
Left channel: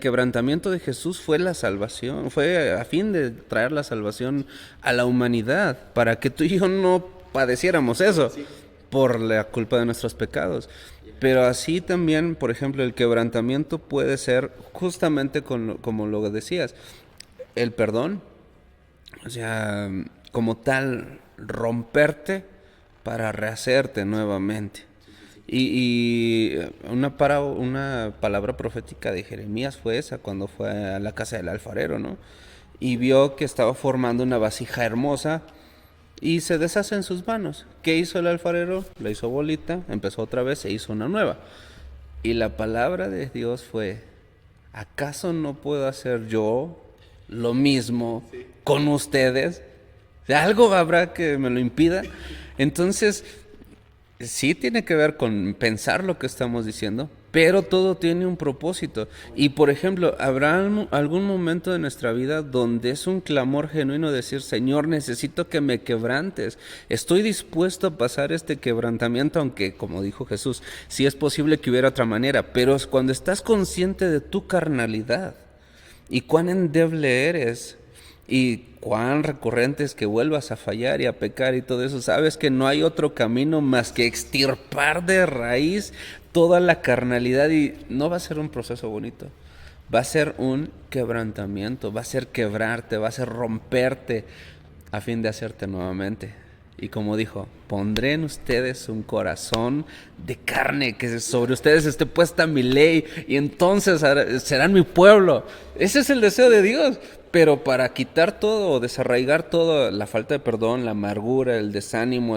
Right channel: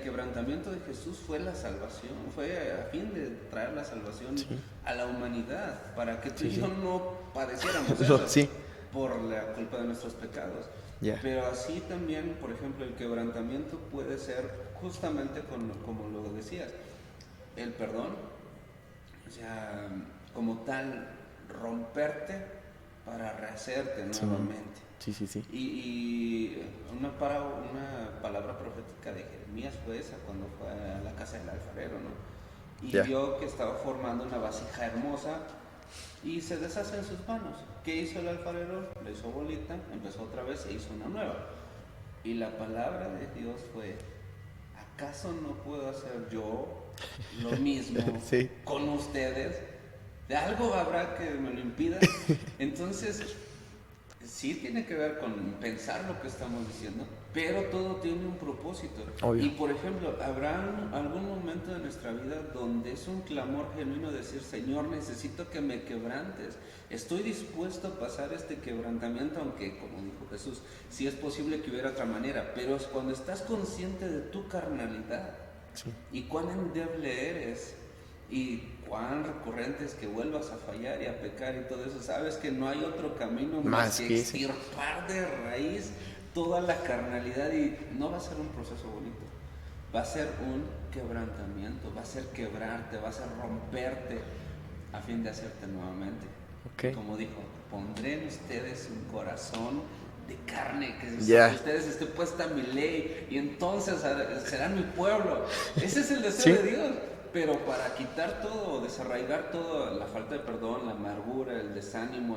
quebrantamiento de Jesús fue la salvación. Fue a fin de traer la salvación a la humanidad. Para que tú y yo no padeciéramos No, eso. sí. Por la culpa de nuestros pecados. Ya. Pero así también, por ejemplo, el quebrantamiento puede ser justamente como lo decías. El perdón. O sea, como tal, romperte para rehacerte nuevamente. Sí, sí, sí. Y una palabra profética de Jeremías fue esa, cuando fue a la casa del alfarero, ¿no? Y Ya. vio que estaba formando una vasija hermosa y se deshace en sus manos. ¿Qué hizo el alfarero? La hizo bolita, empezó otra vez, se hizo una nueva. Y la palabra de Dios fue, ¿acaso no puedo hacer yo lo mismo Sí. con ustedes? Algo habrá que me lo impida. Entonces, sí tiene que ver con pensar lo que estamos diciendo, pero todo tiene un propósito. Obvio. Y por ejemplo, habrá algún momento de nuestra vida donde es un clamor genuino decir, Señor, necesito que me quebrantes. Estoy dispuesto a pasar este quebrantamiento, aunque, como dijo Jesús, sí es posible que hubiera otra manera, pero es cuando estás consciente de tu carnalidad y cuán endeble eres, y cuán recurrente es que vuelvas a fallar y a pecar y todo eso, sabes que no hay otro camino más que que ese. extirpar de raíz toda la carnalidad, y no va a ser un proceso bonito, va a ser un quebrantamiento, va a ser quebrarte, va a ser romperte a fin de hacerte nuevamente. Ok. Y como dijo, pondré en ustedes un corazón de carne, que Ya. sobre ustedes esté puesta mi ley, y entonces serán mi pueblo. Ese es el deseo Sí. de Dios. Pero para quitar todo, desarraigar todo, la falta de perdón, la amargura, el desánimo,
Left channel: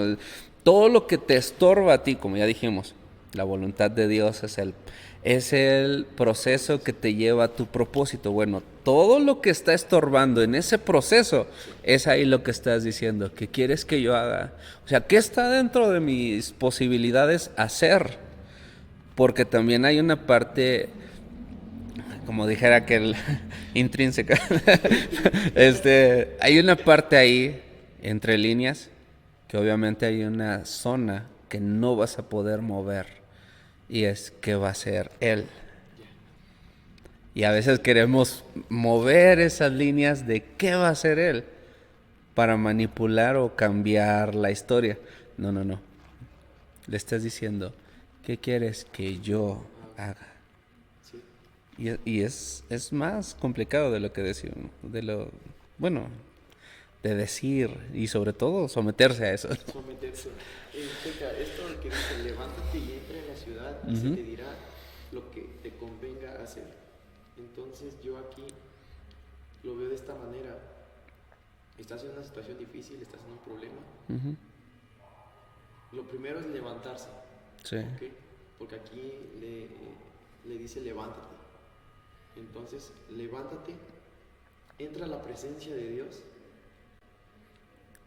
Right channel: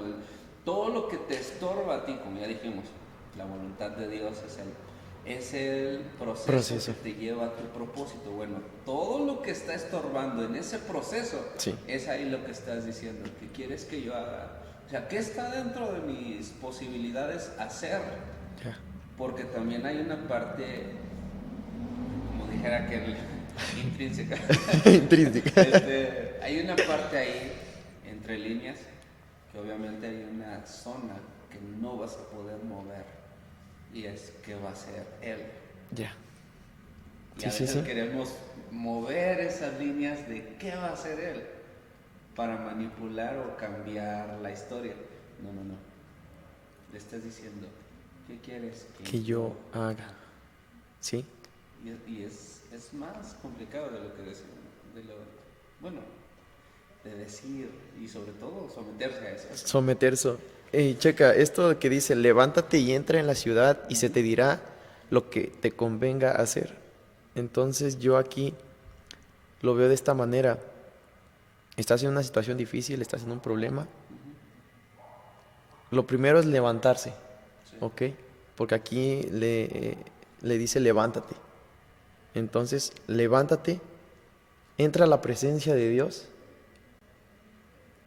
todo lo que te estorba a ti, como ya dijimos, la voluntad de Dios es el proceso que te lleva a tu propósito. Bueno, todo lo que está estorbando en ese proceso, Sí. es ahí lo que estás diciendo. ¿Qué quieres que yo haga? O sea, ¿qué está dentro de mis posibilidades hacer? Porque también hay una parte, como dijera aquel, intrínseca. Hay una parte ahí, entre líneas, que obviamente hay una zona que no vas a poder mover. Y es que va a ser Él. Ya. Y Sí, a sí, veces sí. queremos mover esas líneas de qué va a hacer Él para manipular o cambiar la historia. No, no, no. Le estás diciendo, ¿qué quieres que yo haga? Sí. Y es más complicado de lo que decimos, bueno, de decir y sobre todo someterse a eso. Someterse. Checa, esto que dice, levántate y entra en la ciudad y se Ujú. te dirá lo que te convenga hacer. Entonces yo aquí lo veo de esta manera. Estás en una situación difícil, estás en un problema. Ujú. Lo primero es levantarse, Sí. ¿ok? Porque aquí le dice levántate. Entonces, levántate, entra a la presencia de Dios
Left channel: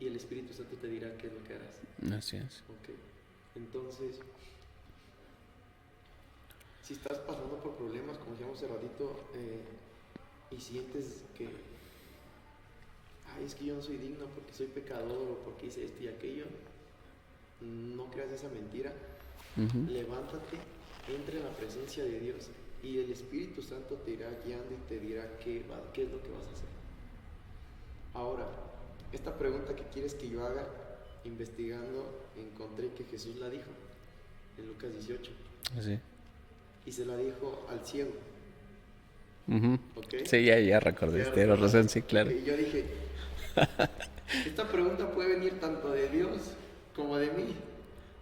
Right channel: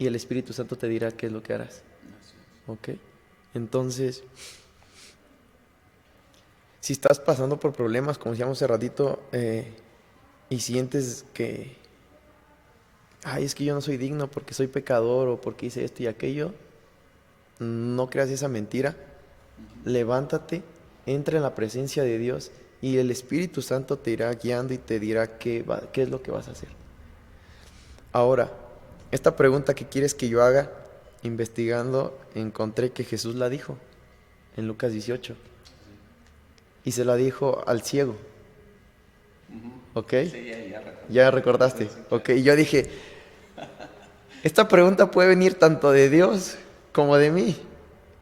y el Espíritu Santo te dirá qué es lo que harás, Así es. ¿ok? Entonces, si estás pasando por problemas, como decíamos hace ratito, y sientes que, ay, es que yo no soy digno porque soy pecador o porque hice esto y aquello, no creas esa mentira. Ujú. Levántate, entra en la presencia de Dios y el Espíritu Santo te irá guiando y te dirá qué es lo que vas a hacer. Ahora, esta pregunta que quieres que yo haga, investigando, encontré que Jesús la dijo en Lucas 18 Así. y se la dijo al ciego, Ujú. ¿ok? Sí, ya recordé. Ya Tienes recordaste, razón, sí, claro. ¿ok? Y yo dije, esta pregunta puede venir tanto de Dios como de mí.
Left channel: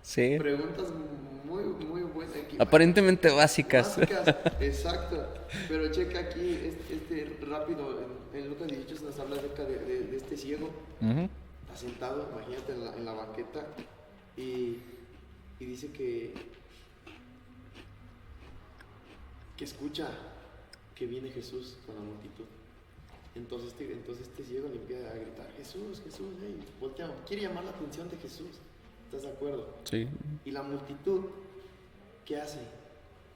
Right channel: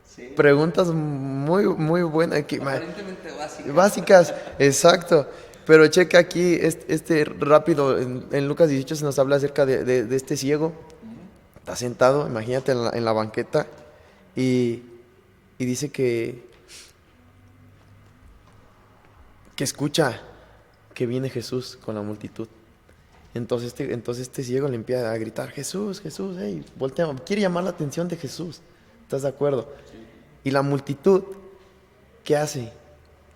Sí. Preguntas muy, muy buenas. Aparentemente básicas. Básicas, exacto. Pero checa aquí, rápido, en Lucas 18 se nos habla acerca de este ciego. Ujú. Está sentado, imagínate, en la banqueta y, y dice que escucha que viene Jesús con la multitud. Entonces este ciego le empieza a gritar, Jesús, Jesús, hey, voltea, quiere llamar la atención de Jesús. ¿Estás de acuerdo? Sí. Y la multitud, ¿qué hace?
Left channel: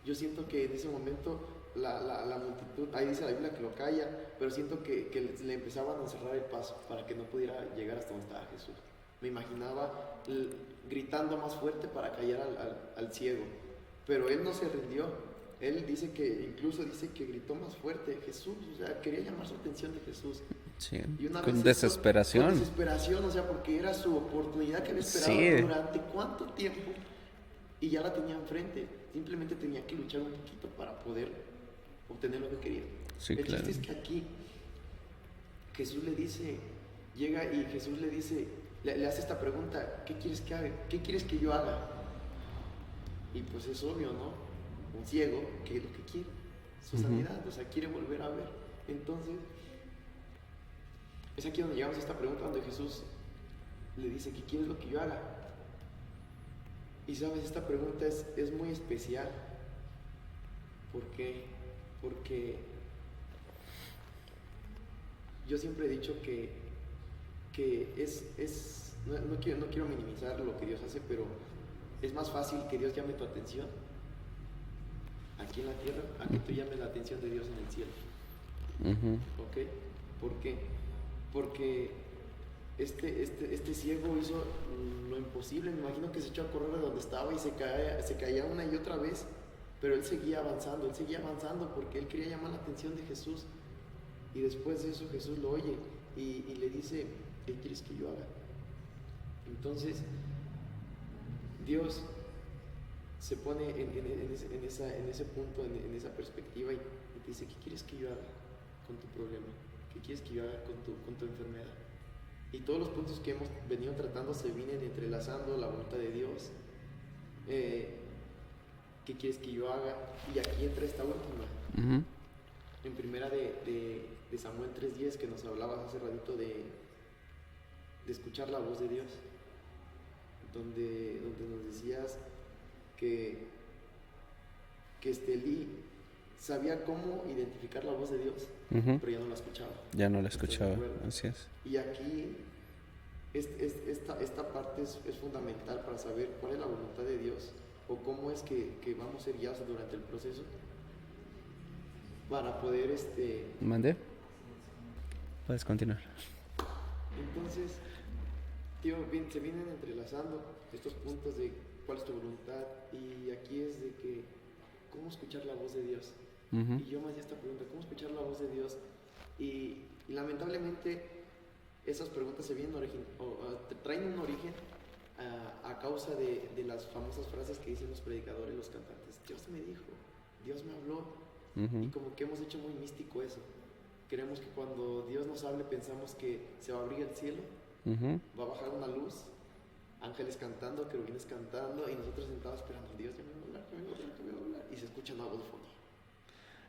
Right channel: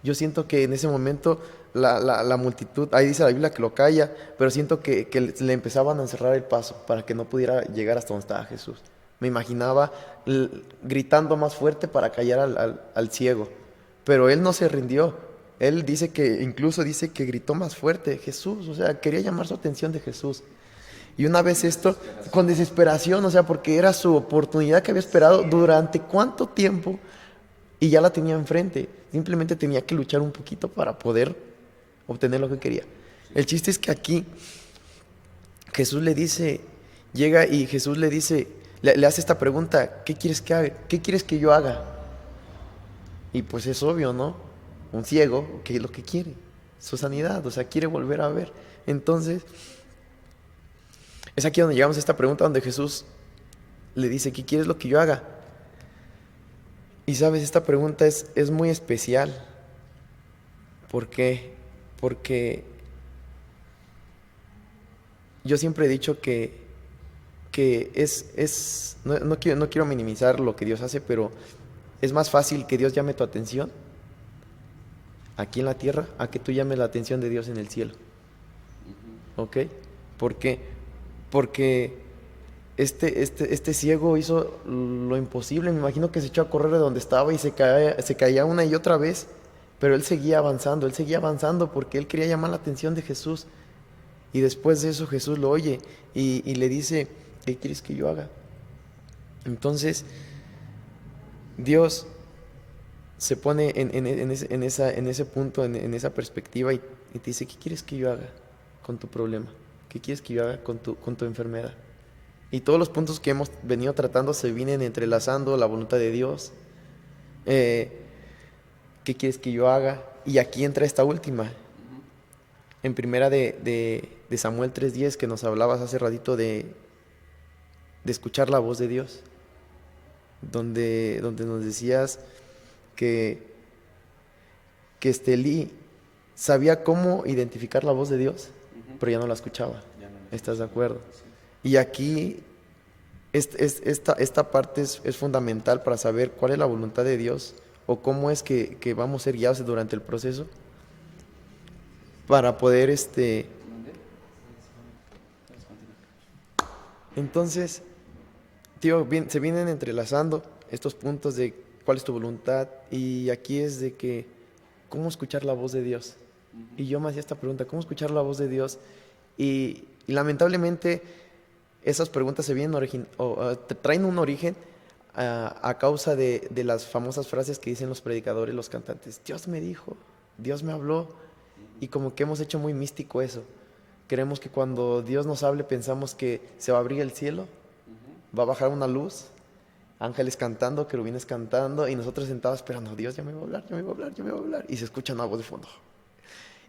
Yo siento que en ese momento la multitud, ahí dice la Biblia que lo calla, pero siento que le empezaban a cerrar el paso para que no pudiera llegar hasta donde estaba Jesús. Me imaginaba gritando más fuerte para callar al ciego, pero él no se rindió. Él incluso dice que gritó más fuerte, Jesús, o sea, quería llamar su atención de Jesús. Sí. Y una vez Con esto, desesperación. con desesperación, o sea, porque era su oportunidad que había esperado Sí. durante cuánto tiempo y ya la tenía enfrente. Simplemente tenía que luchar un poquito para poder obtener lo que quería. Sí, El chiste es que aquí Jesús le dice, llega y Jesús le dice, le hace esta pregunta, ¿qué quieres que haga? ¿Qué quieres que yo haga? Y pues es obvio, ¿no? Un ciego, ¿qué es lo que quiere? Su sanidad, o sea, quiere volver a ver. Entonces, es aquí donde llegamos a esta pregunta donde Jesús le dice, ¿qué quieres lo que yo haga? Y sabes, esta pregunta es muy especial. ¿Por qué? Porque yo siempre he dicho que no quiero minimizar lo que Dios hace, pero es más fácil que Dios llame tu atención aquí en la tierra a que tú llames la atención de Dios en el cielo. Ujú. ¿Ok? ¿Por qué? Porque este ciego hizo lo imposible. Me imagino que se echó a correr de donde estaba y se caía una y otra vez. Pero él seguía avanzando porque él quería llamar la atención de Jesús. Y después de eso Jesús lo oye y le dice, ¿qué quieres que yo haga? Entonces, Dios se pone en ese punto, en esa perspectiva y te dice, ¿qué quieres que yo haga con tu problema? ¿Qué quieres que yo haga con tu enfermedad? Y todos los puntos que hemos venido tratando se vienen entrelazando, la voluntad de Dios, eh, qué quieres que yo haga. Y aquí entra esta última, Ujú. en primera de Samuel 3:10, que nos hablabas hace ratito de escuchar la voz de Dios, donde nos decías que, que Elí sabía cómo identificar la voz de Dios, Ujú. pero ya no la escuchaba. Ya no la ¿Estás de escuchaba. acuerdo? Así es. Y aquí esta parte es fundamental para saber cuál es la voluntad de Dios o cómo es que vamos a ser guiados durante el proceso para poder, ¿Mande? Puedes continuar. entonces, tío, se vienen entrelazando estos puntos de cuál es tu voluntad y aquí es de que, ¿cómo escuchar la voz de Dios? Ujú. Y yo me hacía esta pregunta, ¿cómo escuchar la voz de Dios? Y lamentablemente esas preguntas se vienen traen un origen a causa de las famosas frases que dicen los predicadores, los cantantes. Dios me dijo, Dios me habló. Ujú. Y como que hemos hecho muy místico eso. Queremos que cuando Dios nos hable pensamos que se va a abrir el cielo, Ujú. va a bajar una luz, ángeles cantando, querubines cantando y nosotros sentados esperando, Dios ya me va a hablar, ya me va a hablar, ya me va a hablar. Y se escucha una voz de fondo.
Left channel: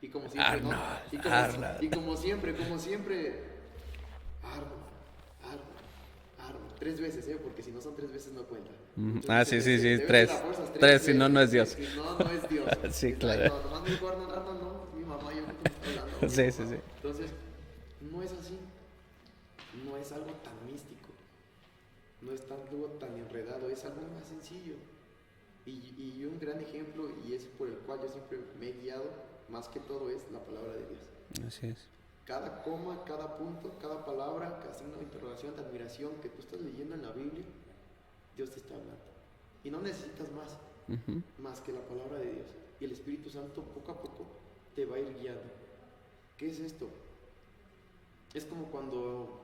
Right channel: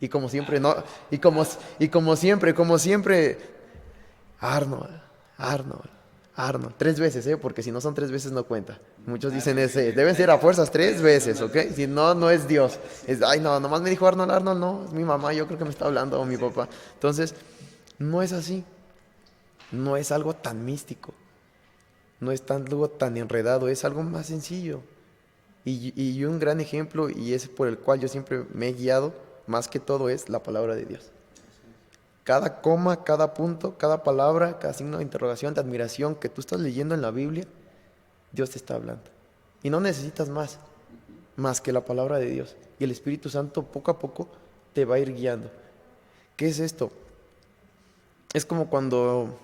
Y como siempre, no, como siempre, Arnold, Arnold, Arnold. 3 veces, porque si no son 3 veces no cuenta. Muchos dicen Sí, sí, ese. sí, Deben ser a fuerzas tres si no, veces, no es ¿ok? Dios. Si no, no es Dios. Sí, Ay, claro. no, nomás me dijo Arnold, Arnold, no, es mi mamá, yo creo que me está hablando, o mi Sí, papá. sí, sí. Entonces, no es así. No es algo tan místico. No es algo tan enredado, es algo más sencillo. Y un gran ejemplo, y es por el cual yo siempre me he guiado, más que todo, es la palabra de Dios. Así es. Cada coma, cada punto, cada palabra, cada signo de interrogación, de admiración que tú estás leyendo en la Biblia, Dios te está hablando. Y no necesitas Ujú. más que la palabra de Dios. Y el Espíritu Santo poco a poco te va a ir guiando. ¿Qué es esto? Es como cuando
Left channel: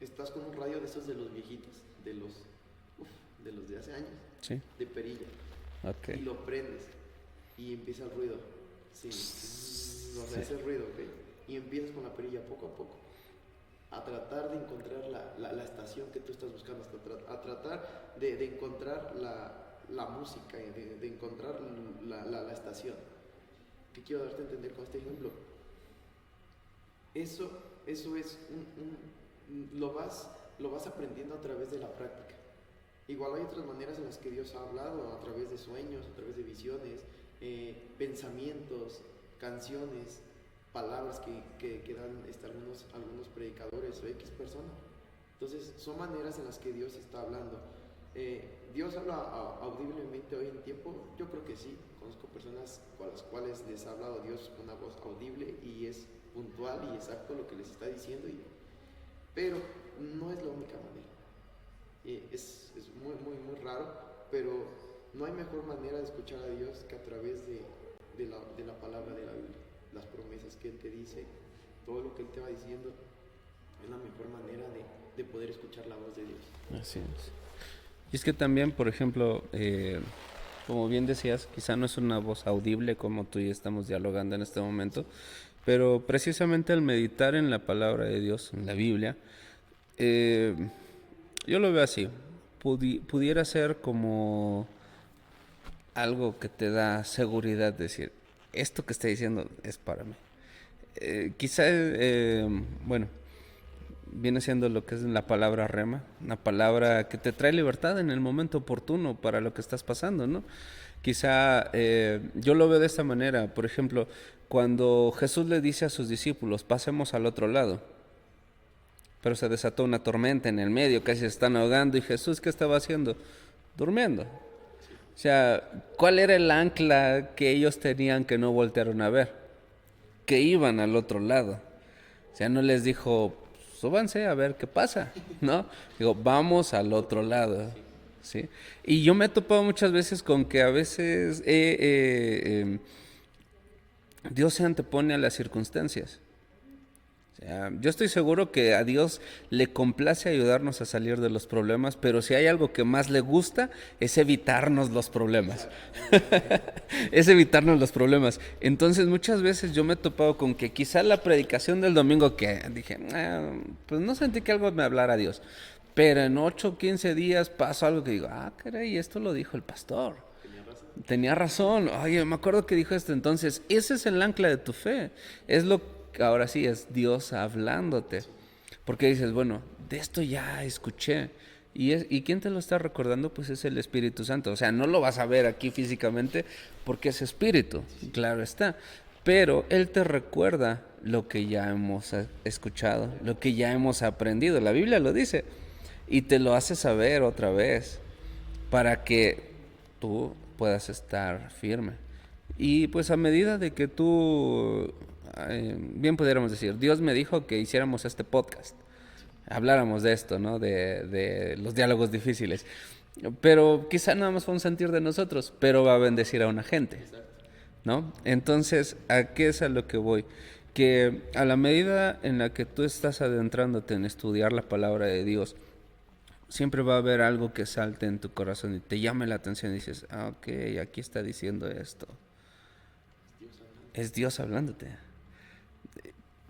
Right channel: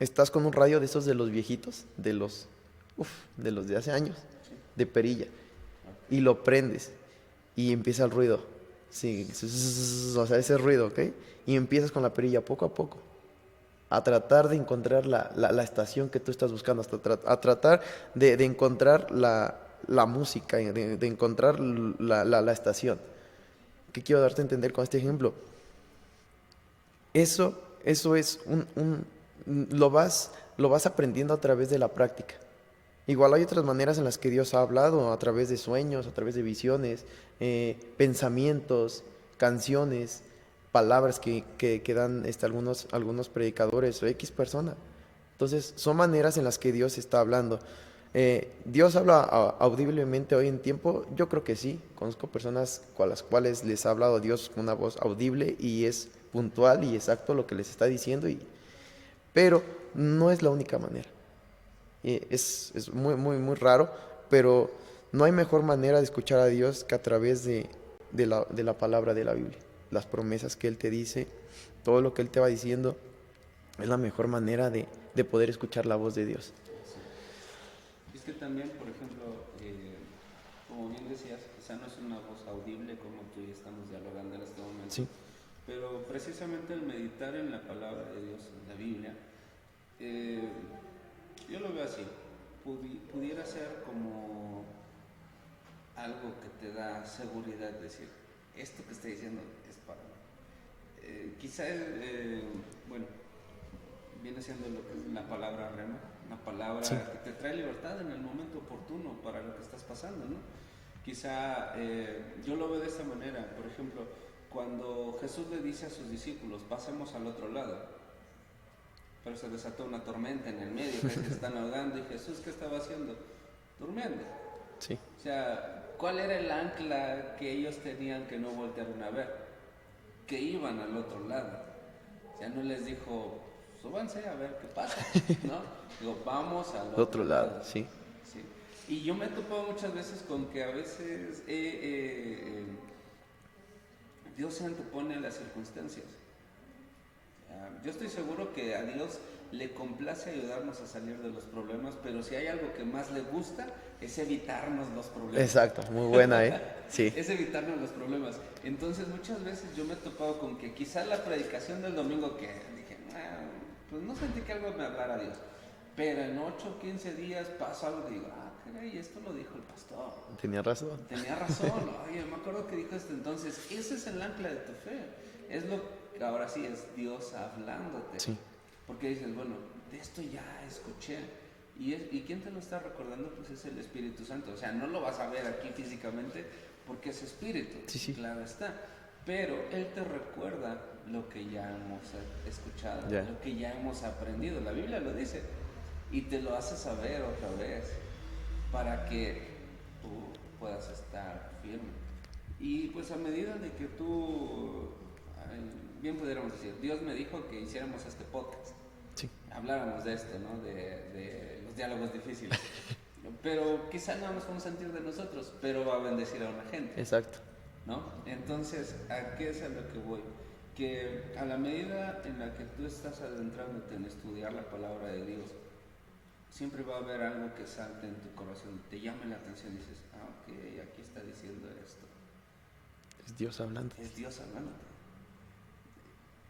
estás con un radio de esos de los viejitos, de los de hace años, Sí. de perilla, Ok. y lo prendes y empieza el ruido. Sí, o sea, ese ruido, ¿ok? Y empiezas con la perilla poco a poco a tratar de encontrar la estación que tú estás buscando, a tratar de encontrar la música, de encontrar la estación. ¿Qué quiero darte a entender con este ejemplo? Eso es lo vas aprendiendo a través de la práctica. Igual hay otras maneras en las que Dios ha hablado, a través de sueños, a través de visiones, pensamientos, canciones, palabras que dan algunos predicadores o X persona. Entonces, son maneras en las que Dios está hablando. ¿Dios habla audiblemente hoy en tiempo? Yo creo que sí. Conozco personas con las cuales les ha hablado Dios con una voz audible y es puntual y exacto lo que les está diciendo, pero no es la única manera. Es muy, muy, muy raro, pero no hay mejor manera de escuchar a Dios que a través de la palabra de la Biblia. Las promesas que Él te dice, todo lo que Él te va diciendo, es la mejor manera de poder escuchar la voz de Dios. Así es. Y es que también, por ejemplo, como bien decías, quizá no es una voz audible como tú y estamos dialogando en este momento, Sí. pero precisamente al meditar en la palabra de Dios, en la Biblia, eh, yo lo veo así. Pudiera ser como algo que te da seguridad, decir, esto que está diciendo es para mí. Quizá, bueno, viene siendo lo que es la palabra rema, una Sí. palabra que te trae libertad en el momento oportuno para lo que estás pasando, ¿no? Quizá yo lo veo de esta manera, por ejemplo, cuando Jesús le dice a sus discípulos, pasemos al otro lado, pero se desató una tormenta en el medio, casi se están ahogando, y Jesús, ¿qué estaba haciendo? Durmiendo. Sí. O sea, ¿cuál era el ancla que ellos tenían que no voltearon a ver? Que iban al otro lado. O sea, no les dijo, súbanse a ver qué pasa, ¿no? Digo, vamos al otro lado, sí. ¿sí? Y yo me he topado muchas veces con que a veces Dios se antepone a las circunstancias. Yo estoy seguro que a Dios le complace ayudarnos a salir de los problemas, pero si hay algo que más le gusta es evitarnos los problemas. Exacto, muy buena, ¿eh? Sí. Es evitarnos los problemas. Entonces muchas veces yo me he topado con que quizá la predicación del domingo que dije, pues no sentí que algo me hablara a Dios. Pero en 8 o 15 días pasó algo que digo, caray, esto lo dijo el pastor. Tenía razón. Tenía razón. Oye, me acuerdo que dijo esto. Entonces, ese es el ancla de tu fe. Es lo que ahora sí es Dios hablándote. Sí. Porque dices, bueno, de esto ya escuché. ¿Y quién te lo está recordando? Pues es el Espíritu Santo. O sea, no lo vas a ver aquí físicamente porque es Espíritu. Sí. Claro está. Pero Él te recuerda lo que ya hemos escuchado, lo que ya hemos aprendido. La Biblia lo dice. Y te lo hace saber otra vez para que tú puedas estar firme. Y pues a medida de que tú, bien pudiéramos decir, Dios me dijo que hiciéramos este podcast, Sí. habláramos de esto, ¿no? De los diálogos difíciles. Pero quizá nada más fue un sentir de nosotros, pero va a bendecir a una gente. Exacto. ¿No? Entonces, ¿a qué es a lo que voy? Que a la medida en la que tú estás adentrándote en estudiar la palabra de Dios, siempre va a haber algo que salte en tu corazón y te llame la atención y dices, ok, aquí está diciendo esto. Es Dios hablando. Es Dios hablándote.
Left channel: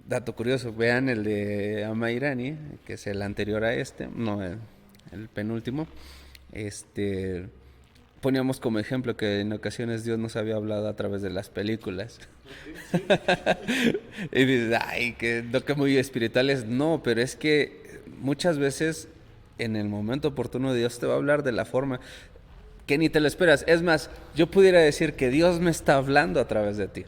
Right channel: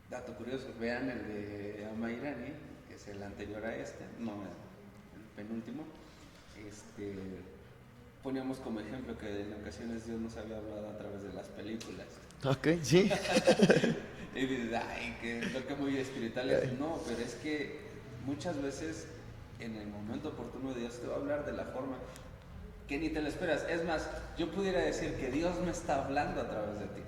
Dato curioso, vean el de Amairani, que es el anterior a este, no, el penúltimo. Poníamos como ejemplo que en ocasiones Dios nos había hablado a través de las películas. Ok, sí. Y dices, ay, que lo que muy espiritual es. No, pero es que muchas veces en el momento oportuno Dios te va a hablar de la forma que ni te lo esperas. Es más, yo pudiera decir que Dios me está hablando a través de ti.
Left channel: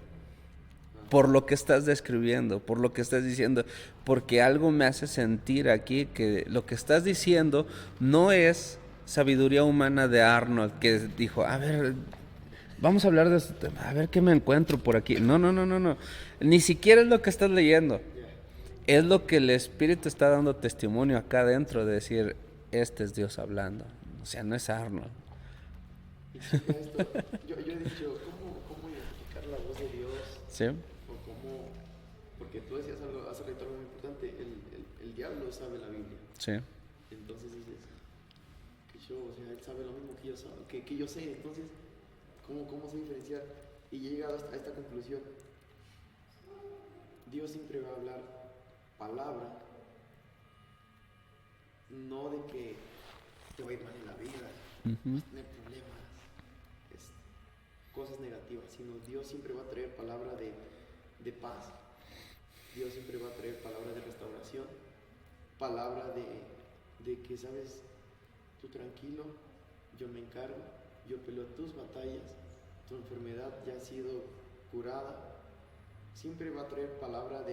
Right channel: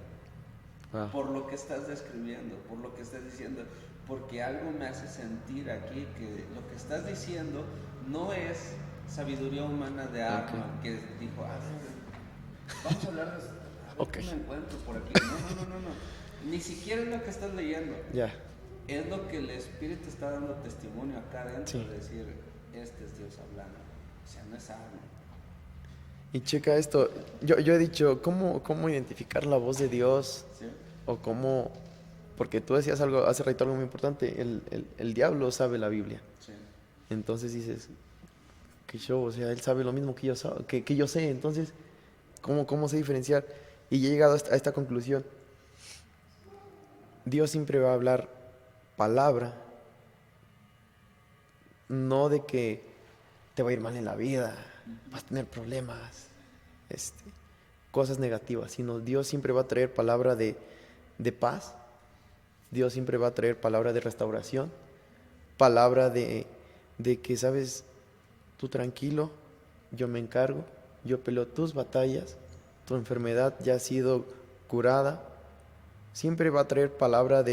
Por lo que estás describiendo, por lo que estás diciendo, porque algo me hace sentir aquí que lo que estás diciendo no es sabiduría humana de Arnold, que dijo, a ver, vamos a hablar de esto, a ver qué me encuentro por aquí. No, no, no, no, no. Ni siquiera es lo que estás leyendo. Ya. Es lo que el Espíritu está dando testimonio acá adentro de decir, este es Dios hablando. O sea, no es Arnold. Y checa esto, yo he dicho, ¿cómo identificar la voz de Dios? ¿Sí? O cómo, porque tú decías algo, hace rato algo muy importante, el diablo sabe la Biblia. Sí. Entonces dices, que yo, o sea, él sabe lo mismo que yo, que yo sé, entonces, ¿cómo sé diferenciar? Y he llegado a esta conclusión, Dios siempre va a hablar palabra, no de que te va a ir mal en la vida, vas a tener problemas, cosas negativas, sino Dios siempre va a traer palabra de paz, Dios siempre va a traer palabra de restauración, palabra de que, sabes, tú tranquilo, yo me encargo, yo peleo tus batallas, tu enfermedad ya ha sido curada, siempre va a traer palabra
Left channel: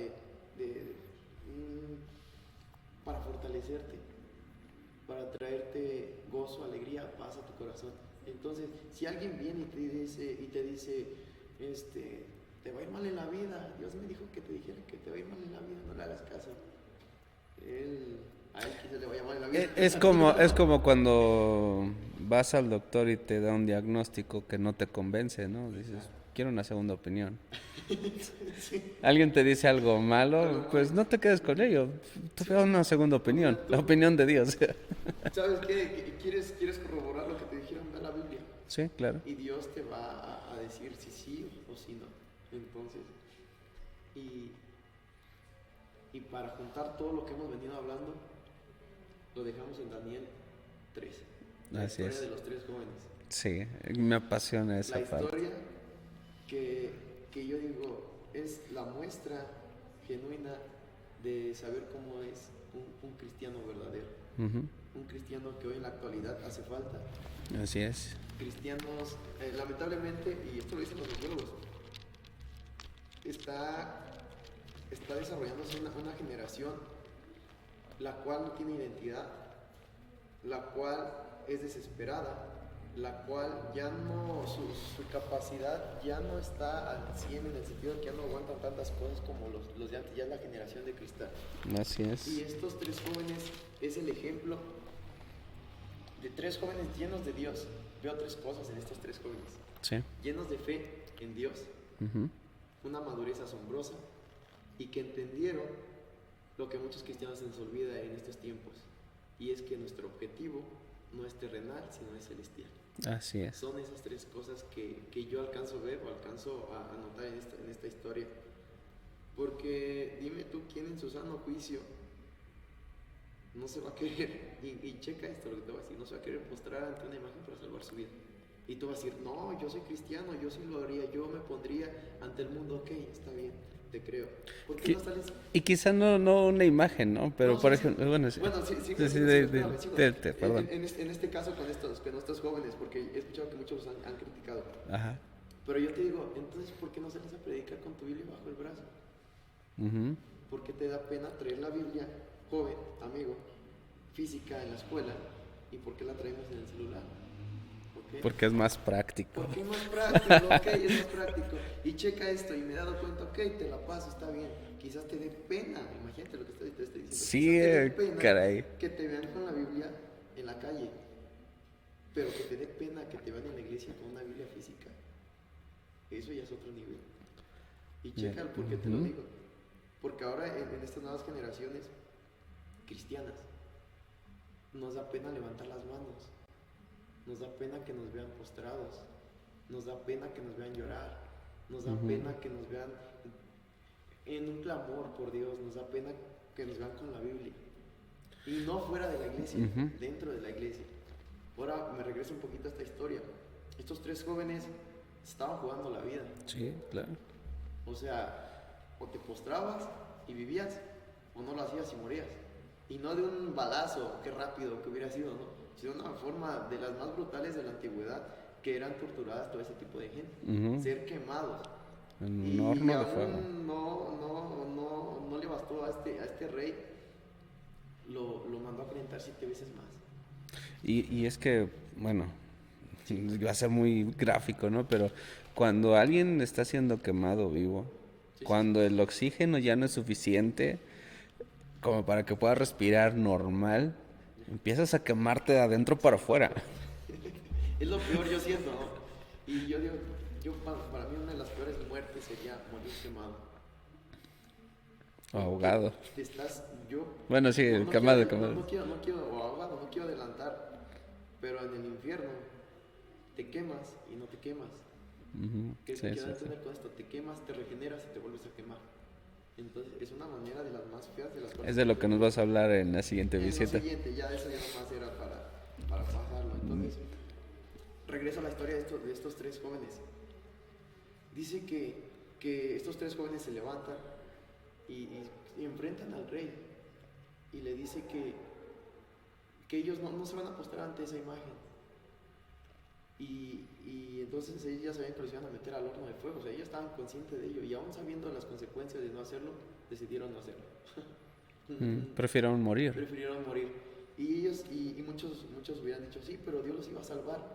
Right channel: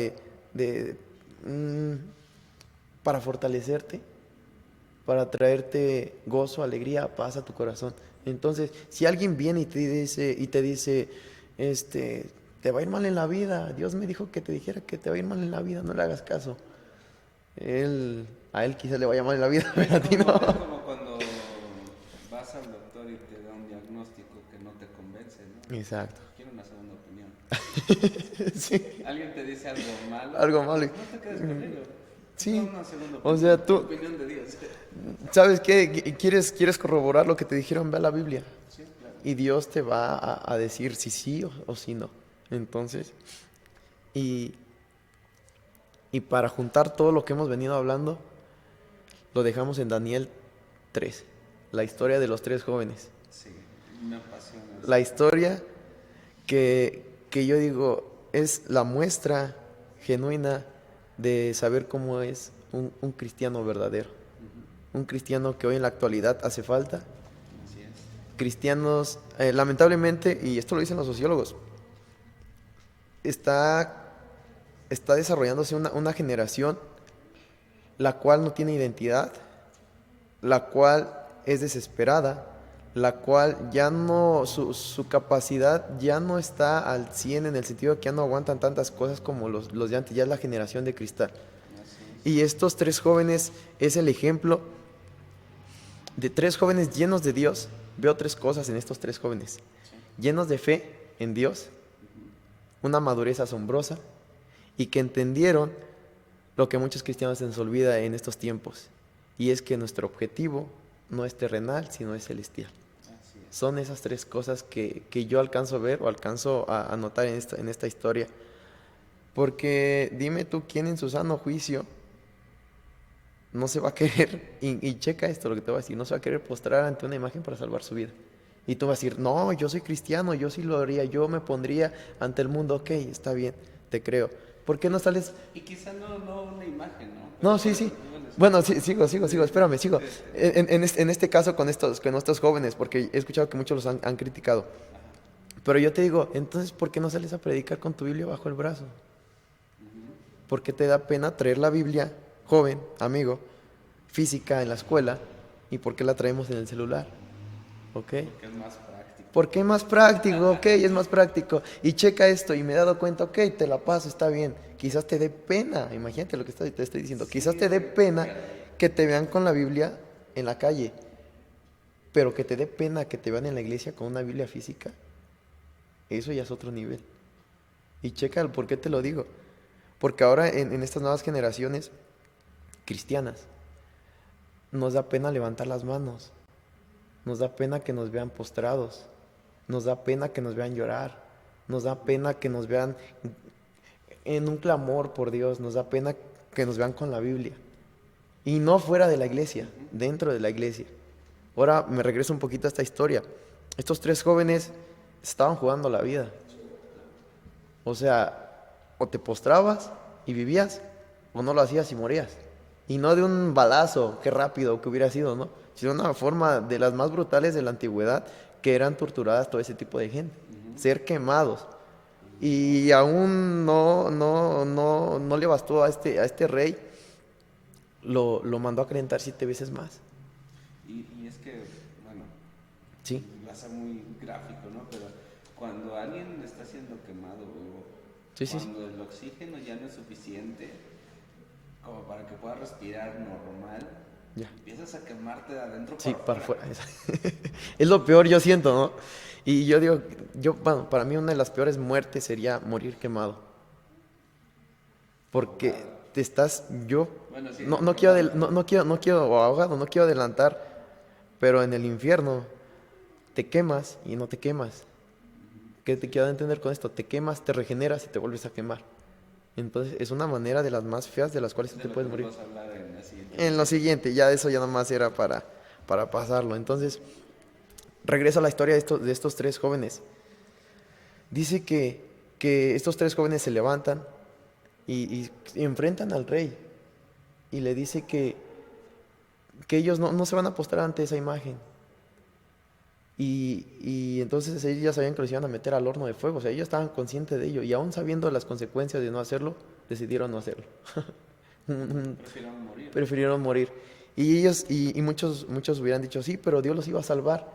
para fortalecerte, para traerte gozo, alegría, paz a tu corazón. Entonces, si alguien viene y te dice, te va a ir mal en la vida, Dios me dijo que te dijera que te va a ir mal en la vida, no le hagas caso. A él quizá le vaya mal en la vida. Es como cuando vas al doctor y te da un diagnóstico que no te convence, ¿no? Exacto. Quiero una segunda opinión. Sí. Alguien te dice algo malo, pues no te quedes con ello. Sí. Da una segunda opinión. O sea, La opinión de Dios. ¿Sabes qué? ¿Quieres corroborar lo que te dijeron? Ve a la Biblia. Sí, claro. Y Dios te va a decir si sí o si no. Entonces, y para juntar todo lo que hemos venido hablando, lo dejamos en Daniel 3, la historia de los 3 jóvenes. Sí, me apasiona eso. La historia que yo digo es la muestra genuina de saber cómo es un cristiano verdadero. Un cristiano que hoy en la actualidad hace falta. Así es. Cristianos, lamentablemente, y esto lo dicen los sociólogos, está desarrollándose una generación la cual no tiene identidad, la cual es desesperada, la cual ya no, su capacidad ya no está al 100 en el sentido de que ya no aguantan tantas cosas como los de antes, ya es la generación de cristal. Así es. Y estos 3 jóvenes es el ejemplo de 3 jóvenes llenos de Dios. Veo 3 cosas en estos 3 jóvenes. Sí. Llenos de fe en Dios, una madurez asombrosa, y que entendieron lo que muchos cristianos se nos olvida en estos tiempos, y es que nuestro objetivo no es terrenal, sino es celestial. Así es. Son esas tres cosas que yo alcanzo a ver o alcanzo a notar en esta historia. Porque dime tú, ¿quién en su sano juicio no se va a querer, y checa esto lo que te voy a decir, no se va a querer postrar ante una imagen para salvar su vida? Y tú vas a decir, no, yo soy cristiano, yo sí lo haría, yo me pondría ante el mundo. Ok, está bien, te creo. ¿Por qué no sales? Y quizá no una imagen, ¿no? Pero No, sí, por sí. ejemplo, bueno, sí. Bueno, sí, sigo, Sí, espérame, sigo. por favor. En este caso con estos jóvenes, porque he escuchado que muchos los han criticado. Ajá. Pero yo te digo, entonces, ¿por qué no sales a predicar con tu Biblia bajo el brazo? Ujú. ¿Por qué te da pena traer la Biblia, joven, amigo, física en la escuela? ¿Y por qué la traemos en el celular? ¿Ok? Porque es más práctico. Porque es más práctico, ok, es más práctico. Y checa esto, y me he dado cuenta, ok, te la paso, está bien. Quizás te dé pena, imagínate lo que te estoy diciendo. Sí, Quizás te dé pena caray. que te vean con la Biblia en la calle, pero que te dé pena que te vean en la iglesia con una Biblia física. Eso ya es otro nivel. Y checa el por qué te lo digo. Porque ahora en estas nuevas generaciones cristianas nos da pena levantar las manos. Nos da pena que nos vean postrados, nos da pena que nos vean llorar, nos da pena que nos vean en un clamor por Dios, nos da pena que nos vean con la Biblia. Y no fuera de la iglesia, dentro de la iglesia. Ahora me regreso un poquito a esta historia. Estos tres jóvenes estaban jugando la vida. Sí, claro. O sea, o te postrabas y vivías, o no lo hacías y morías. Y no de un balazo, qué rápido que hubiera sido, ¿no? Sino una forma de las más brutales de la antigüedad, que eran torturadas todo ese tipo de gente. Ser quemados. Y aún no le bastó a este rey, lo mandó a calentar 7 veces más. Y es que, bueno, Sí. va a ser muy gráfico, ¿no? Pero cuando alguien está siendo quemado vivo, Sí, sí, cuando el oxígeno ya no es suficiente como para que pueda respirar normal, Ya. empiezas a quemarte de adentro para afuera. Es lo peor, yo siento, ¿no? Y yo digo, para mí una de las peores muertes sería morir quemado. Porque Ahogado. te estás, yo Bueno, sí, no quemado, quiero, quemado. no quiero, o ahogado, no quiero adelantar, pero en el infierno te quemas y no te quemas. ¿Qué te Sí, quiero entender con esto? Te quemas, te regeneras y te vuelves a quemar. Entonces es una manera de las más feas de las cuales Es de te lo que puedes nos morir. vas a hablar en la siguiente En lo visita. siguiente, ya eso ya nomás era para pasarlo. Entonces, regreso a la historia de estos tres jóvenes. Dice que estos tres jóvenes se levantan y enfrentan al rey y le dice que ellos no se van a postrar ante esa imagen. Y entonces ellos ya sabían que los iban a meter al horno de fuego. O sea, ellos estaban conscientes de ello. Y aún sabiendo las consecuencias de no hacerlo, decidieron no hacerlo. Prefirieron morir. Prefirieron morir. Y ellos, y muchos hubieran dicho, sí, pero Dios los iba a salvar.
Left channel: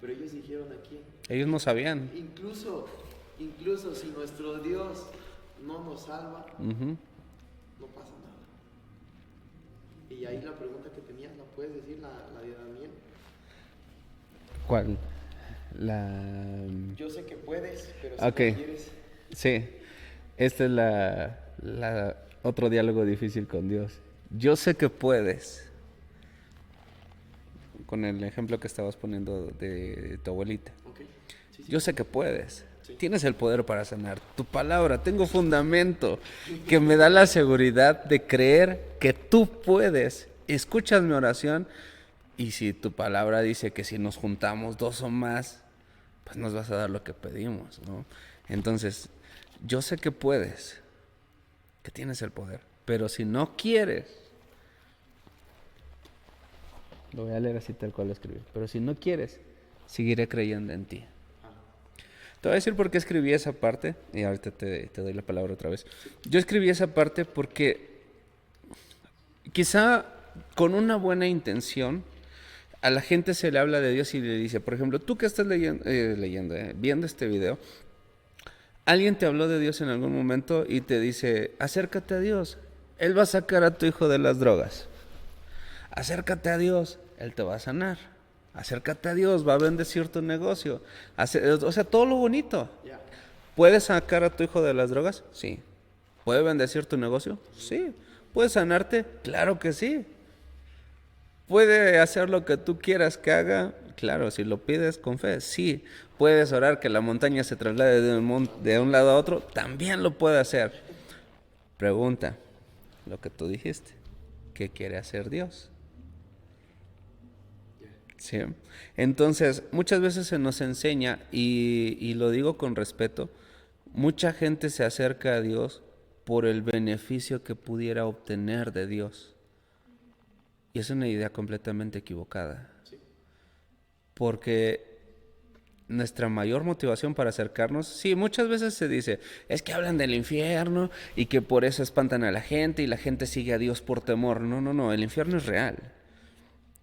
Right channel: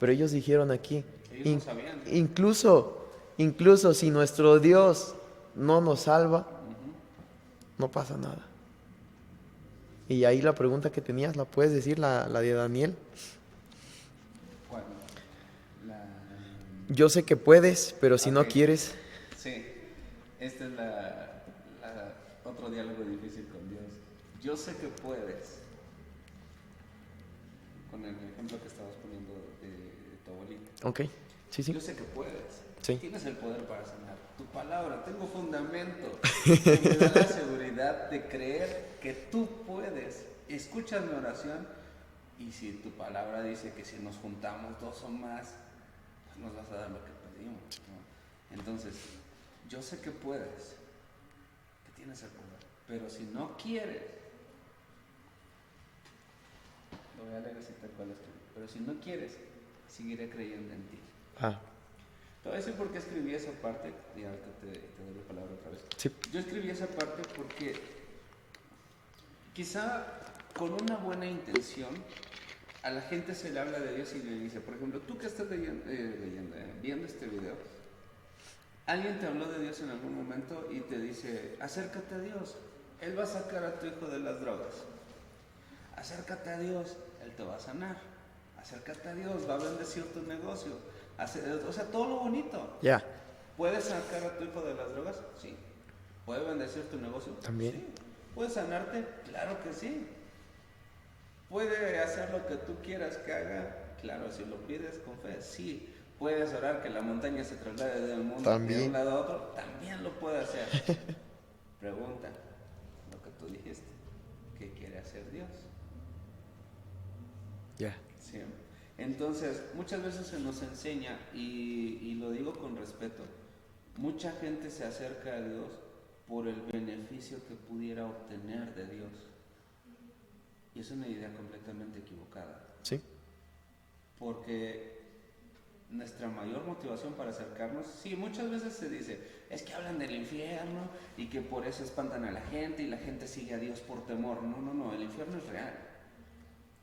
Pero ellos dijeron aquí. Ellos no sabían. Incluso si nuestro Dios no nos salva, no pasa nada. Y ahí la pregunta que tenías, ¿la puedes decir, la de Daniel? ¿Cuál? Yo sé que puedes, pero si no Ok. quieres... Sí, este es la otro diálogo difícil con Dios. Yo sé que puedes. Con el ejemplo que estabas poniendo de tu abuelita. Ok, sí, sí. Yo sé que puedes. Sí. Tienes el poder para sanar. Tu palabra, tengo fundamento que me da la seguridad de creer que tú puedes. Escuchas mi oración y si tu palabra dice que si nos juntamos 2 o más, pues nos vas a dar lo que pedimos, ¿no? Entonces, yo sé que puedes, que tienes el poder, pero si no quieres, lo voy a leer así tal cual lo escribí, pero si no quieres, seguiré creyendo en ti. Ah, Te voy a decir por qué escribí esa parte y ahorita te doy la palabra otra vez. sí. Yo escribí esa parte porque quizá con una buena intención a la gente se le habla de Dios y le dice, por ejemplo, tú que estás viendo este video, alguien te habló de Dios en algún momento y te dice, acércate a Dios, Él va a sacar a tu hijo de las drogas. Acércate a Dios, Él te va a sanar. Acércate a Dios, va a bendecir tu negocio. O sea, todo lo bonito. Ya. ¿Puedes sacar a tu hijo de las drogas? Sí. ¿Puede bendecir tu negocio? También. Sí. ¿Puede sanarte? Claro que sí. ¿Puede hacer lo que tú quieras que haga? Claro, si lo pides con fe, sí. ¿Puedes orar que la montaña se traslade de un También. lado a otro? También lo puede hacer. Pregunta, lo que tú dijiste, ¿qué quiere hacer Dios? Ya. ¿Sí? Entonces, muchas veces se nos enseña, y lo digo con respeto, mucha gente se acerca a Dios por el beneficio que pudiera obtener de Dios. Y es una idea completamente equivocada. Sí. Porque nuestra mayor motivación para acercarnos, sí, muchas veces se dice, es que hablan del infierno y que por eso espantan a la gente y la gente sigue a Dios por temor. No, no, no, el infierno es real.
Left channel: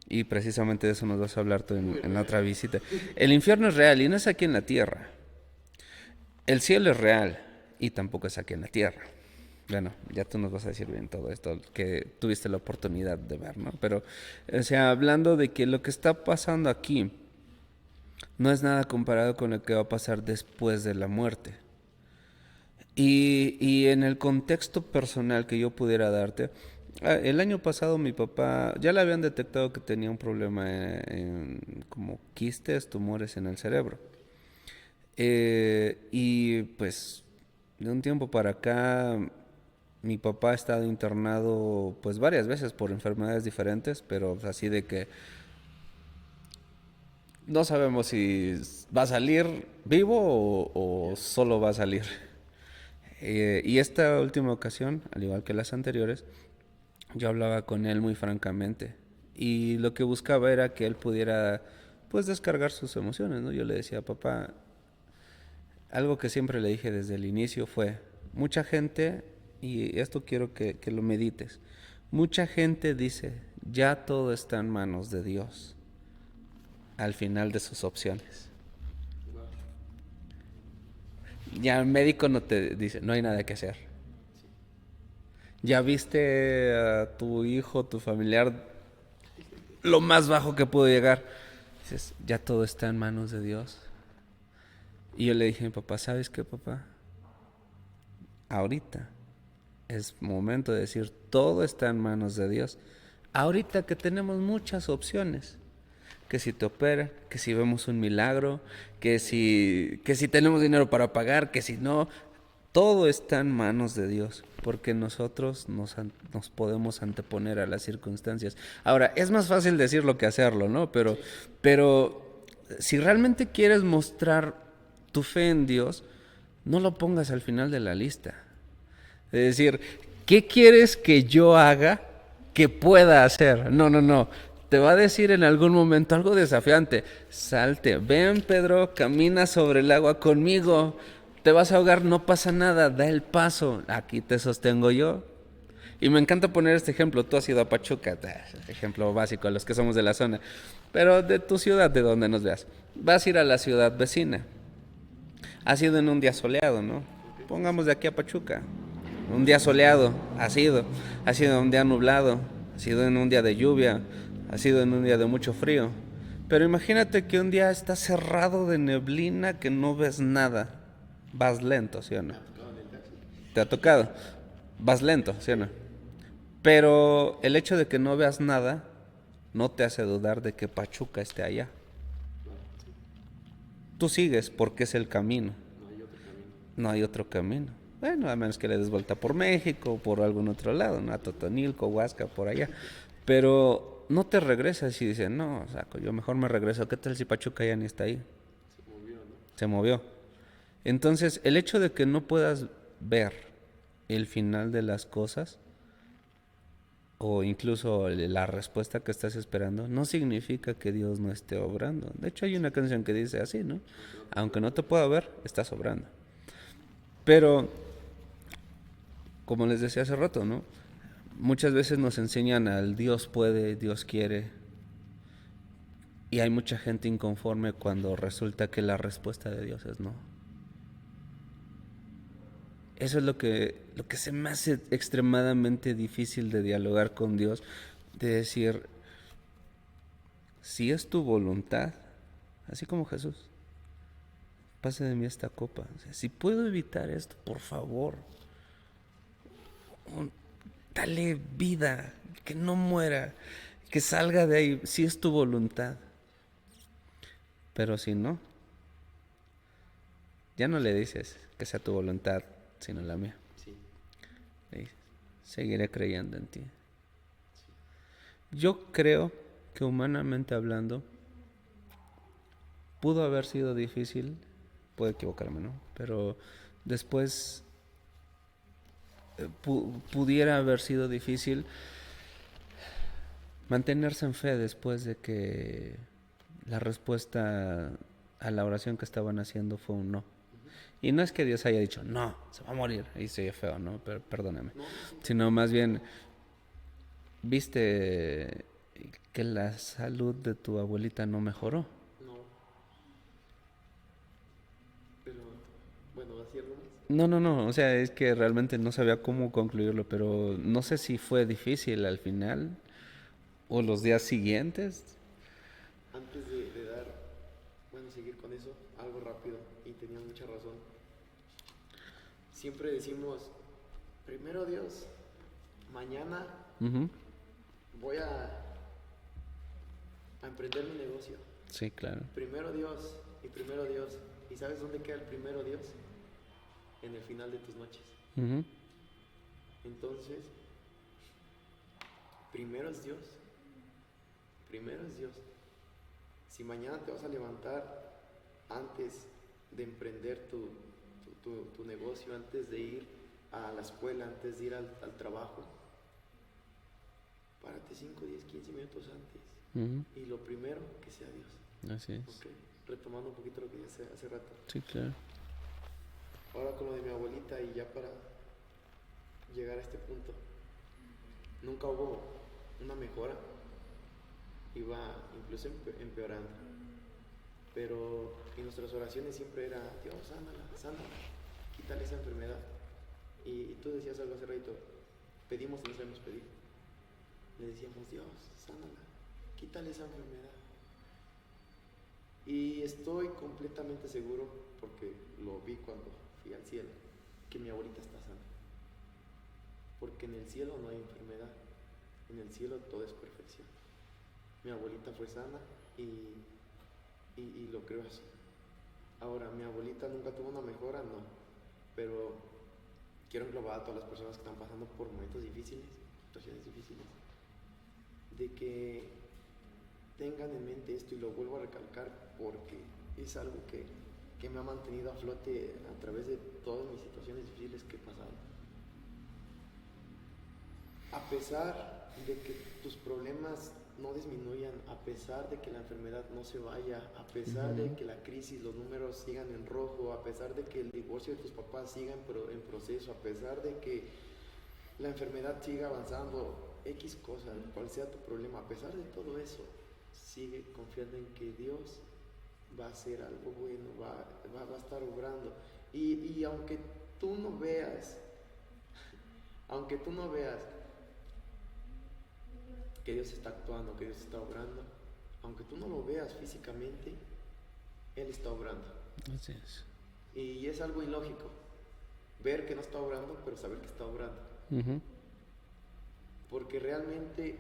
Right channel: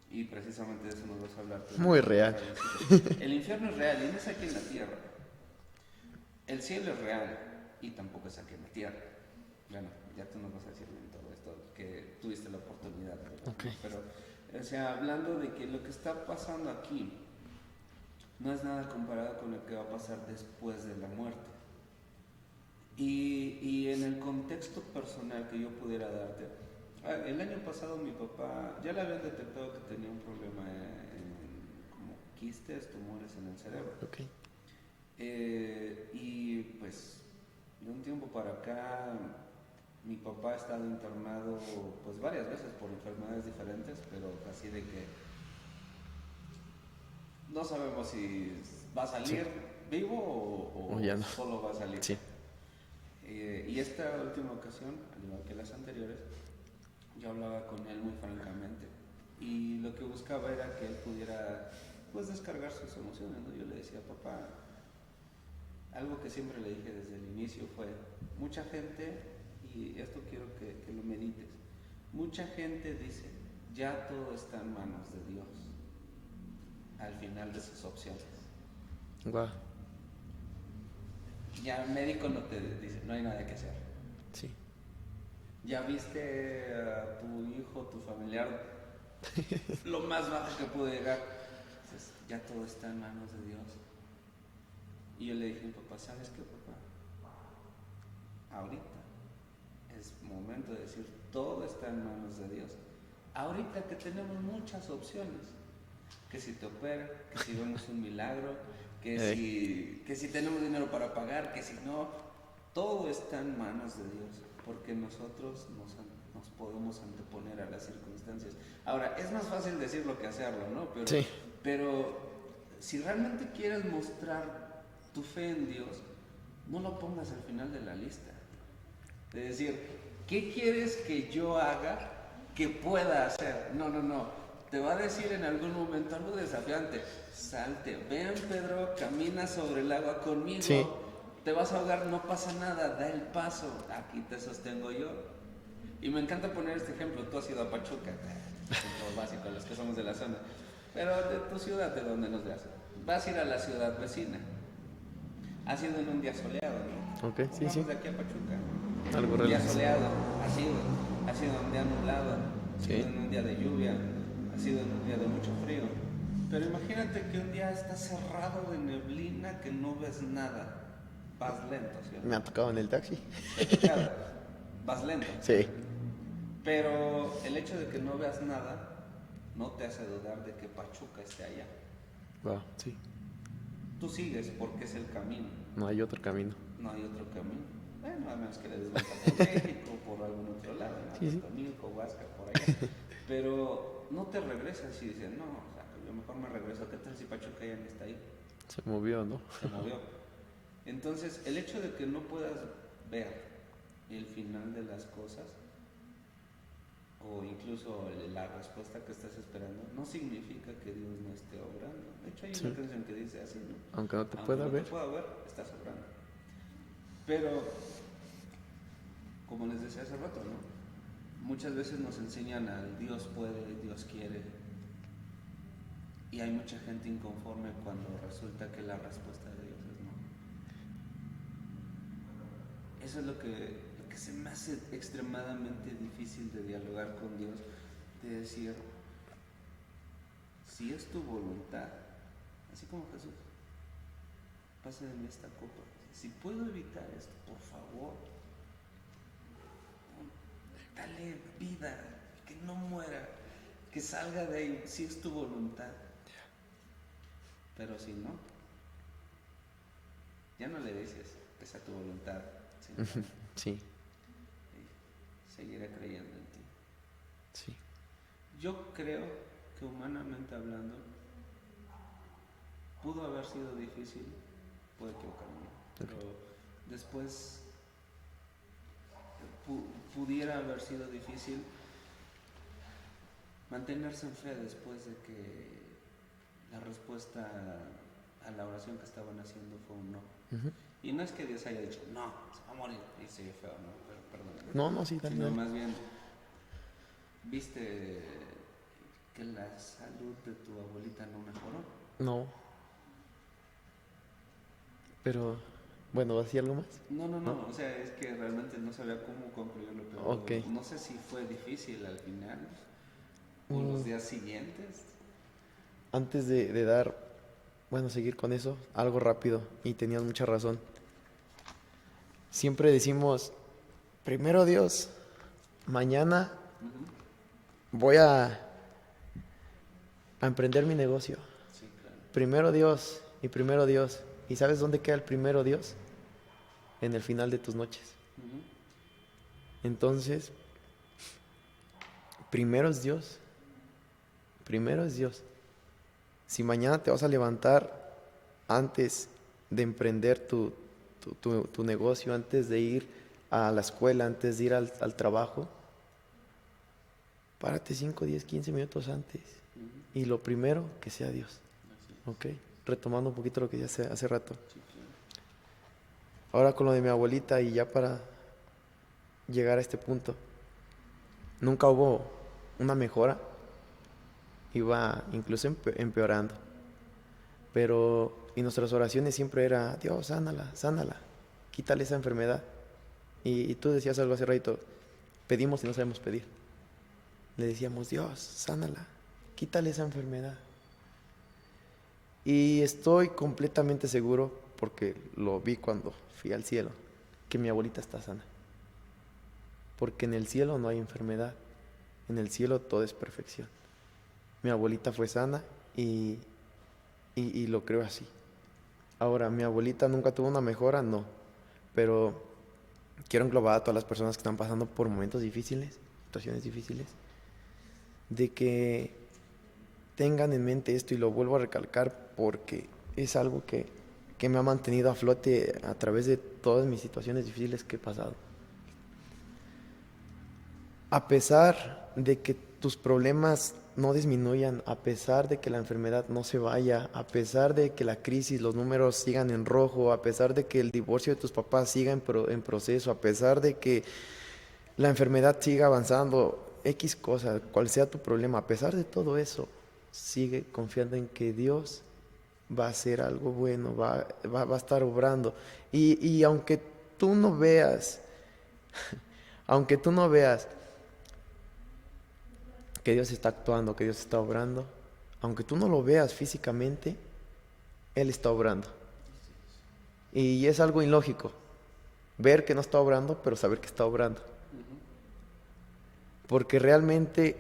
Y precisamente de eso nos vas a hablar tú Muy en real. otra visita. El infierno es real y no es aquí en la tierra. El cielo es real y tampoco es aquí en la tierra. Bueno, ya tú nos vas a decir bien todo esto que tuviste la oportunidad de ver, ¿no? Pero, o sea, hablando de que lo que está pasando aquí no es nada comparado con lo que va a pasar después de la muerte. Y en el contexto personal que yo pudiera darte, el año pasado mi papá ya le habían detectado que tenía un problema como quistes, tumores en el cerebro. Ok. Y pues de un tiempo para acá mi papá ha estado internado pues varias veces por enfermedades diferentes, pero así de que no sabemos si va a Sí. salir vivo O o ya no. solo va a salir. Sí. Y esta última ocasión, al igual que las anteriores, yo hablaba con él muy francamente y lo que buscaba era que él pudiera pues descargar sus emociones, ¿no? Yo le decía, papá, algo que siempre le dije desde el inicio fue, mucha gente, y esto quiero que lo medites, mucha gente dice, ya todo está en manos de Dios al final de sus opciones. Guau. Ya el médico no te dice, no hay nada que hacer. Sí. Ya viste a tu hijo, tu familiar, lo más bajo que pudo llegar. Dices, ya todo está en manos de Dios. Y yo le dije a mi papá, ¿sabes qué, papá? Ahorita es momento de decir, todo está en manos de Dios. Ahorita que tenemos muchas opciones, que si te opera, que si vemos un milagro, que si tenemos dinero para pagar, que si no, todo está en manos de Dios, porque nosotros nos podemos anteponer a las circunstancias. Ahora, es más fácil decirlo que hacerlo, ¿no? Sí. Pero si realmente quieres mostrar tu fe en Dios, no lo pongas al final de la lista. Es decir, ¿qué quieres que yo haga que pueda hacer? No, no, no. Te va a decir en algún momento algo desafiante. Salte, ven Pedro, camina sobre el agua Sí. conmigo. Te vas a ahogar, no pasa nada, da el paso. Aquí te sostengo yo. Y me encanta poner este ejemplo. Tú has ido a Pachuca, ejemplo básico a los que somos de la zona. Pero de tu ciudad, de donde nos veas. Vas a ir a la ciudad vecina. Ha sido en un día soleado, ¿no? Ok. Sí, sí. Pongamos de aquí a Pachuca. Un Algunas día veces sí. soleado, ha sido un día nublado, ha sido en un día de lluvia, ha sido en un día de mucho frío. Pero imagínate que un día está cerrado de neblina que no ves nada. Vas lento, ¿sí o no? Me ha tocado en el taxi. ¿Te ha tocado? Vas lento, ¿sí o no? Sí. Pero el hecho de que no veas nada no te hace dudar de que Pachuca esté allá. Wow. Sí. Tú sigues porque es el camino. No hay otro camino. No hay otro camino. Bueno, a menos que le des vuelta por México o por algún otro lado, ¿no? A Totonilco, Huasca, por allá. Pero no te regresas y dices, no, saco, yo mejor me regreso. ¿Qué tal si Pachuca ya ni está ahí? Se movió, ¿no? Se movió. Entonces, el hecho de que no puedas ver el final de las cosas o incluso la respuesta que estás esperando, no significa que Dios no esté obrando. De hecho, hay una Sí. canción que dice así, ¿no? Aunque no te Aunque pueda no te ver. pueda ver, estás obrando. Pero como les decía hace rato, ¿no? Muchas veces nos enseñan al Dios puede, Dios quiere, y hay mucha gente inconforme cuando resulta que la respuesta de Dios es no. Eso es lo que se me hace extremadamente difícil de dialogar con Dios, de decir, si es tu voluntad, así como Jesús, pase de mí esta copa. O sea, si puedo evitar esto, por favor, dale vida, que no muera, que salga de ahí, si es tu voluntad. Pero si no, ya no le dices que sea tu voluntad, sino la mía. Sí, Y seguiré creyendo en ti. sí. Yo creo que humanamente hablando, pudo haber sido difícil, puedo equivocarme, ¿no? Pero después pudiera haber sido difícil mantenerse en fe después de que la respuesta a la oración que estaban haciendo fue un no. Ujú. Y no es que Dios haya dicho, no, se va a morir. Ahí se oye feo, ¿no? Pero perdóname. No, no, sí, Sino tranquilo. más bien, viste que la salud de tu abuelita no mejoró. No. Pero, bueno, ¿hacía algo más? No, no, no. O sea, es que realmente no sabía cómo concluirlo, pero Ok. no sé si fue difícil al final o los Mm, días siguientes. Antes de dar, bueno, seguir con eso, algo rápido, y tenías mucha razón. Siempre decimos, primero Dios, mañana Ujú. voy a emprender mi negocio. Sí, claro. Primero Dios y primero Dios. ¿Y sabes dónde queda el primero Dios? En el final de tus noches. Ujú. Entonces, primero es Dios. Primero es Dios. Si mañana te vas a levantar antes de emprender tu negocio, antes de ir a la escuela, antes de ir al trabajo, párate 5, 10, 15 minutos antes. Ujú. Y lo primero, que sea Dios. Así es. ¿Ok? Retomando un poquito lo que ya hace rato. Sí, claro. Ahora con lo de mi abuelita y ya para llegar a este punto. Nunca hubo una mejora. Iba incluso empeorando. Pero y nuestras oraciones siempre era, Dios, sánala, sánala, quítale esa enfermedad. Y tú decías algo hace rato, pedimos y no sabemos pedir. Le decíamos, Dios, sánala, quítale esa enfermedad. Y estoy completamente seguro, porque lo vi cuando fui al cielo, que mi abuelita está sana. Porque en el cielo no hay enfermedad, en el cielo todo es perfección. Mi abuelita fue sana y lo creo así. Ahora, mi abuelita nunca tuvo una mejora, no. Pero quiero englobar a todas las personas que están pasando por momentos difíciles, situaciones difíciles, de que tengan en mente esto, y lo vuelvo a recalcar porque es algo que me ha mantenido a flote a través de todas mis situaciones difíciles que he pasado. A pesar de que tus problemas no disminuyan, a pesar de que la enfermedad no se vaya, a pesar de que la crisis, los números sigan en rojo, a pesar de que el divorcio de tus papás siga en proceso, a pesar de que la enfermedad siga avanzando, X cosa, cual sea tu problema, a pesar de todo eso, sigue confiando en que Dios va a hacer algo bueno, va a estar obrando. Y aunque tú no veas, aunque tú no veas que Dios está actuando, que Dios está obrando, aunque tú no lo veas físicamente, Él está obrando. Así es. Y es algo ilógico, ver que no está obrando, pero saber que está obrando. Ujú. Porque realmente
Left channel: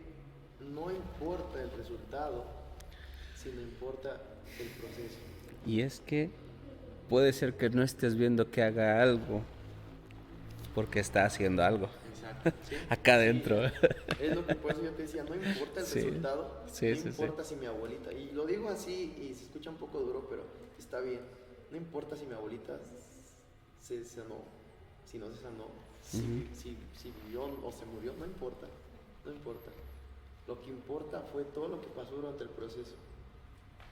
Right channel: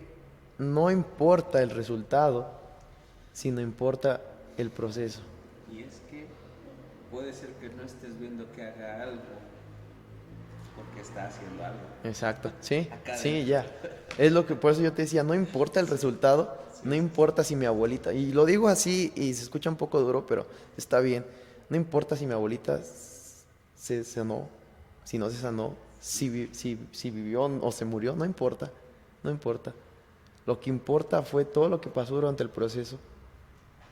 no importa el resultado, sino importa el proceso. Y es que puede ser que no estés viendo que haga algo porque está haciendo algo Exacto, sí, acá sí, adentro. ya. Es lo que por eso yo te decía, no importa el Sí, resultado, sí, no sí, sí. importa si mi abuelita, y lo digo así y se escucha un poco duro, pero está bien, no importa si mi abuelita se sanó, si no se sanó, si vivió o se murió, no importa, no importa. Lo que importa fue todo lo que pasó durante el proceso.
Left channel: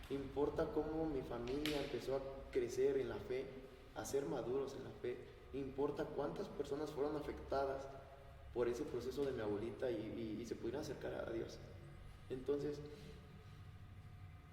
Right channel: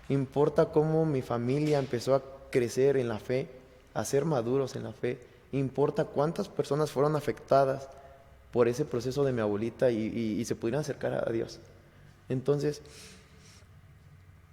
Importa cómo mi familia empezó a crecer en la fe, a ser maduros en la fe. Importa cuántas personas fueron afectadas por ese proceso de mi abuelita y se pudieran acercar a Dios. Entonces,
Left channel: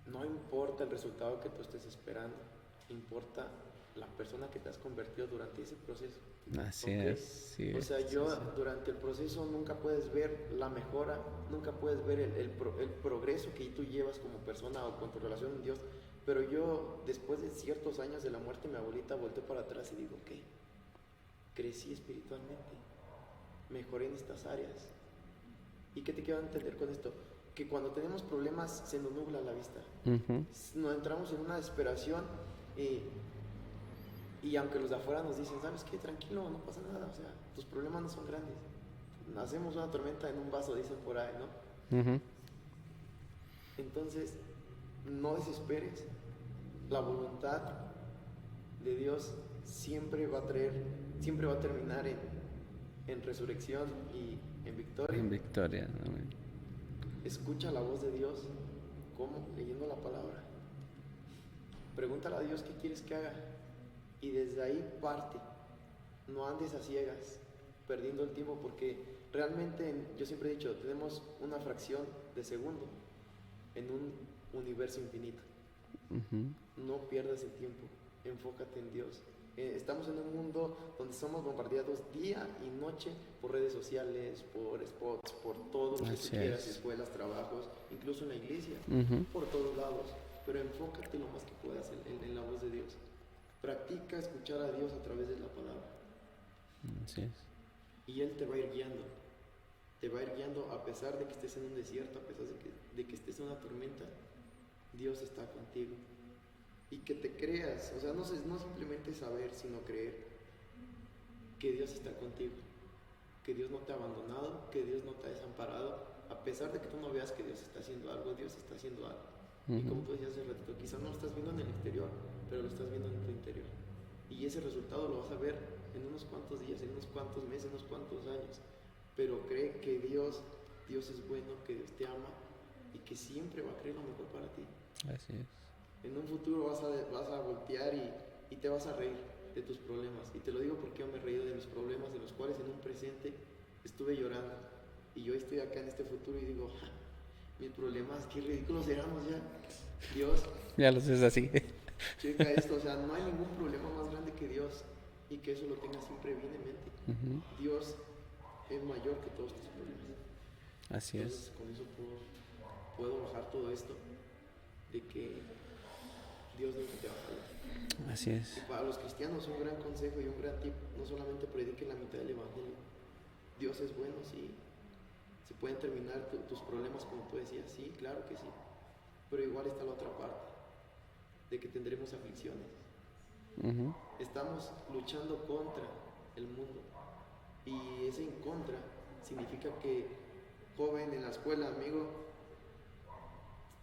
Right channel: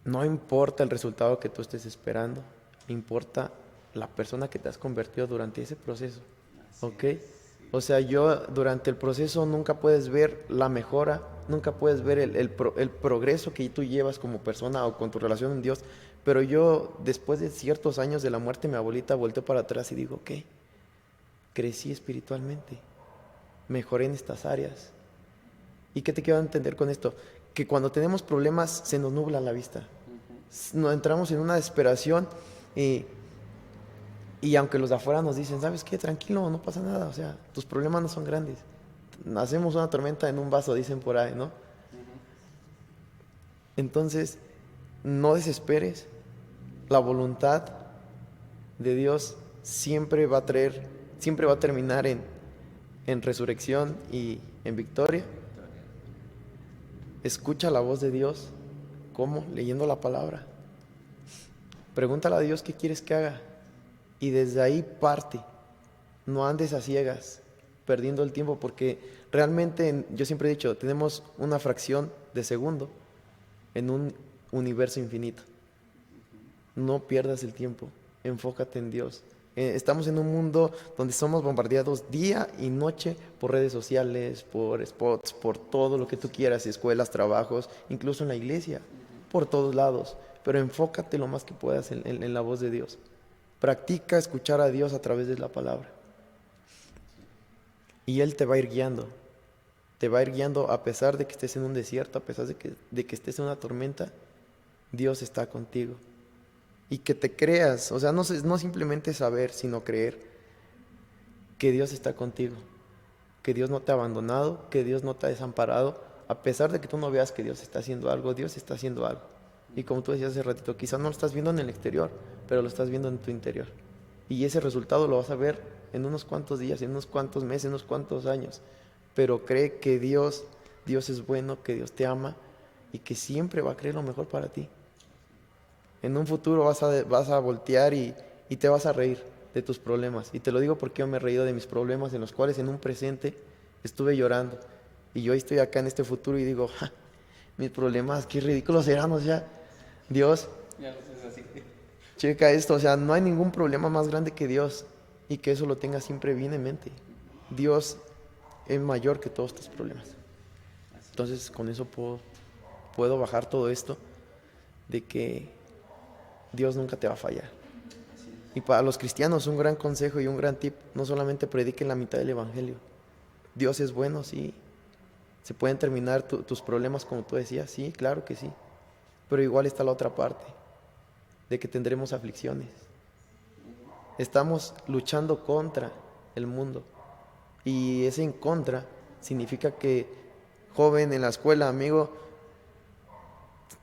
no importa el resultado que tú estés esperando, importa la persona que te has convertido durante ese proceso. Así ¿Ok? es. Sí, O sea, sí, yo sí. durante el proceso nunca puedes ver la mejora, nunca puedes ver el progreso que tú llevas como persona o con tu relación en Dios, pero yo después de ciertos años de la muerte de mi abuelita volteo para atrás y digo, ¿qué? Crecí espiritualmente, mejoré en estas áreas. ¿Y qué te quiero entender con esto? Que cuando tenemos problemas se nos nubla la vista. Nos entramos en una desesperación y, y aunque los de afuera nos dicen, ¿sabes qué? Tranquilo, no pasa nada. O sea, tus problemas no son grandes. Hacemos una tormenta en un vaso, dicen por ahí, ¿no? Ujú. Entonces, no desesperes. La voluntad de Dios siempre va a terminar en resurrección y en victoria. En victoria. Amén. Escucha la voz de Dios. ¿Cómo? Leyendo la palabra. Pregúntale a Dios qué quieres que haga. Y desde ahí parte. No andes a ciegas, perdiendo el tiempo, porque realmente, yo siempre he dicho, tenemos una fracción de segundo en un universo infinito. No pierdas el tiempo, enfócate en Dios. Estamos en un mundo donde somos bombardeados día y noche por redes sociales, por spots, por todo lo que tú Así quieras, es. escuelas, trabajos, incluso en la iglesia, por todos lados. Pero enfócate lo más que puedas en la voz de Dios. Practica escuchar a Dios a través de la palabra. Así es. Y Él te va a ir guiando. Te va a ir guiando a pesar de que estés en un desierto, a pesar de que estés en una tormenta. Dios está contigo. Y que te creas, o sea, no simplemente saber, sino creer que Dios está contigo, que Dios no te ha abandonado, que Dios no te ha desamparado, a pesar de que tú no veas que Dios está haciendo algo, Dios está haciendo algo. Y como tú decías hace ratito, quizás no lo estás viendo en el exterior, pero lo estás viendo en tu interior. Y ese resultado lo vas a ver en unos cuantos días, en unos cuantos meses, en unos cuantos años. Pero cree que Dios es bueno, que Dios te ama y que siempre va a querer lo mejor para ti. Así es. En un futuro vas a voltear y te vas a reír de tus problemas. Y te lo digo porque yo me he reído de mis problemas en los cuales en un presente estuve llorando. Y yo estoy acá en este futuro y digo, "Ja, mis problemas, qué ridículos serán, o sea, Dios, Ya lo sé, es así. checa esto, o sea, no hay ningún problema más grande que Dios y que eso lo tengas siempre bien en mente. Dios es mayor que todos tus problemas. Así Entonces, con eso puedo bajar todo esto de que Dios nunca te va a fallar. es. Así es. Y para los cristianos, un gran consejo y un gran tip, no solamente prediquen la mitad del evangelio. Dios es bueno, sí. Se pueden terminar tus problemas como tú decías, sí, claro que sí. Pero igual está la otra parte, de que tendremos aflicciones. Estamos luchando contra el mundo. Y ese en contra significa que, joven, en la escuela, amigo,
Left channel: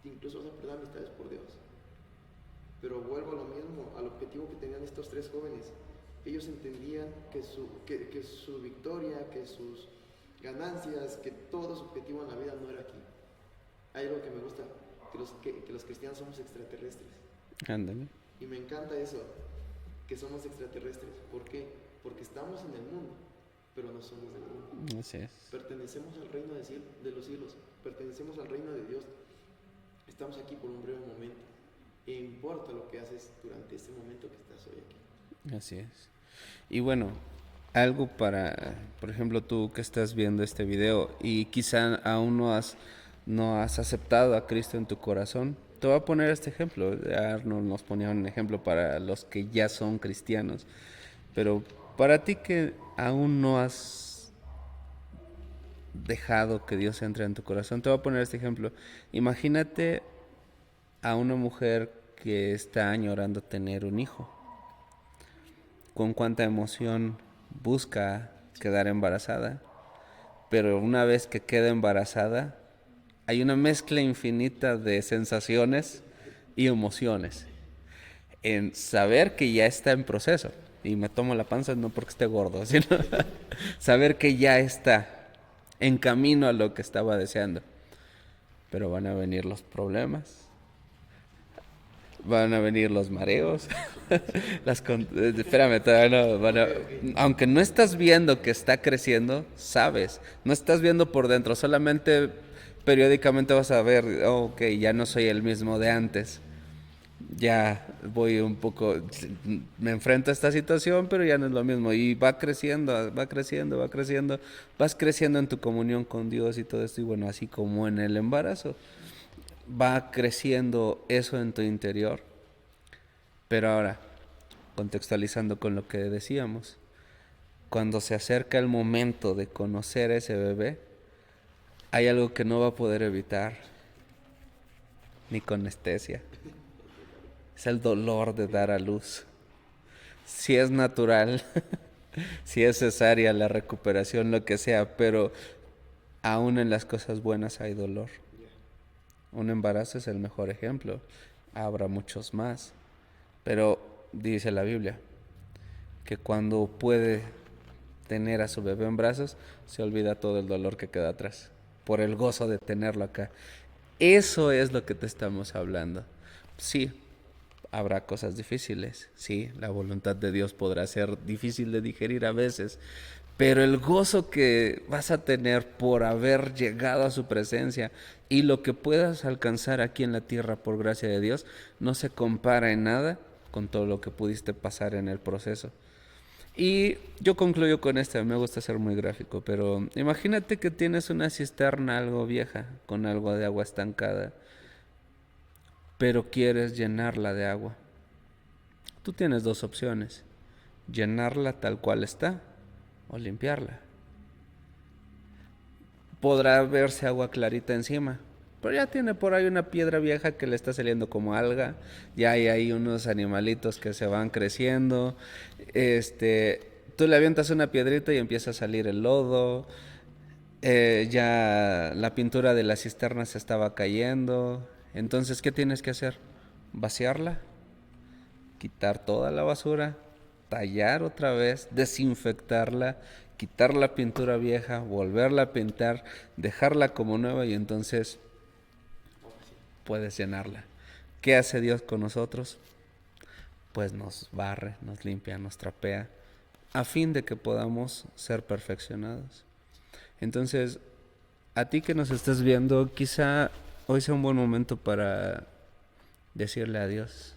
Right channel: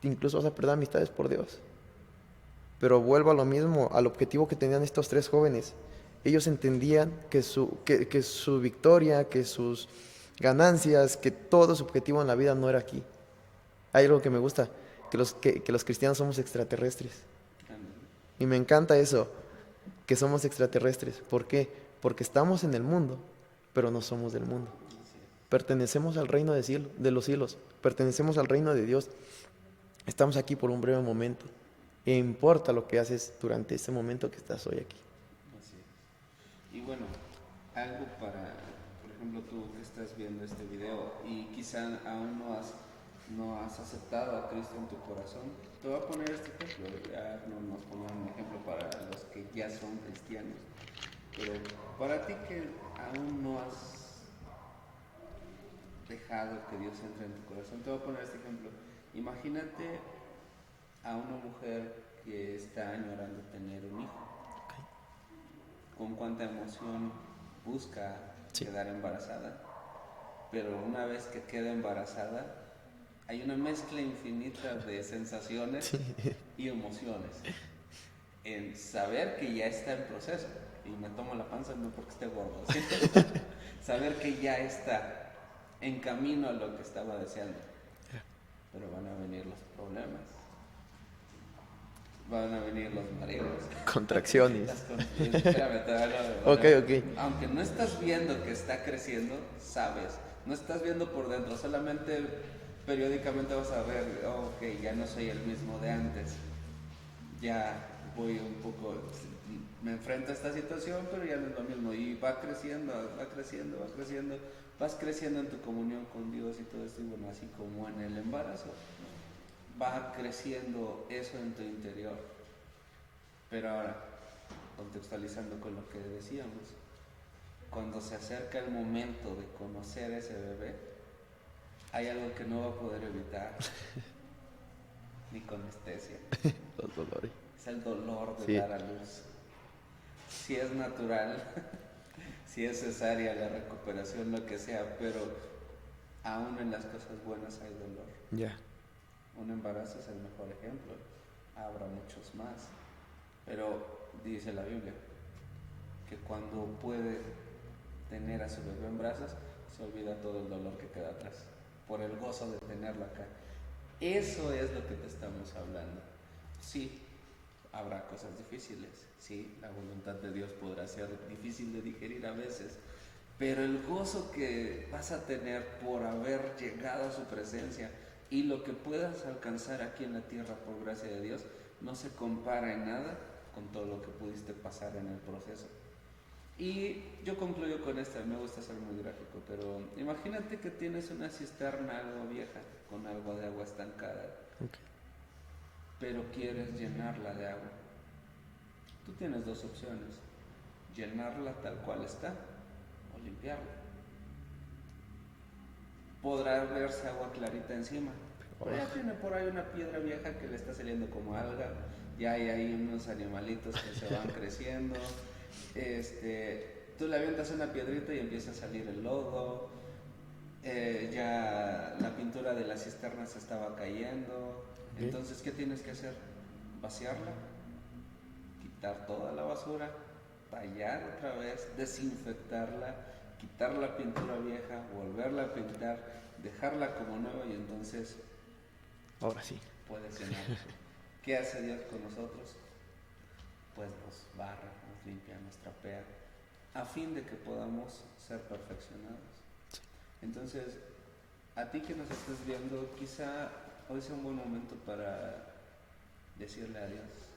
incluso vas a perder amistades por Dios. Pero vuelvo a lo mismo, al objetivo que tenían estos tres jóvenes. Ellos entendían que su victoria, que sus ganancias, que todo su objetivo en la vida no era aquí. Hay algo que me gusta, que los cristianos somos extraterrestres. Ándale. Y me encanta eso, que somos extraterrestres. ¿Por qué? Porque estamos en el mundo, pero no somos del mundo. Así es. Pertenecemos al reino de los cielos, pertenecemos al reino de Dios. Estamos aquí por un breve momento. E importa lo que haces durante este momento que estás hoy aquí. Así es. Y bueno, algo para, por ejemplo, tú que estás viendo este video y quizá aún no has aceptado a Cristo en tu corazón. Te voy a poner este ejemplo. Arnold nos ponía un ejemplo para los que ya son cristianos. Pero para ti que aún no has dejado que Dios entre en tu corazón, te voy a poner este ejemplo. Imagínate a una mujer que está añorando tener un hijo. Con cuánta emoción busca quedar embarazada, pero una vez que queda embarazada, hay una mezcla infinita de sensaciones y emociones en saber que ya está en proceso. Y me tomo la panza no porque esté gordo, sino saber que ya está en camino a lo que estaba deseando. Pero van a venir los problemas, van a venir los mareos. Contracciones. Espérame, todavía no. Bueno, Ok. aunque no estás viendo que está creciendo, sabes. No estás viendo por dentro, solamente periódicamente vas a ver, oh, ok, ya no soy el mismo de antes. Ya voy un poco, me enfrento a esta situación, pero ya no es lo mismo. Y va creciendo, va creciendo, va creciendo. Vas creciendo en tu comunión con Dios y todo esto. Y bueno, así como en el embarazo, va creciendo eso en tu interior. Pero ahora, contextualizando con lo que decíamos, cuando se acerca el momento de conocer a ese bebé, hay algo que no va a poder evitar, ni con anestesia. Los dolores. Es el dolor de Sí. dar a luz. Si es natural, si es cesárea, la recuperación, lo que sea, pero aún en las cosas buenas hay dolor. Ya. Un embarazo es el mejor ejemplo. Habrá muchos más. Pero dice la Biblia que cuando puede tener a su bebé en brazos, se olvida todo el dolor que queda atrás, por el gozo de tenerlo acá. Eso es lo que te estamos hablando. Sí, habrá cosas difíciles. Sí, la voluntad de Dios podrá ser difícil de digerir a veces. Pero el gozo que vas a tener por haber llegado a su presencia y lo que puedas alcanzar aquí en la tierra por gracia de Dios no se compara en nada con todo lo que pudiste pasar en el proceso. Y yo concluyo con esto, me gusta ser muy gráfico, pero imagínate que tienes una cisterna algo vieja con algo de agua estancada, pero quieres llenarla de agua. Tú tienes dos opciones, llenarla tal cual está o limpiarla. Podrá verse agua clarita encima, pero ya tiene por ahí una piedra vieja que le está saliendo como alga, ya hay ahí unos animalitos que se van creciendo, tú le avientas una piedrita y empieza a salir el lodo, ya la pintura de la cisterna se estaba cayendo, entonces ¿qué tienes que hacer? Vaciarla, quitar toda la basura, tallar otra vez, desinfectarla, quitar la pintura vieja, volverla a pintar, dejarla como nueva y entonces Ahora sí. puedes llenarla. ¿Qué hace Dios con nosotros? Pues nos barre, nos limpia, nos trapea, a fin de que podamos ser perfeccionados. Entonces, a ti que nos estás viendo, quizá hoy sea un buen momento para decirle a Dios,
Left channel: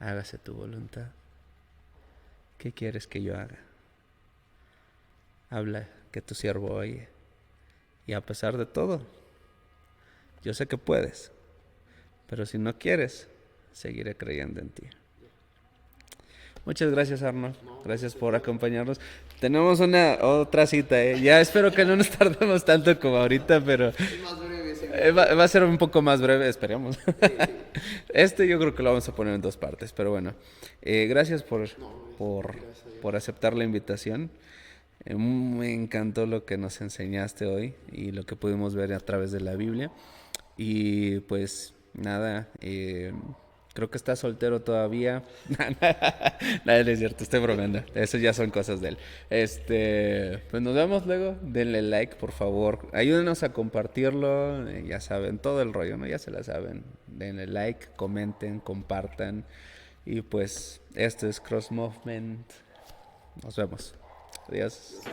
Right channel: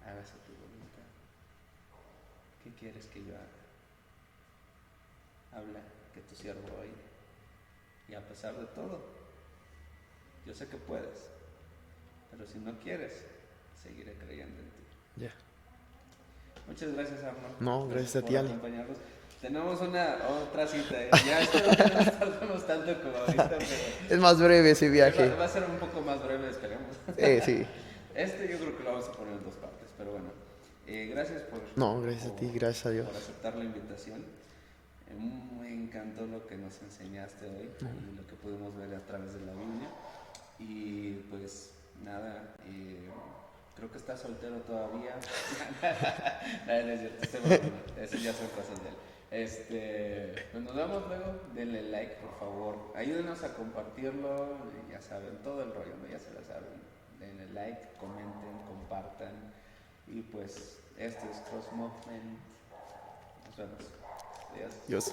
hágase tu voluntad. ¿Qué quieres que yo haga? Habla, que tu siervo oye. Y a pesar de todo, yo sé que puedes, pero si no quieres, seguiré creyendo en ti. Ya. Muchas gracias, Arnold. No, gracias gracias a por ti, Ale. acompañarnos. Tenemos una otra cita, ¿eh? Ya espero que no nos tardemos tanto como ahorita, pero Es más breve ese viaje. va a ser un poco más breve, esperemos. Sí. Yo creo que lo vamos a poner en dos partes, pero bueno. Gracias No, gracias a ti, gracias a Dios. por aceptar la invitación. Me encantó lo que nos enseñaste hoy y lo que pudimos ver a través de la Biblia. Y pues nada, creo que está soltero todavía. Nada, no es cierto, estoy bromeando. Eso ya son cosas de él. Pues nos vemos luego. Denle like, por favor. Ayúdenos a compartirlo. Ya saben, todo el rollo, ¿no? Ya se la saben. Denle like, comenten, compartan. Y pues, esto es Cross Movement. Nos vemos. Adiós. Dios.